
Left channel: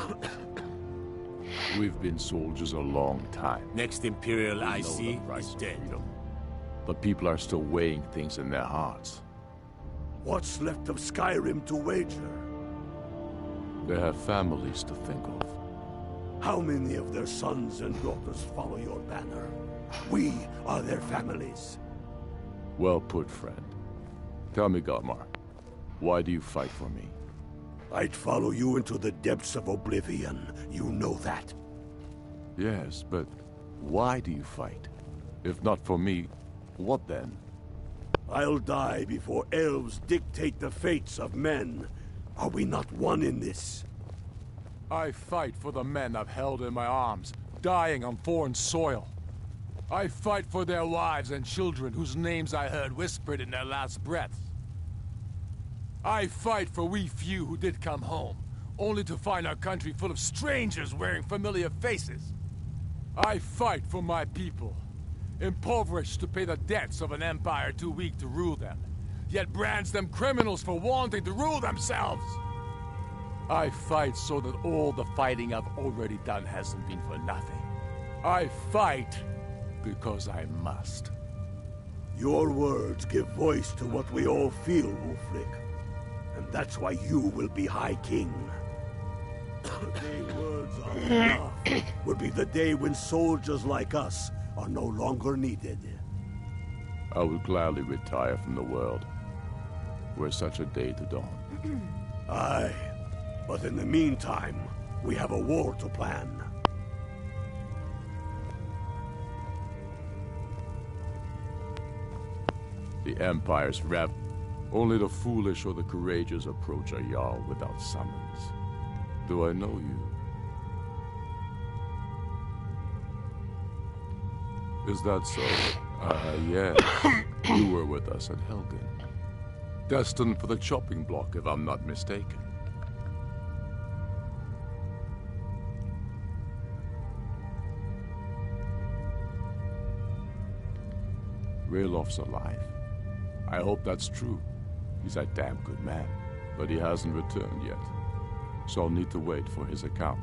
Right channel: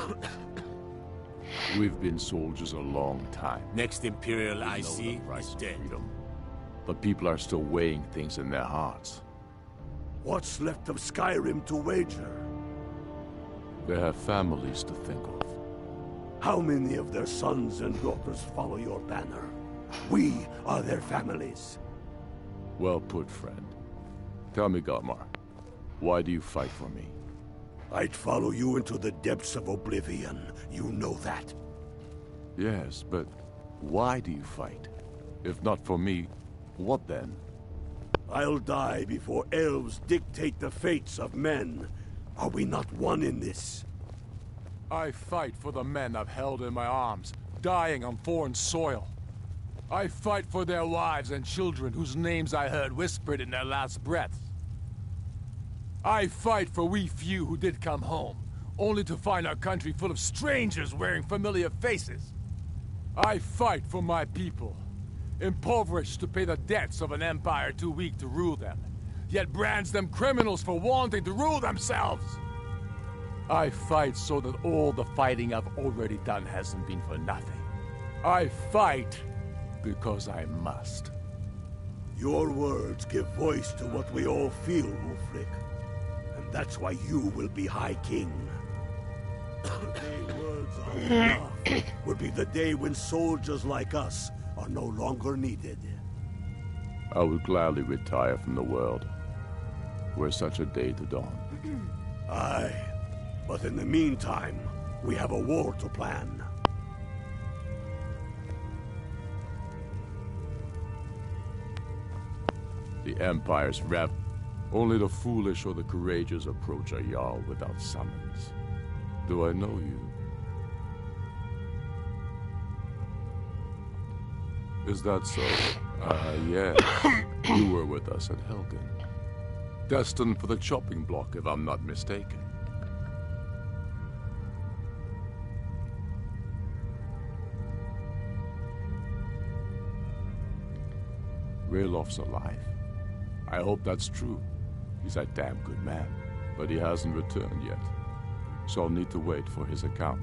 We've been soldiers a long time. Next Imperial I see is dead. Freedom. But people are still weighing things in their hearts. What's left of Skyrim to wager? They have families to think of. How many of their sons and daughters follow your banner? We are their families. Well put, friend. Tell me, Galmar, why do you fight for me? I'd follow you into the depths of oblivion. You know that. Yes, but why do you fight? If not for me, what then? I'll die before elves dictate the fates of men. Are we not one in this? I fight for the men I've held in my arms, dying on foreign soil. I fight for their wives and children whose names I heard whispered in their last breaths. I fight for we few who did come home, only to find our country full of strangers wearing familiar faces. I fight for my people, impoverished to pay the debts of an empire too weak to rule them, yet brands them criminals for wanting to rule themselves. I fight so that all the fighting I've already done hasn't been for nothing. I fight because I must. Your words give voice to what we all feel, Ulfric. And that's why you will be High King. The day words are enough will be the day when soldiers like us are no longer needed. I would gladly retire from the world, were such a day to dawn. Aye, but in the meantime, we have a war to plan. The Empire's rev. Only the foolish or the courageous approach a Jarl without summons. Do I know you? Is that so? Yes. You were with us at Helgen. Destined for the chopping block, if I'm not mistaken. Railof's alive. I hope that's true. He's a damn good man, but he hasn't returned yet. So I'll need to wait for his account.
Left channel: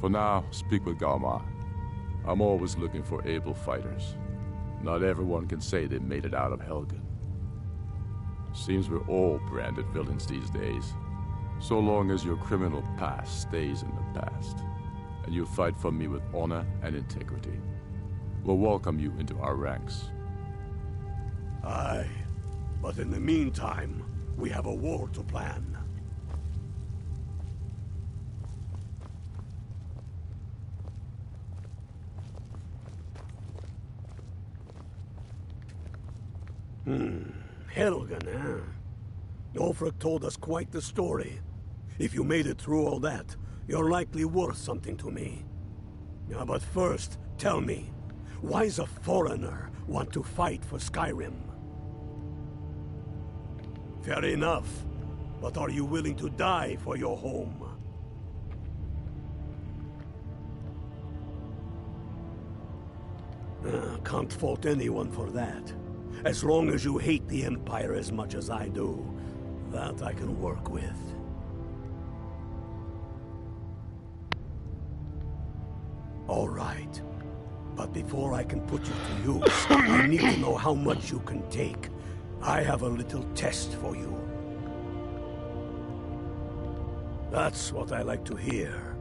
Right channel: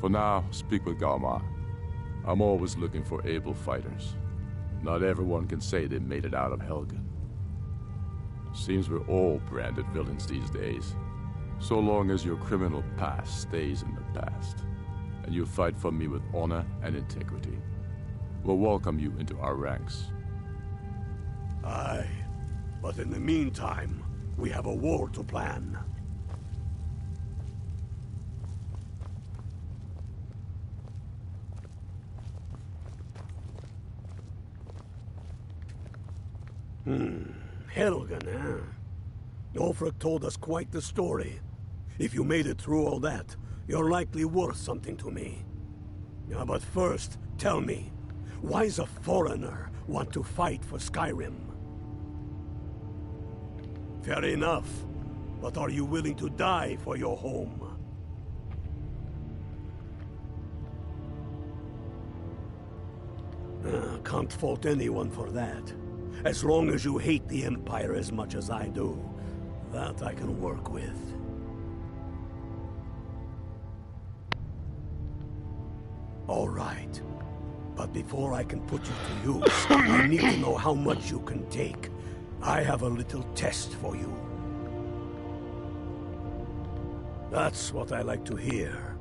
For now, speak with Galmar. I'm always looking for able fighters. Not everyone can say they made it out of Helgen. Seems we're all branded villains these days. So long as your criminal past stays in the past, and you fight for me with honor and integrity, we'll welcome you into our ranks. Aye, but in the meantime, we have a war to plan. Helgen, huh? Ulfric told us quite the story. If you made it through all that, you're likely worth something to me. Now, but first, tell me, why's a foreigner want to fight for Skyrim? Fair enough, but are you willing to die for your home? can't fault anyone for that. As long as you hate the Empire as much as I do, that I can work with. All right. But before I can put you to use, I need to know how much you can take. I have a little test for you. That's what I like to hear.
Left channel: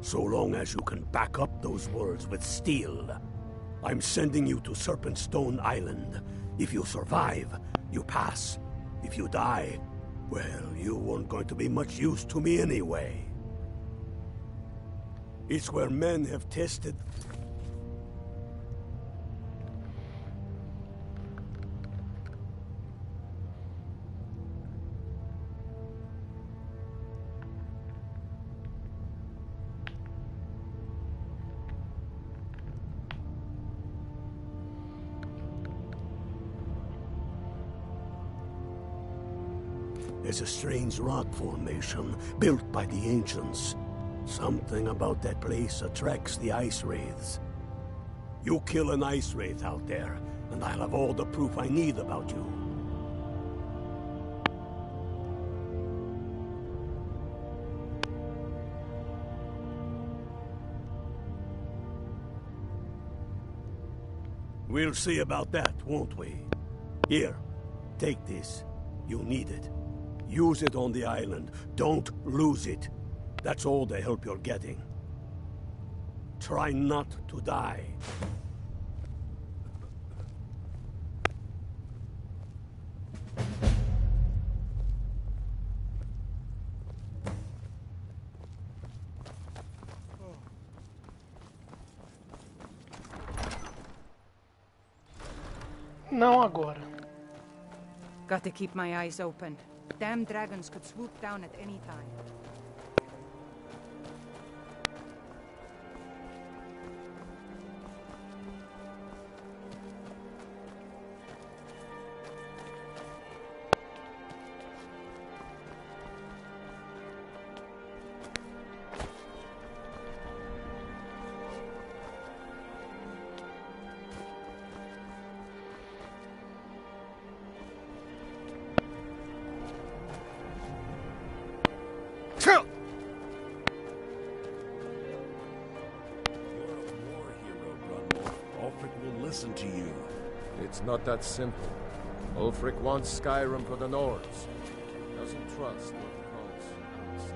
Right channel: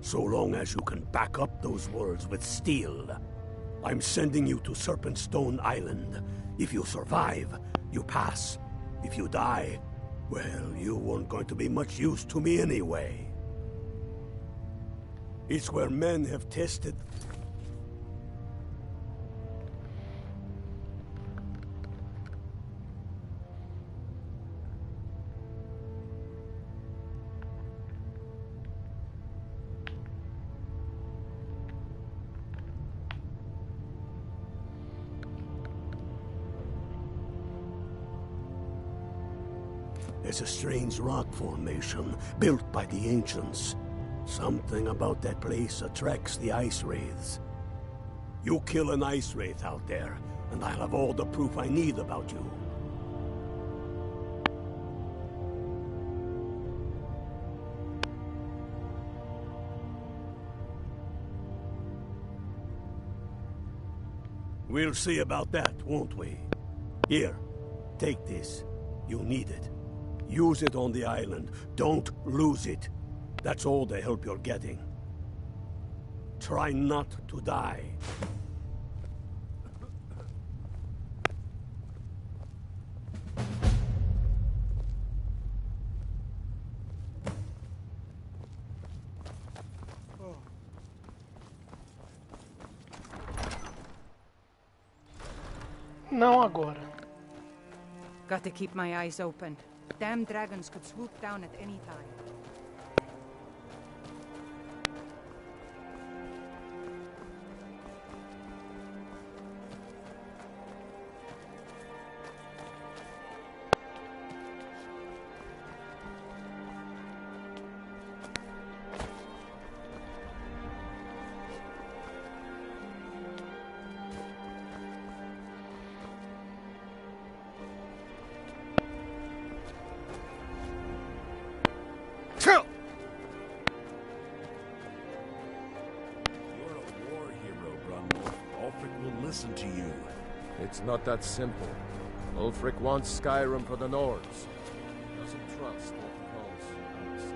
So long as you can back up those words with steel. I'm sending you to Serpentstone Island. If you survive, you pass. If you die, well, you weren't going to be much use to me anyway. It's where men have tested... There's a strange rock formation built by the ancients. Something about that place attracts the ice wraiths. You kill an ice wraith out there, and I'll have all the proof I need about you. We'll see about that, won't we? Here, take this. You'll need it. Use it on the island. Don't lose it. That's all the help you're getting. Try not to die. Não agora. Got to keep my eyes open. Damn dragons could swoop down at any time. Listen to you. It's not that simple. Ulfric wants Skyrim for the Nords. He doesn't trust what he calls outsiders.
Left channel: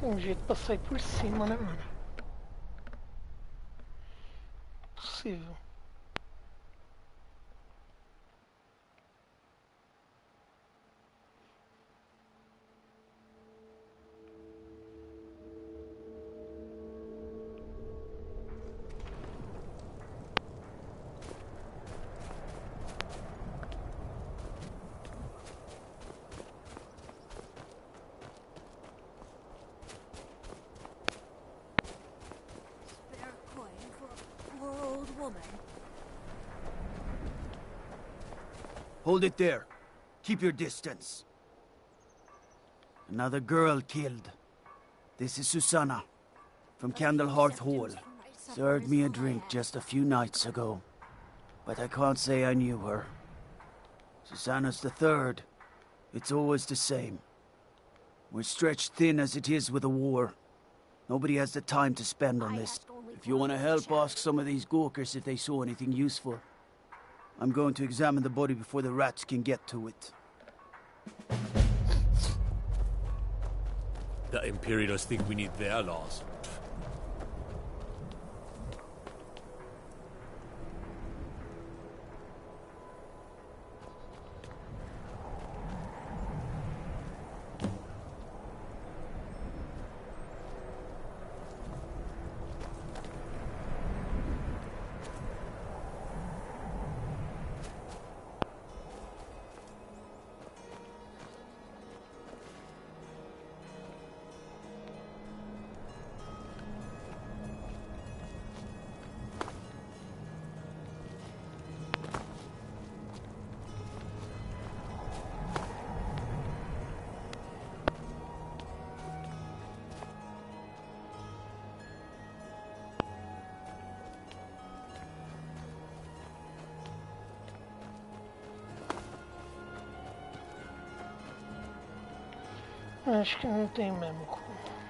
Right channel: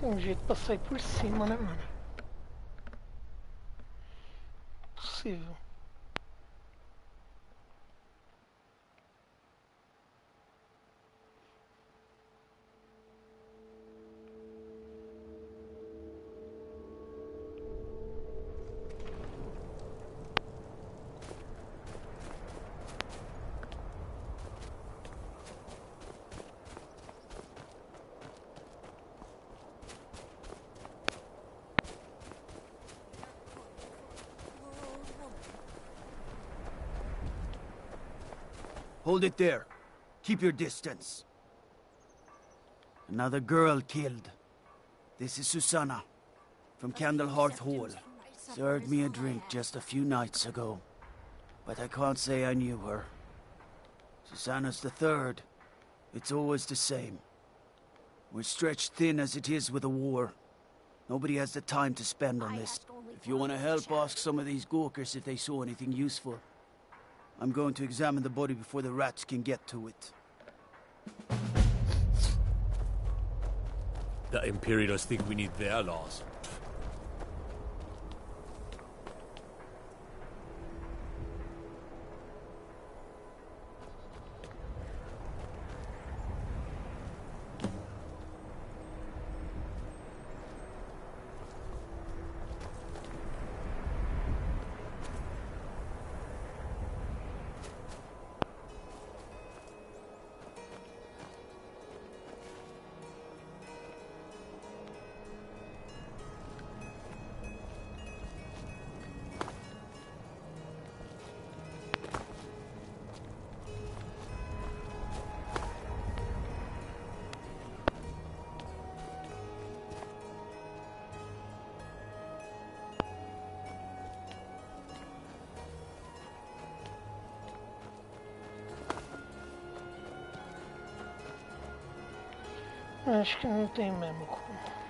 Tem um jeito pra sair por cima, né, mano? Possível. Hold it there. Keep your distance. Another girl killed. This is Susanna, from Candlehearth Hall. Served me a drink just a few nights ago. But I can't say I knew her. Susanna's the third. It's always the same. We're stretched thin as it is with a war. Nobody has the time to spend on this. If you want to help, ask some of these Gawkers if they saw anything useful. I'm going to examine the body before the rats can get to it. The Imperials think we need their laws. Acho que não tem mesmo como.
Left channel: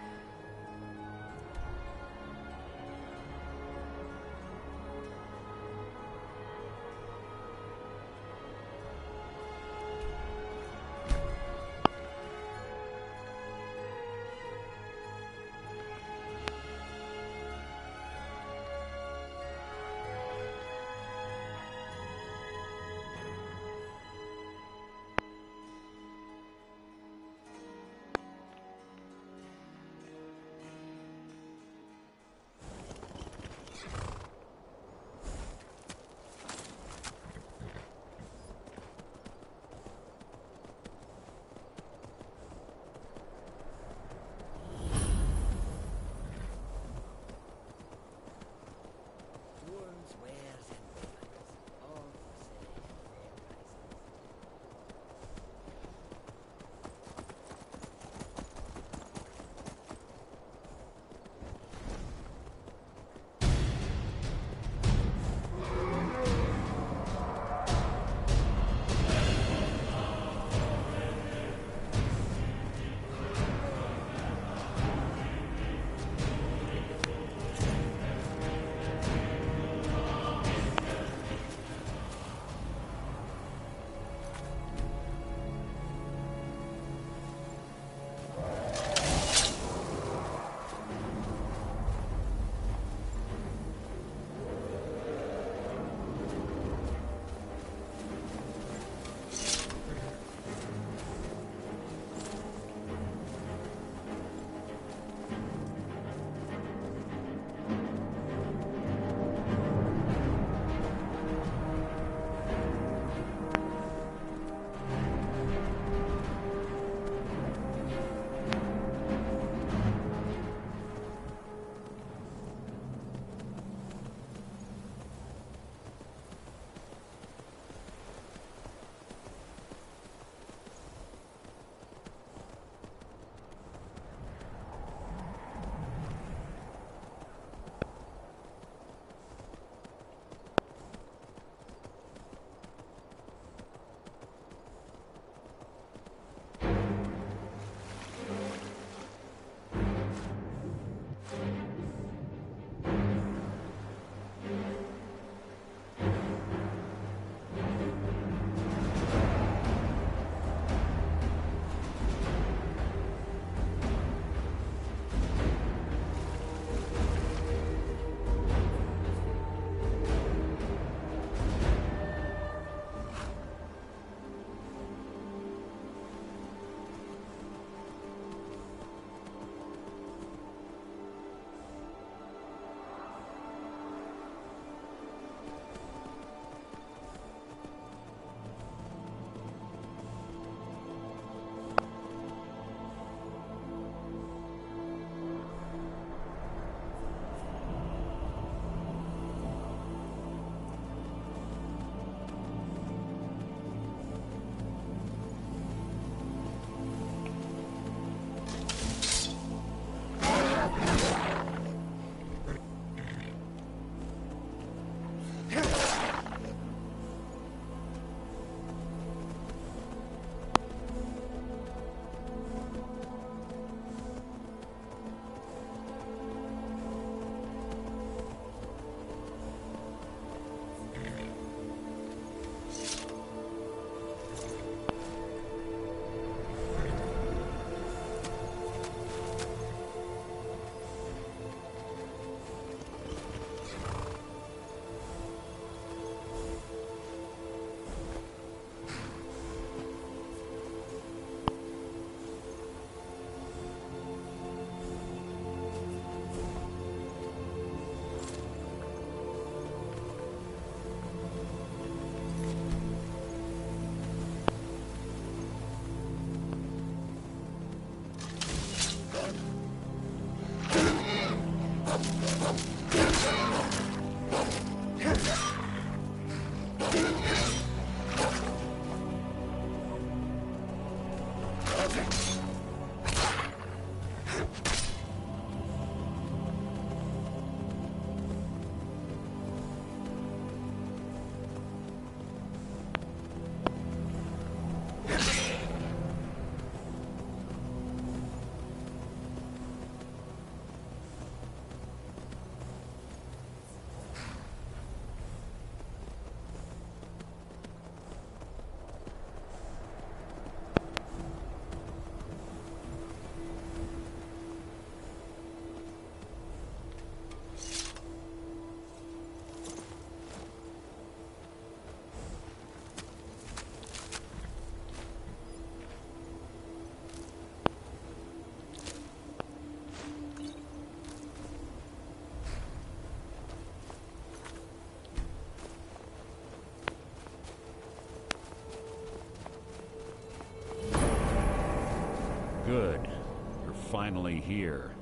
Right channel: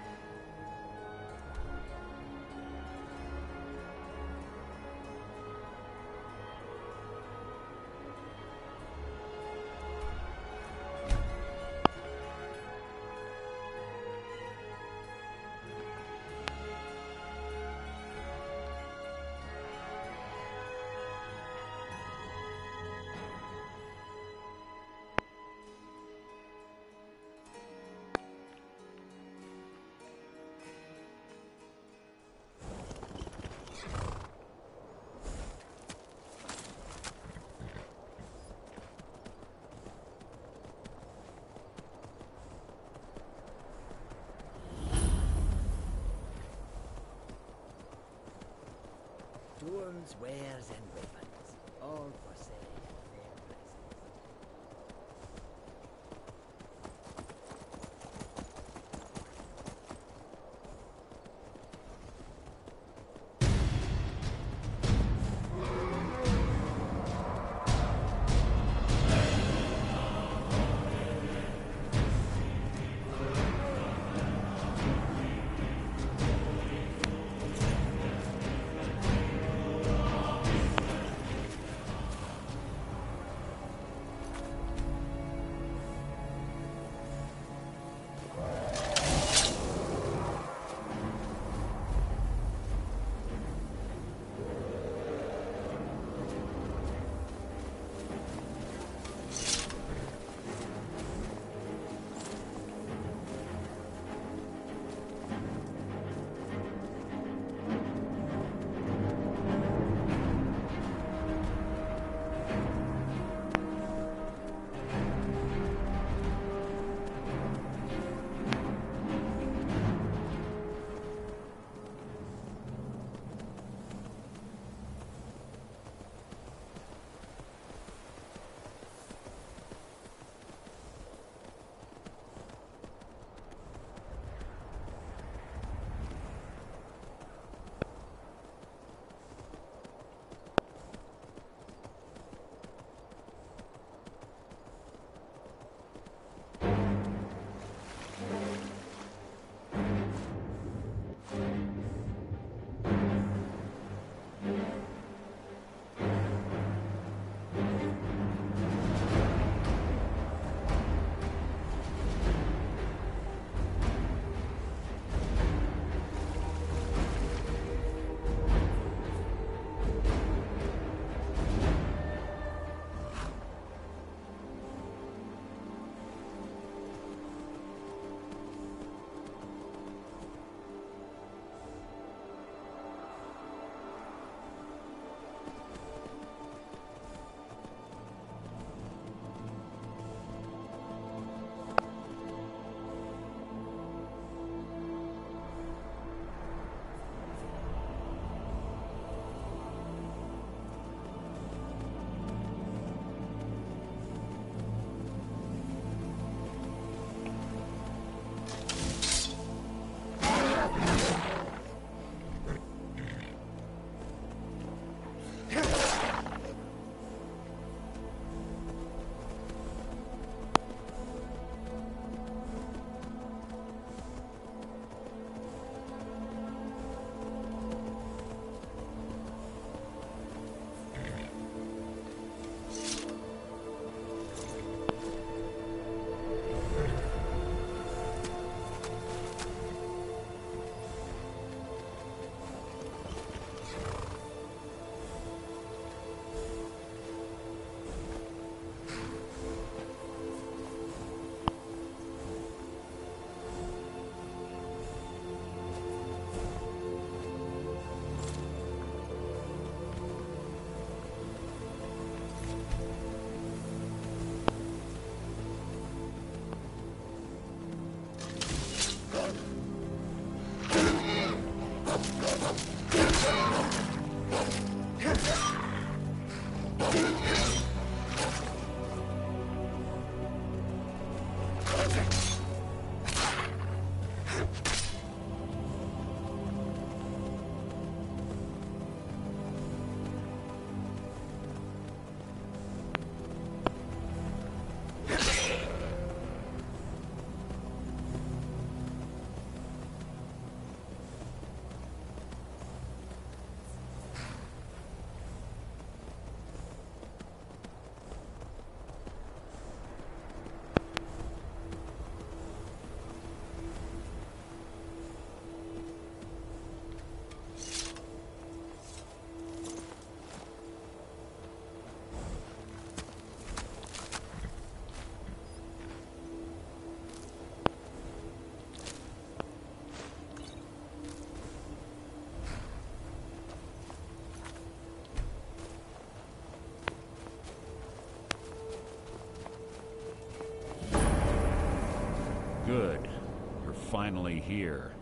finally here.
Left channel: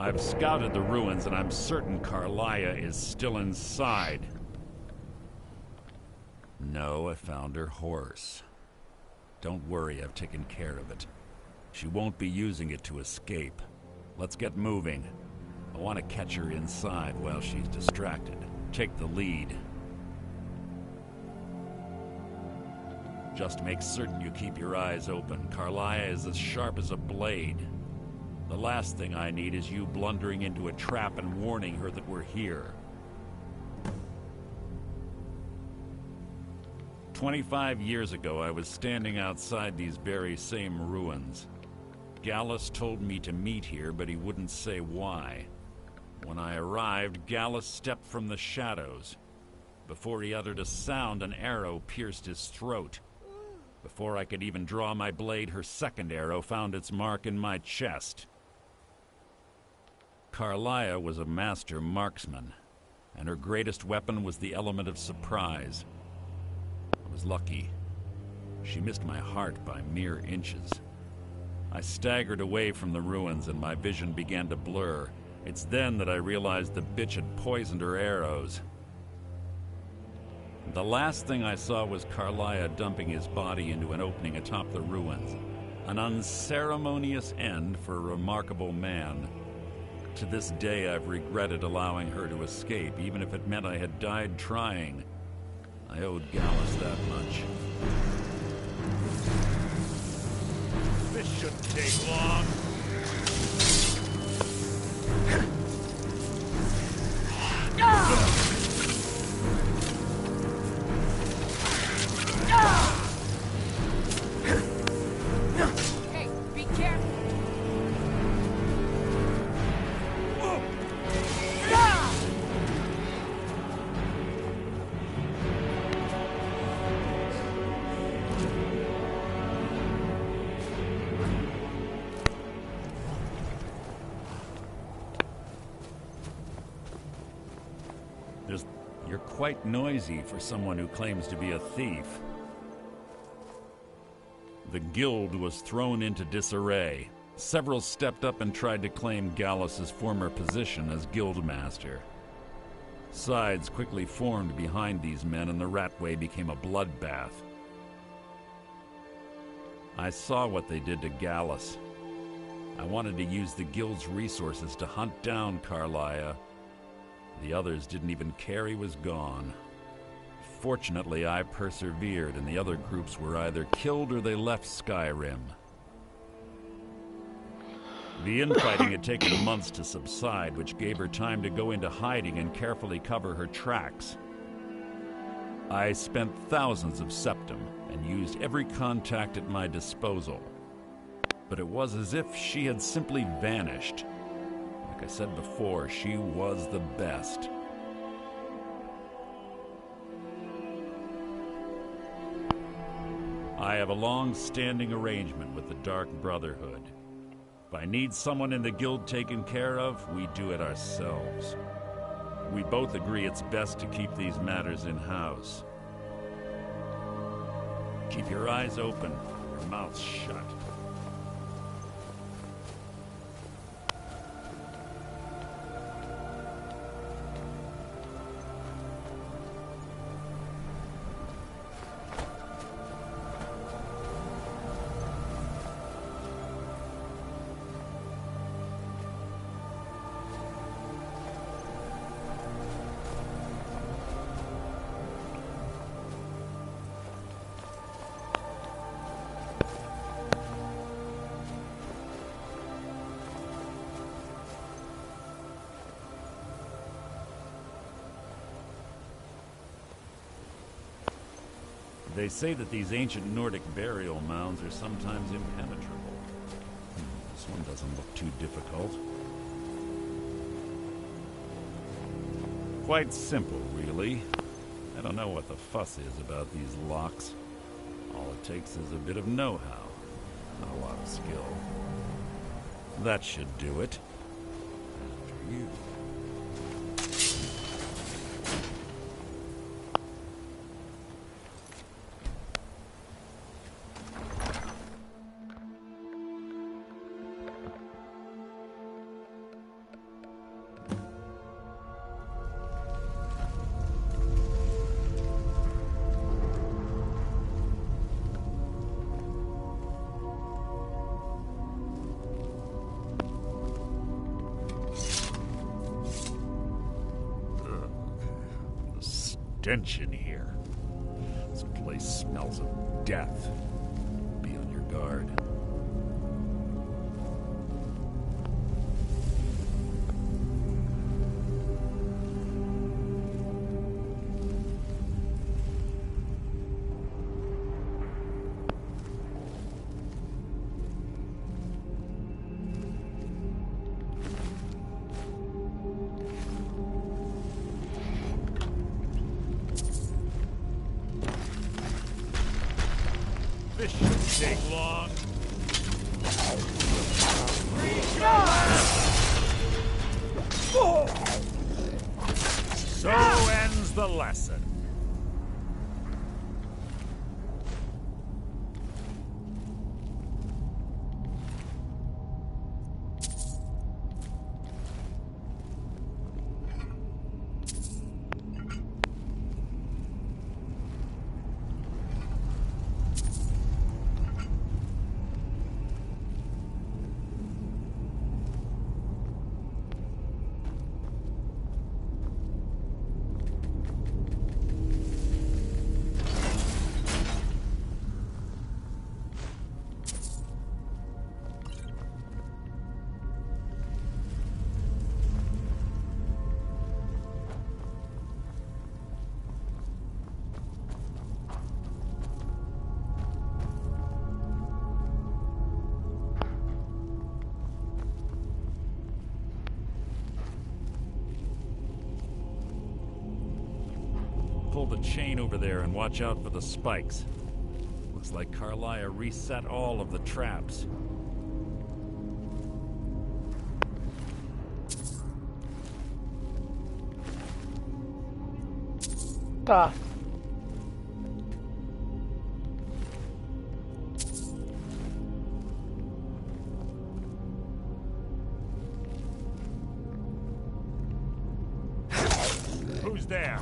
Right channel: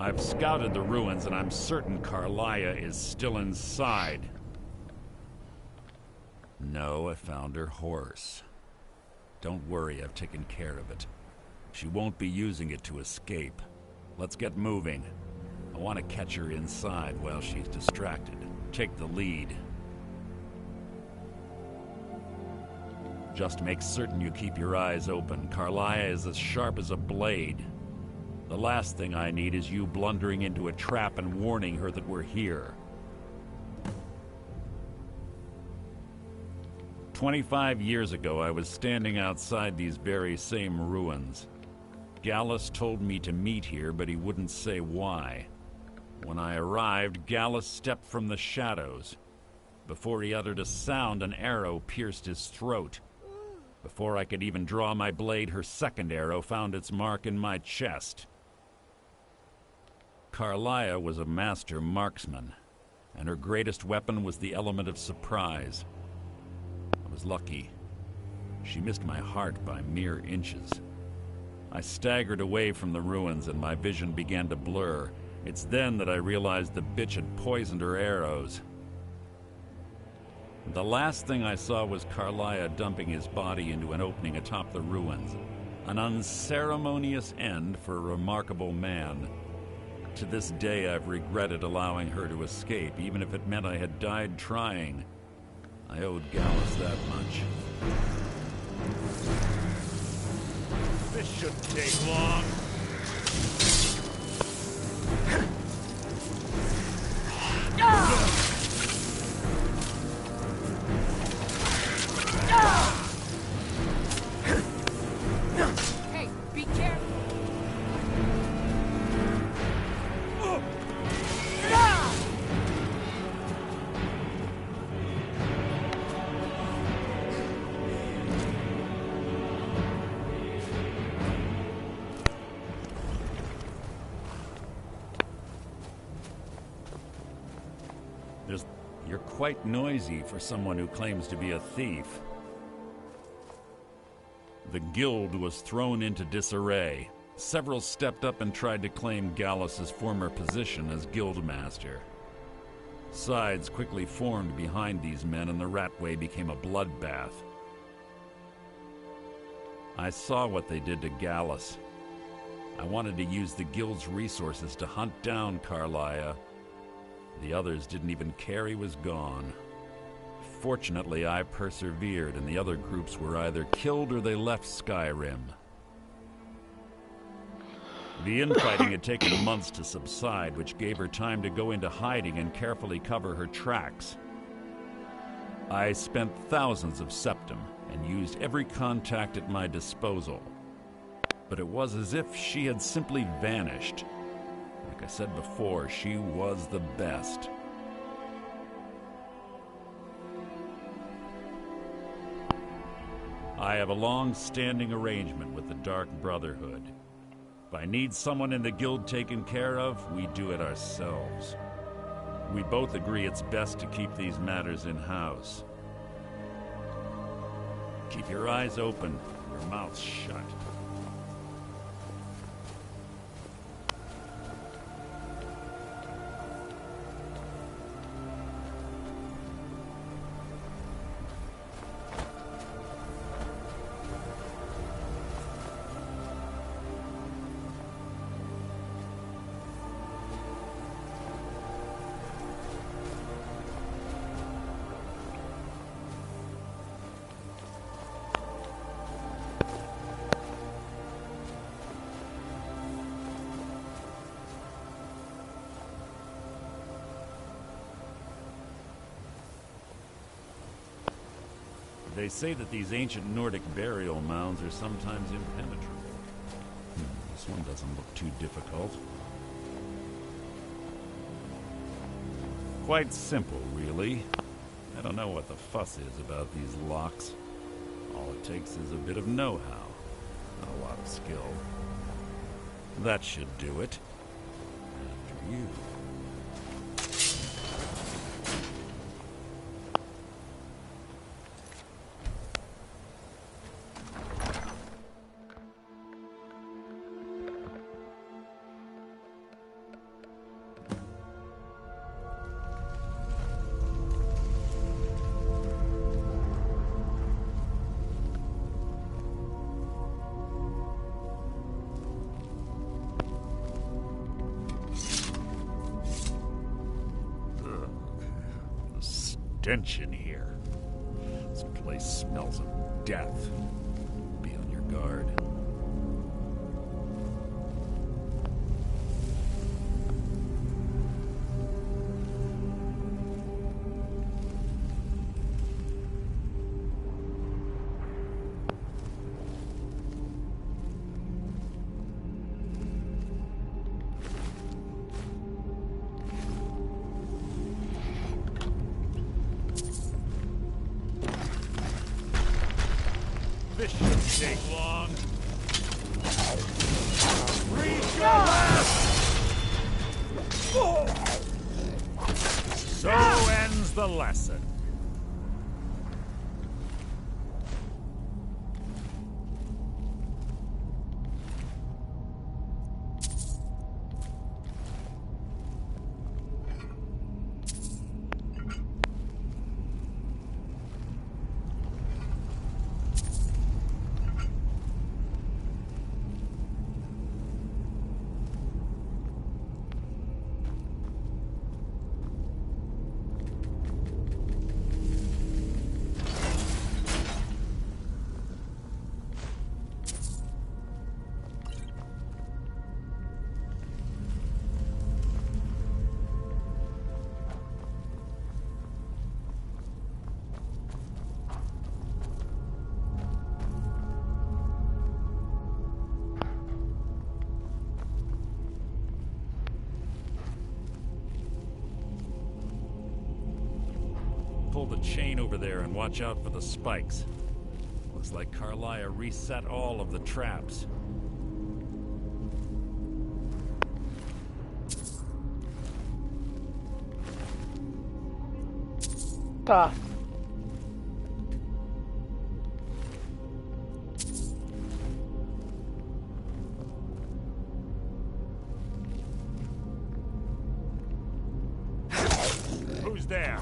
I've scouted the ruins and I'm certain Carlia is still inside. No, I found her horse. Don't worry, I've taken care of it. She won't be using it to escape. Let's get moving. I want to catch her inside while she's distracted. Take the lead. Just make certain you keep your eyes open. Carlia is as sharp as a blade. The last thing I need is you blundering into a trap and warning her that we're here. 25 years ago, I was standing outside these very same ruins. Gallus told me to meet here, but he wouldn't say why. When I arrived, Gallus stepped from the shadows. Before he uttered a sound, an arrow pierced his throat. Before I could even draw my blade, her second arrow found its mark in my chest. Carlia was a master marksman, and her greatest weapon was the element of surprise. I was lucky. She missed my heart by mere inches. I staggered away from the ruins and my vision began to blur. It's then that I realized the bitch had poisoned her arrows. The last thing I saw was Carlia dumping his body into an opening atop the ruins. An unceremonious end for a remarkable man. To this day, I've regretted allowing her to escape, even if it meant I had died trying. I owed Gallus that much. This shouldn't take long. Hey, be careful! You're quite noisy for someone who claims to be a thief. The guild was thrown into disarray. Several stepped up and tried to claim Gallus's former position as guildmaster. Sides quickly formed behind these men and the Ratway became a bloodbath. I saw what they did to Gallus. I wanted to use the guild's resources to hunt down Carlia. The others didn't even care he was gone. Fortunately, I persevered, and the other groups were either killed or they left Skyrim. The infighting had taken months to subside, which gave her time to go into hiding and carefully cover her tracks. I spent thousands of septum and used every contact at my disposal. But it was as if she had simply vanished. Like I said before, she was the best. I have a long-standing arrangement with the Dark Brotherhood. If I need someone in the guild taken care of, we do it ourselves. We both agree it's best to keep these matters in-house. Keep your eyes open, your mouth shut. They say that these ancient Nordic burial mounds are sometimes impenetrable. This one doesn't look too difficult. Quite simple, really. I don't know what the fuss is about these locks. All it takes is a bit of know-how, not a lot of skill. That should do it. After you. stench in here. This place smells of death. Be on your guard. This shouldn't take long. Reach your left! So ends the lesson. Pull the chain over there and watch out for the spikes. Looks like Carlia reset all of the traps. Tá. Who's there?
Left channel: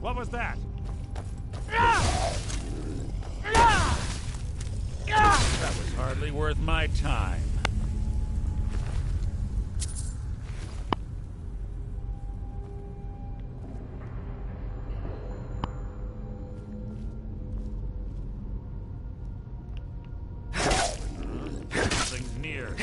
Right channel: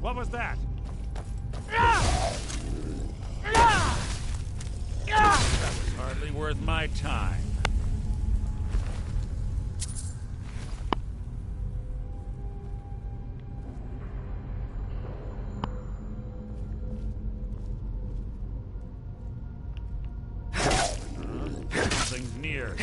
What was that? That was hardly worth my time. Something's near.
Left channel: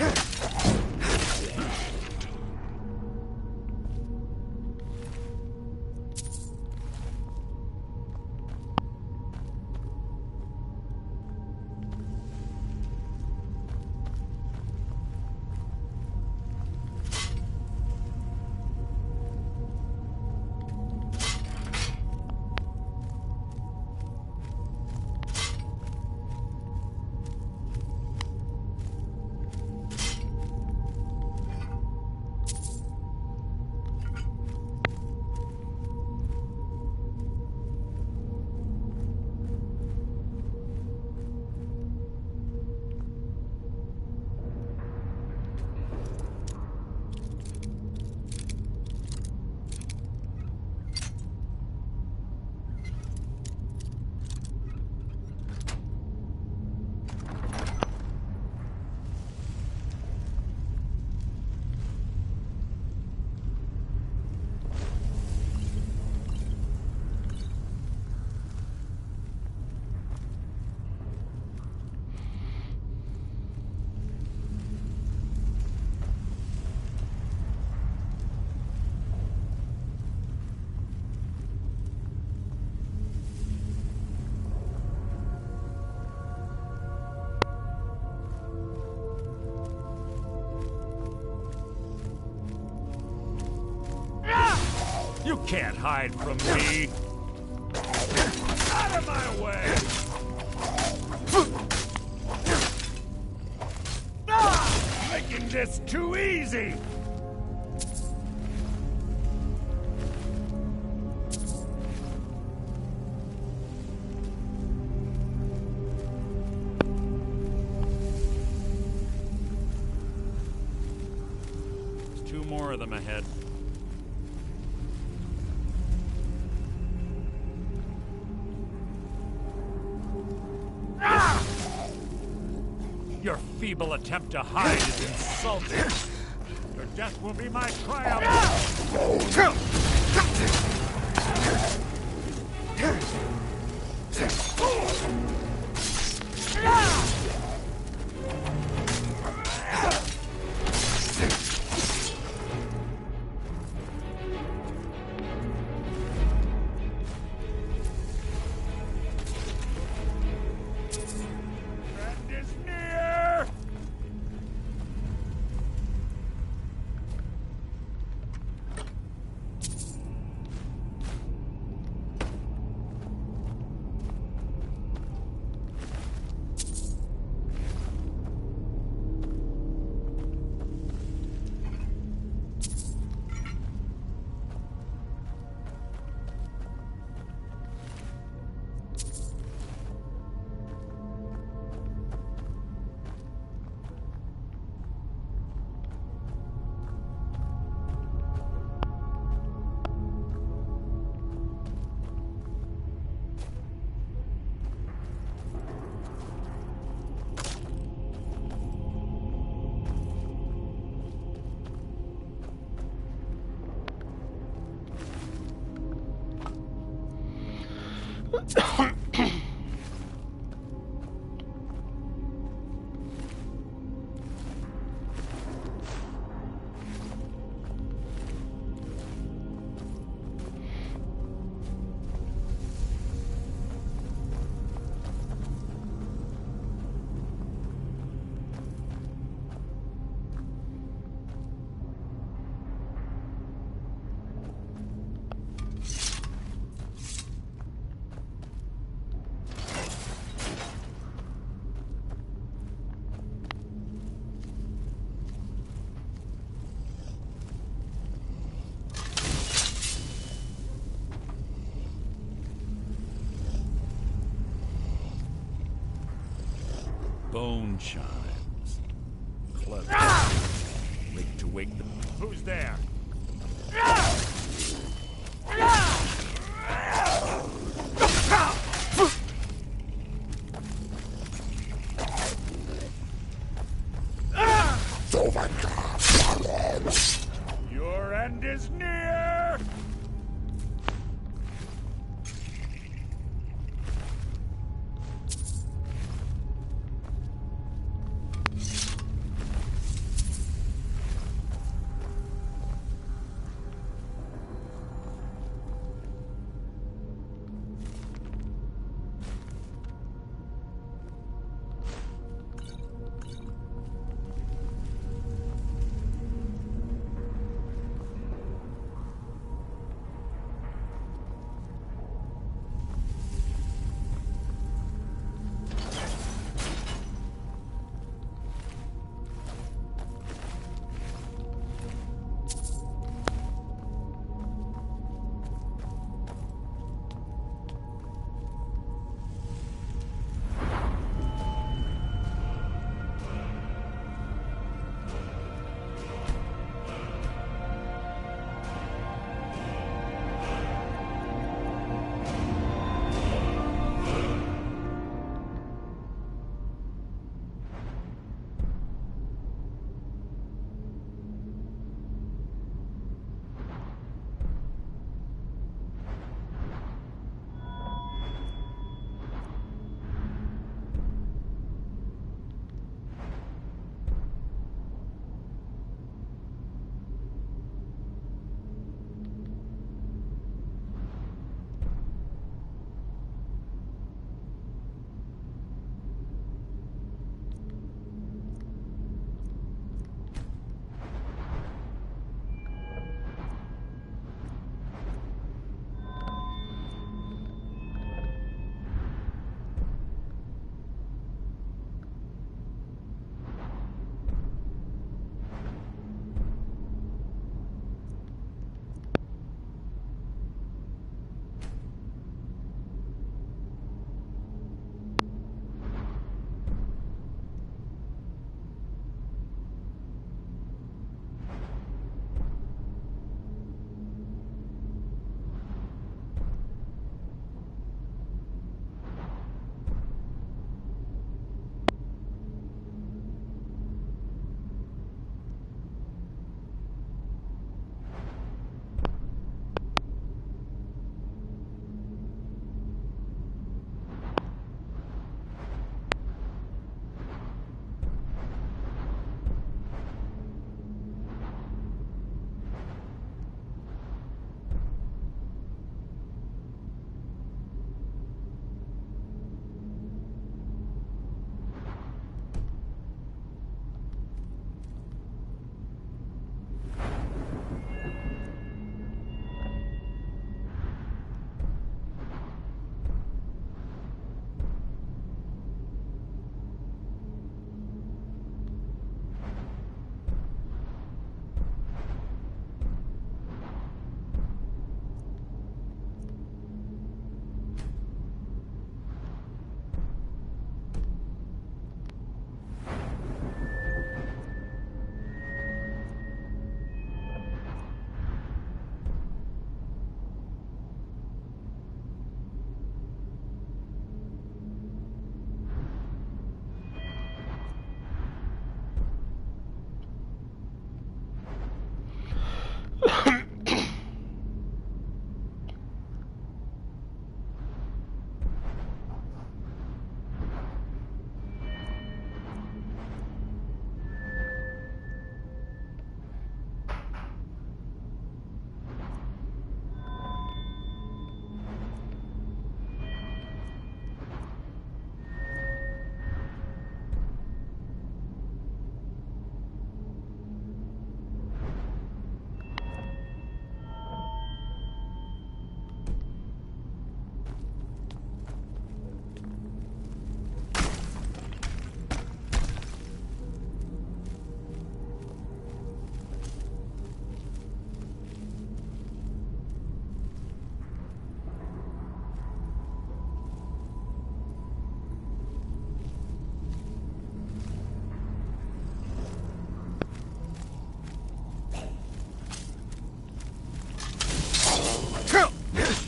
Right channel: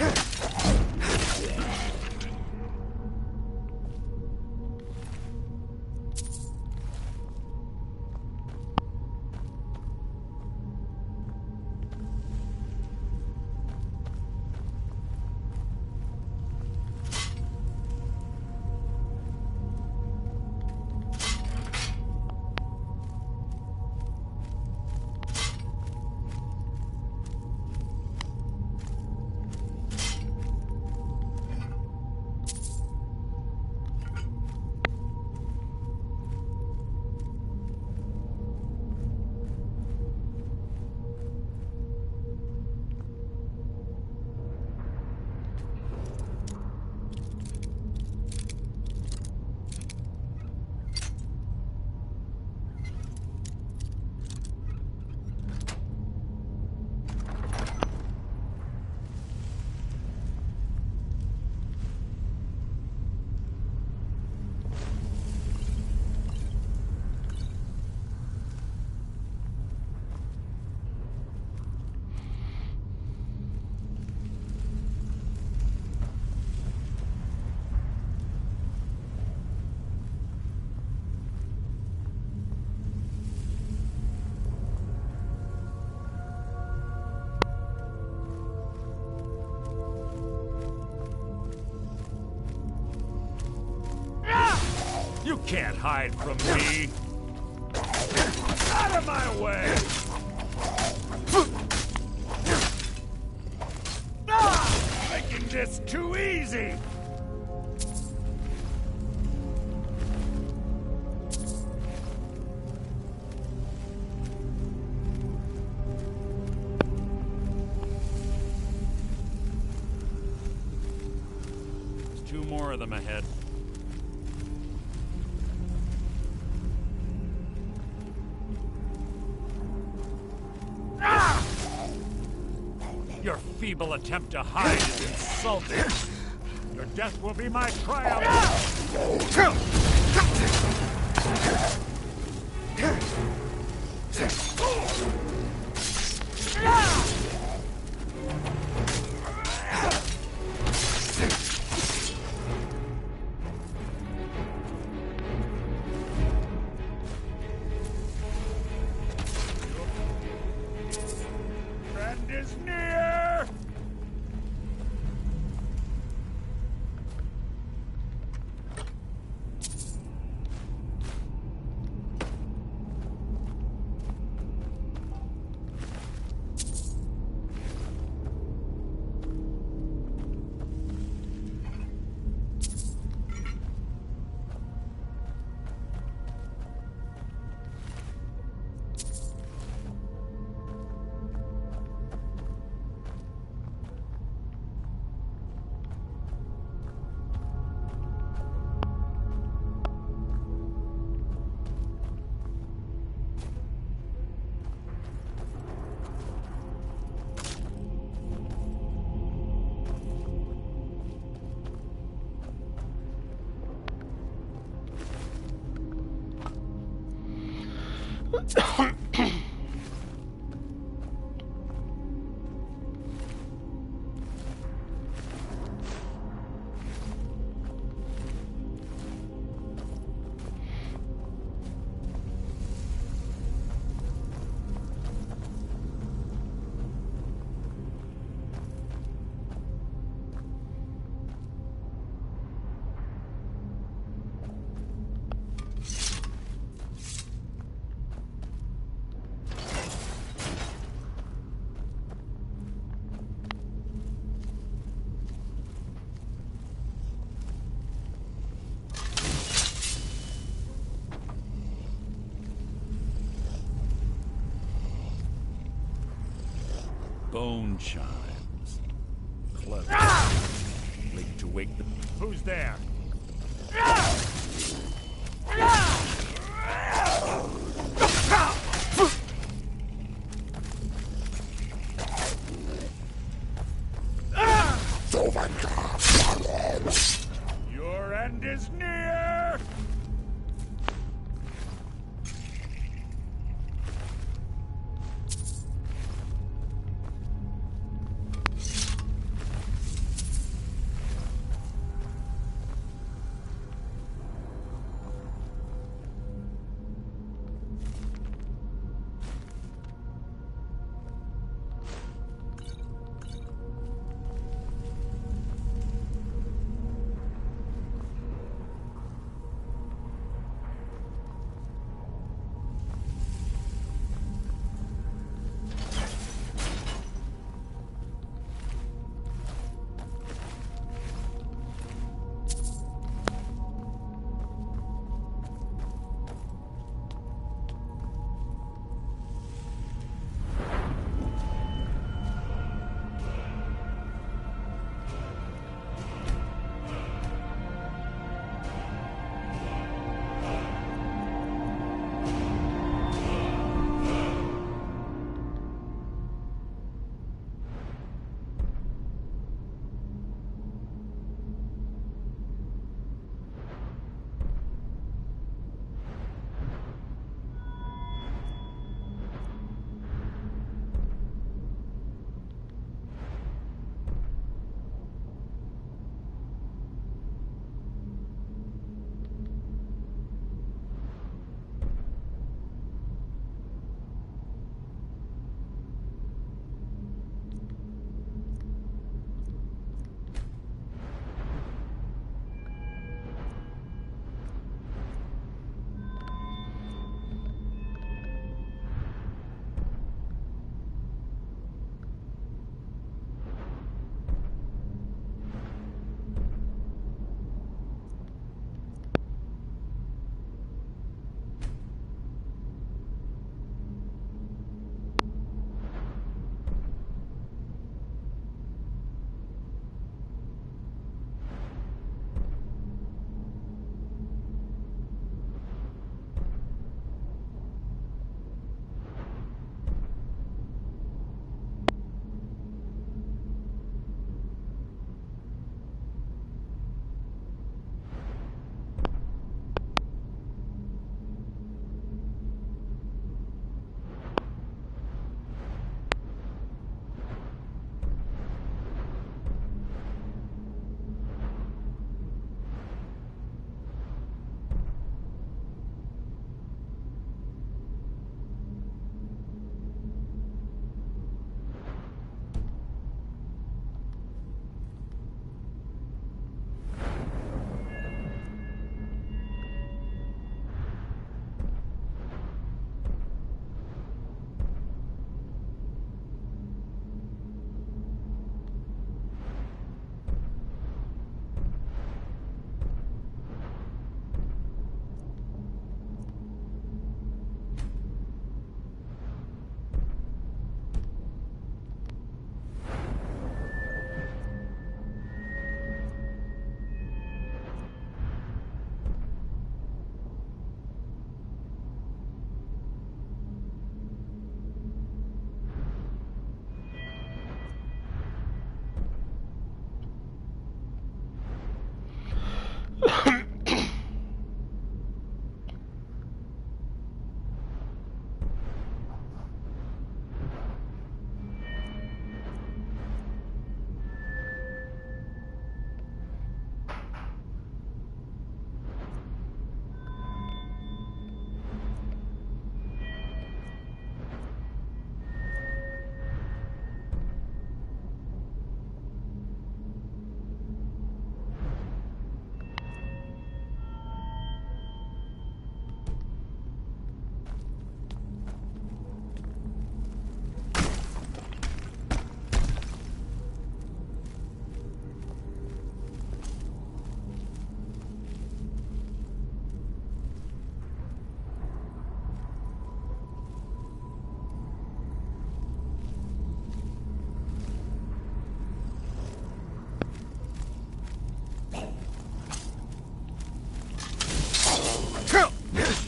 You can't hide from me! Out of my way! Making this too easy! There's 2 more of them ahead. Your feeble attempt to hide is insulting. Your death will be my triumph. Friend is near! Bone chimes. Clever. Late to wake the... Who's there? Your end is near!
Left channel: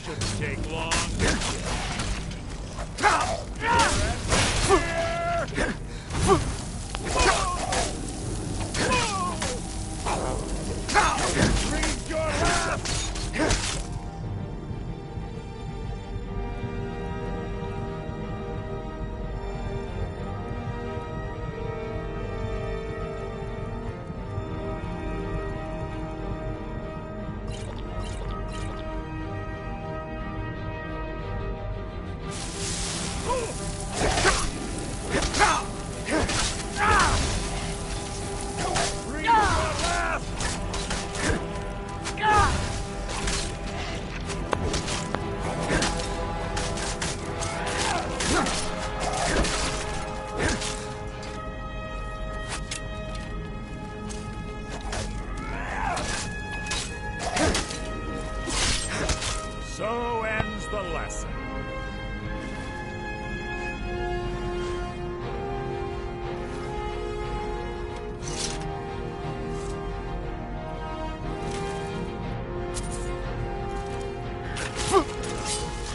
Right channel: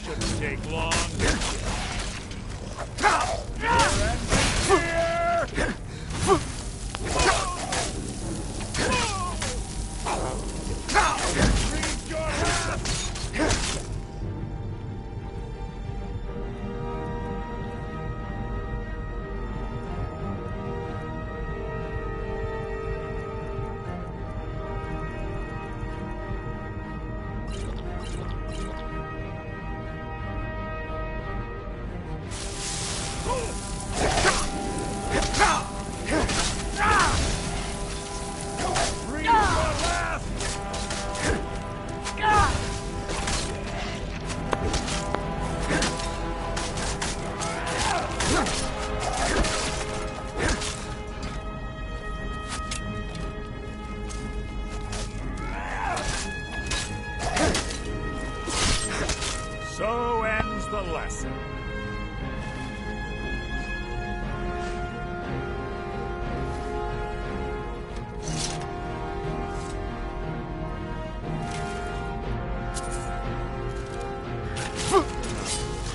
Shouldn't take long. So ends the lesson.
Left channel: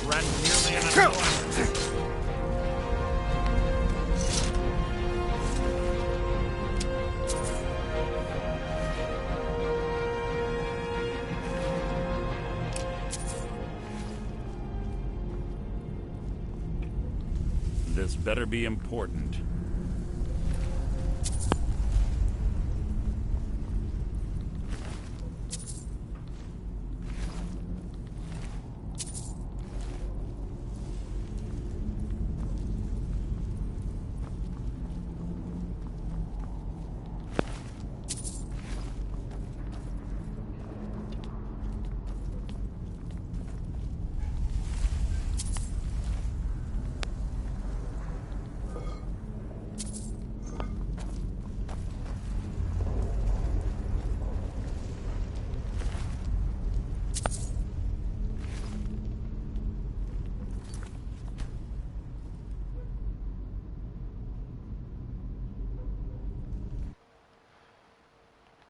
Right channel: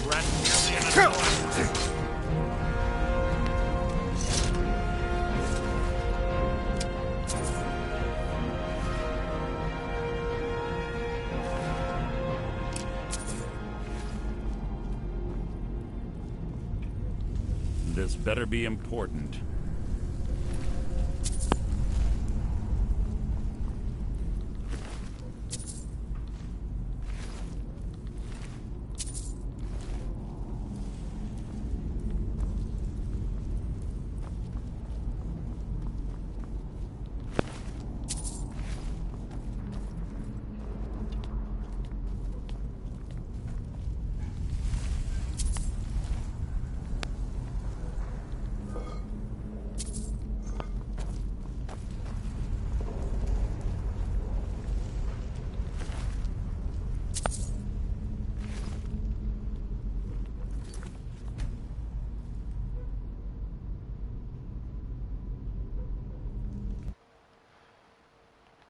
Threat merely an annoyance. This better be important.